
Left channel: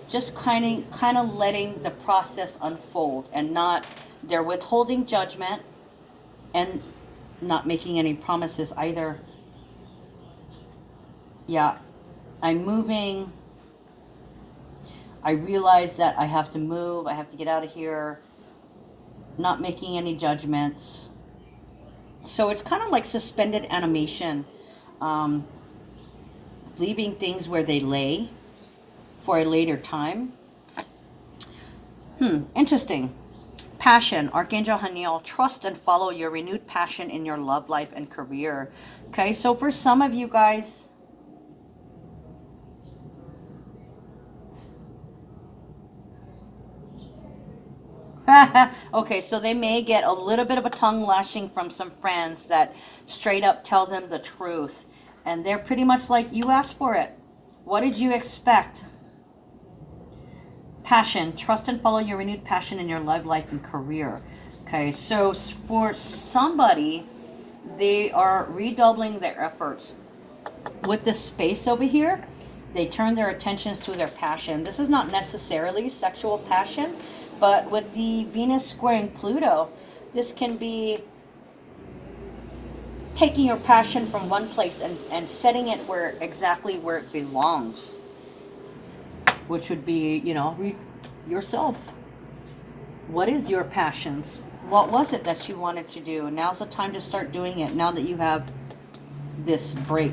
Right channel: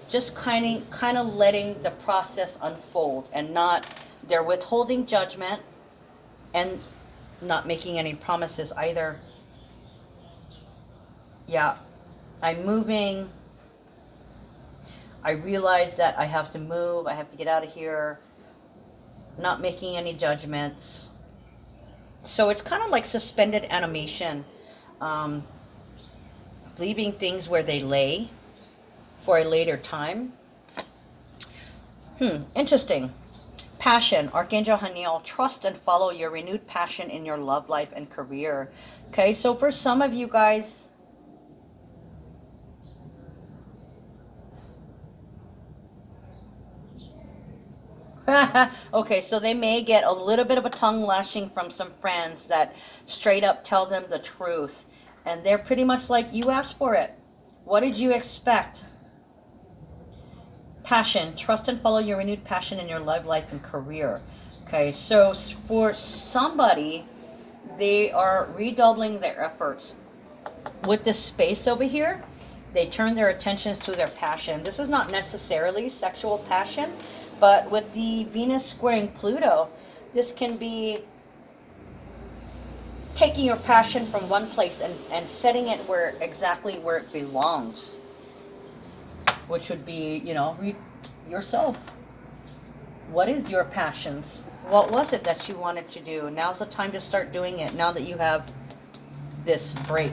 just kind of letting the process unfold and not... They're withholding judgment and not making any promises either. Yeah, I'm moving. I realize that I have to move. I have to get out of here. Not making any judgments. So it's kind of like suspended animation. Leaving things where they lay for a later time. Interesting. Passion, Archangel Haniel, trust and follow your renewed passion in your love life and career. Okay, so for some of you guys, okay, so they may get a little bit of a tongue lashing from some friends that straight up tell them the truth. And they're pretty much like, you asked for it. What did you expect? Passion, trust and follow your renewed passion in your love life and career. Okay, so for somebody, they are redoubling their efforts. With this space over here, they turn their attentions to their passion. This is not necessarily sexual passion, but with the Venus squaring Pluto, this can be taking your passion from one place and setting it exactly where it belongs. Which would be, you know, yourself. What is your passions? What was it that you wanted to do? Now's the time to start doing it, now that you have this break.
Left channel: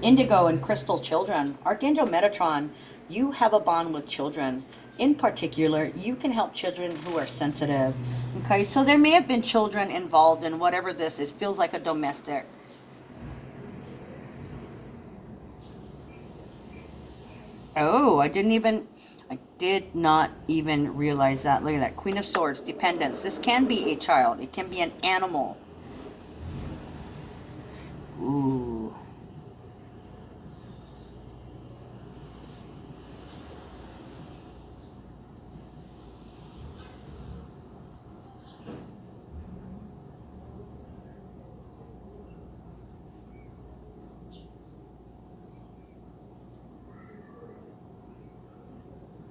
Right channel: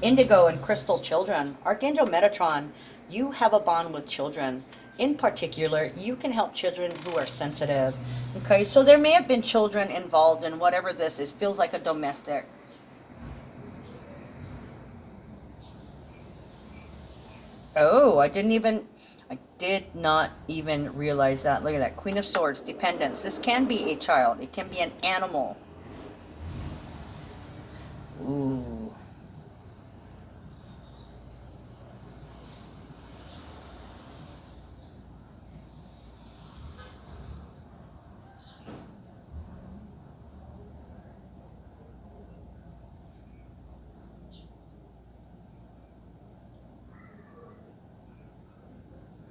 Indigo and crystal children. Archangel Metatron, you have a bond with children. In particular, you can help children who are sensitive. Okay, so there may have been children involved in whatever this is. It feels like a domestic. Oh, I did not even realize that. Look at that. Queen of Swords, dependence. This can be a child. It can be an animal. Ooh.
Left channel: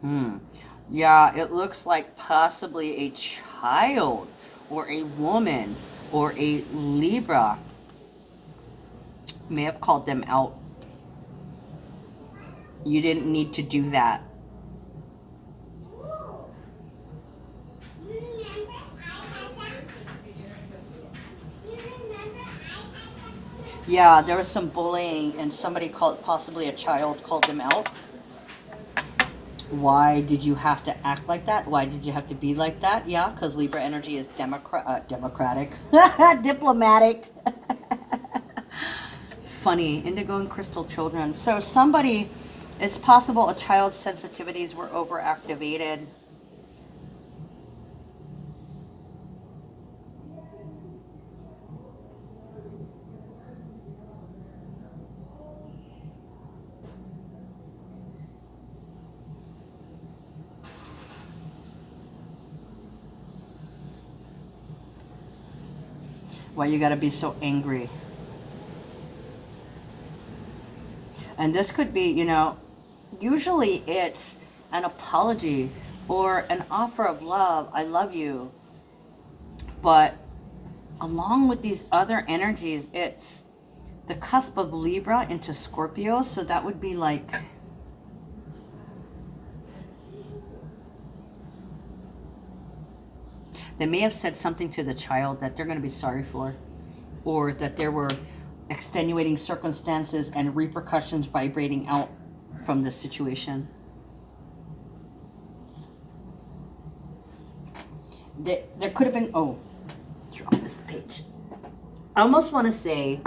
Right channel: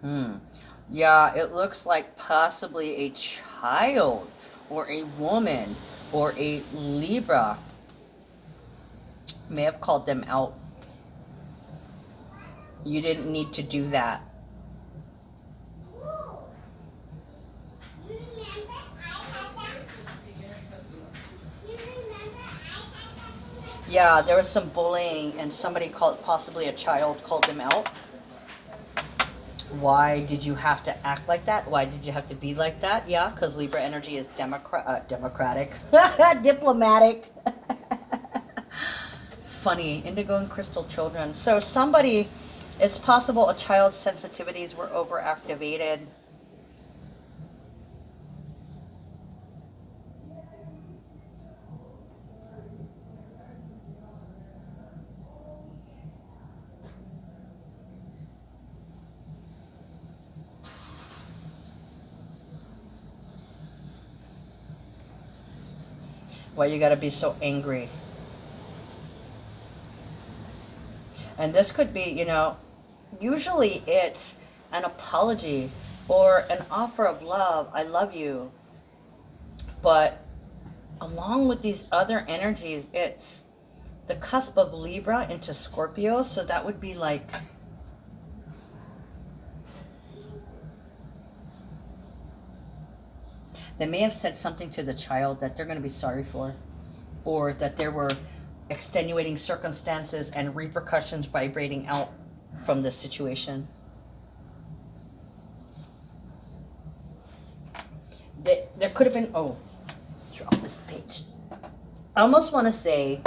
Hmm. Yeah, it looks like possibly a child or a woman or a Libra may have called them out. You didn't need to do that. Yeah, there was some bullying and somebody called, possibly a child called them out. Why did you have to act like that? Why did you have to be like that? Yeah, because Libra energy is democratic, diplomatic. Funny, indigo and crystal children. So somebody, it's possible a child's sensitivities were overactivated. Why you gotta be so angry? And this could be, usually it's an apology or an offer of love. I love you. But along with these other energies, it's the cusp of Libra into Scorpio. So that would be like, they may have said something to the child that they're going to be sorry for, or that there were extenuating circumstances and repercussions vibrating out from this situation. There could have been, oh, drop this page. I almost want to say,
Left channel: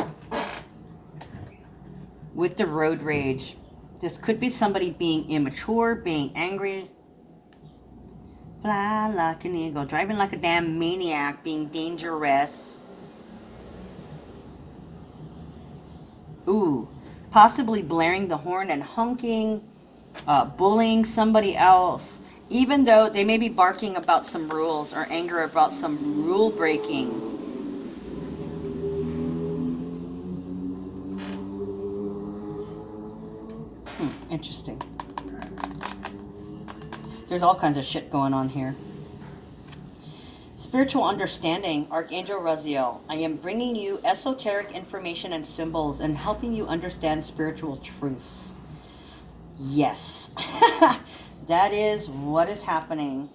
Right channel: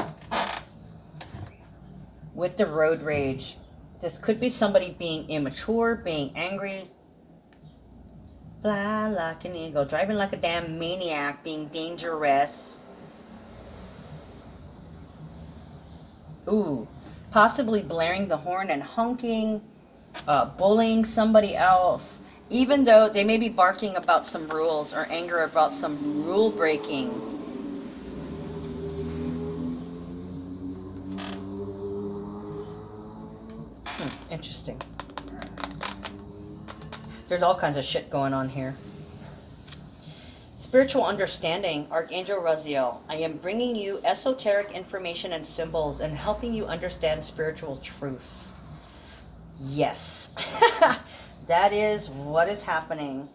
with the road rage, this could be somebody being immature, being angry, fly like an eagle, driving like a damn maniac, being dangerous. Ooh, possibly blaring the horn and honking, bullying somebody else, even though they may be barking about some rules or anger about some rule breaking. Interesting. There's all kinds of shit going on here. Spiritual understanding, Archangel Raziel. I am bringing you esoteric information and symbols and helping you understand spiritual truths. Yes. That is what is happening.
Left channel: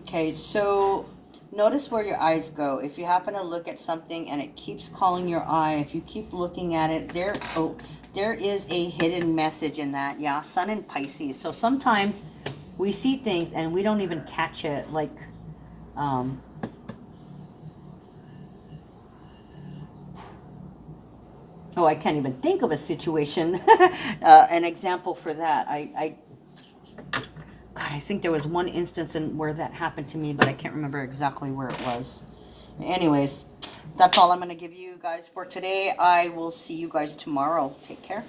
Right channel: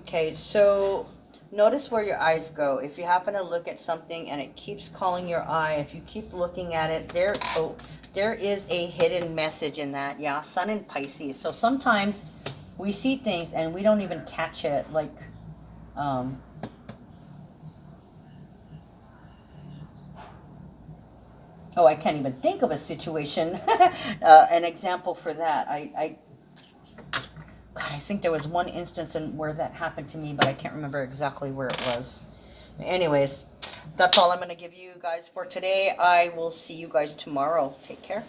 Okay, so notice where your eyes go. If you happen to look at something and it keeps calling your eye, if you keep looking at it, there is a hidden message in that. Yeah, Sun in Pisces. So sometimes we see things and we don't even catch it. Like, oh, I can't even think of a situation, an example for that. God, I think there was one instance where that happened to me, but I can't remember exactly where it was. Anyways, that's all I'm going to give you guys for today. I will see you guys tomorrow. Take care.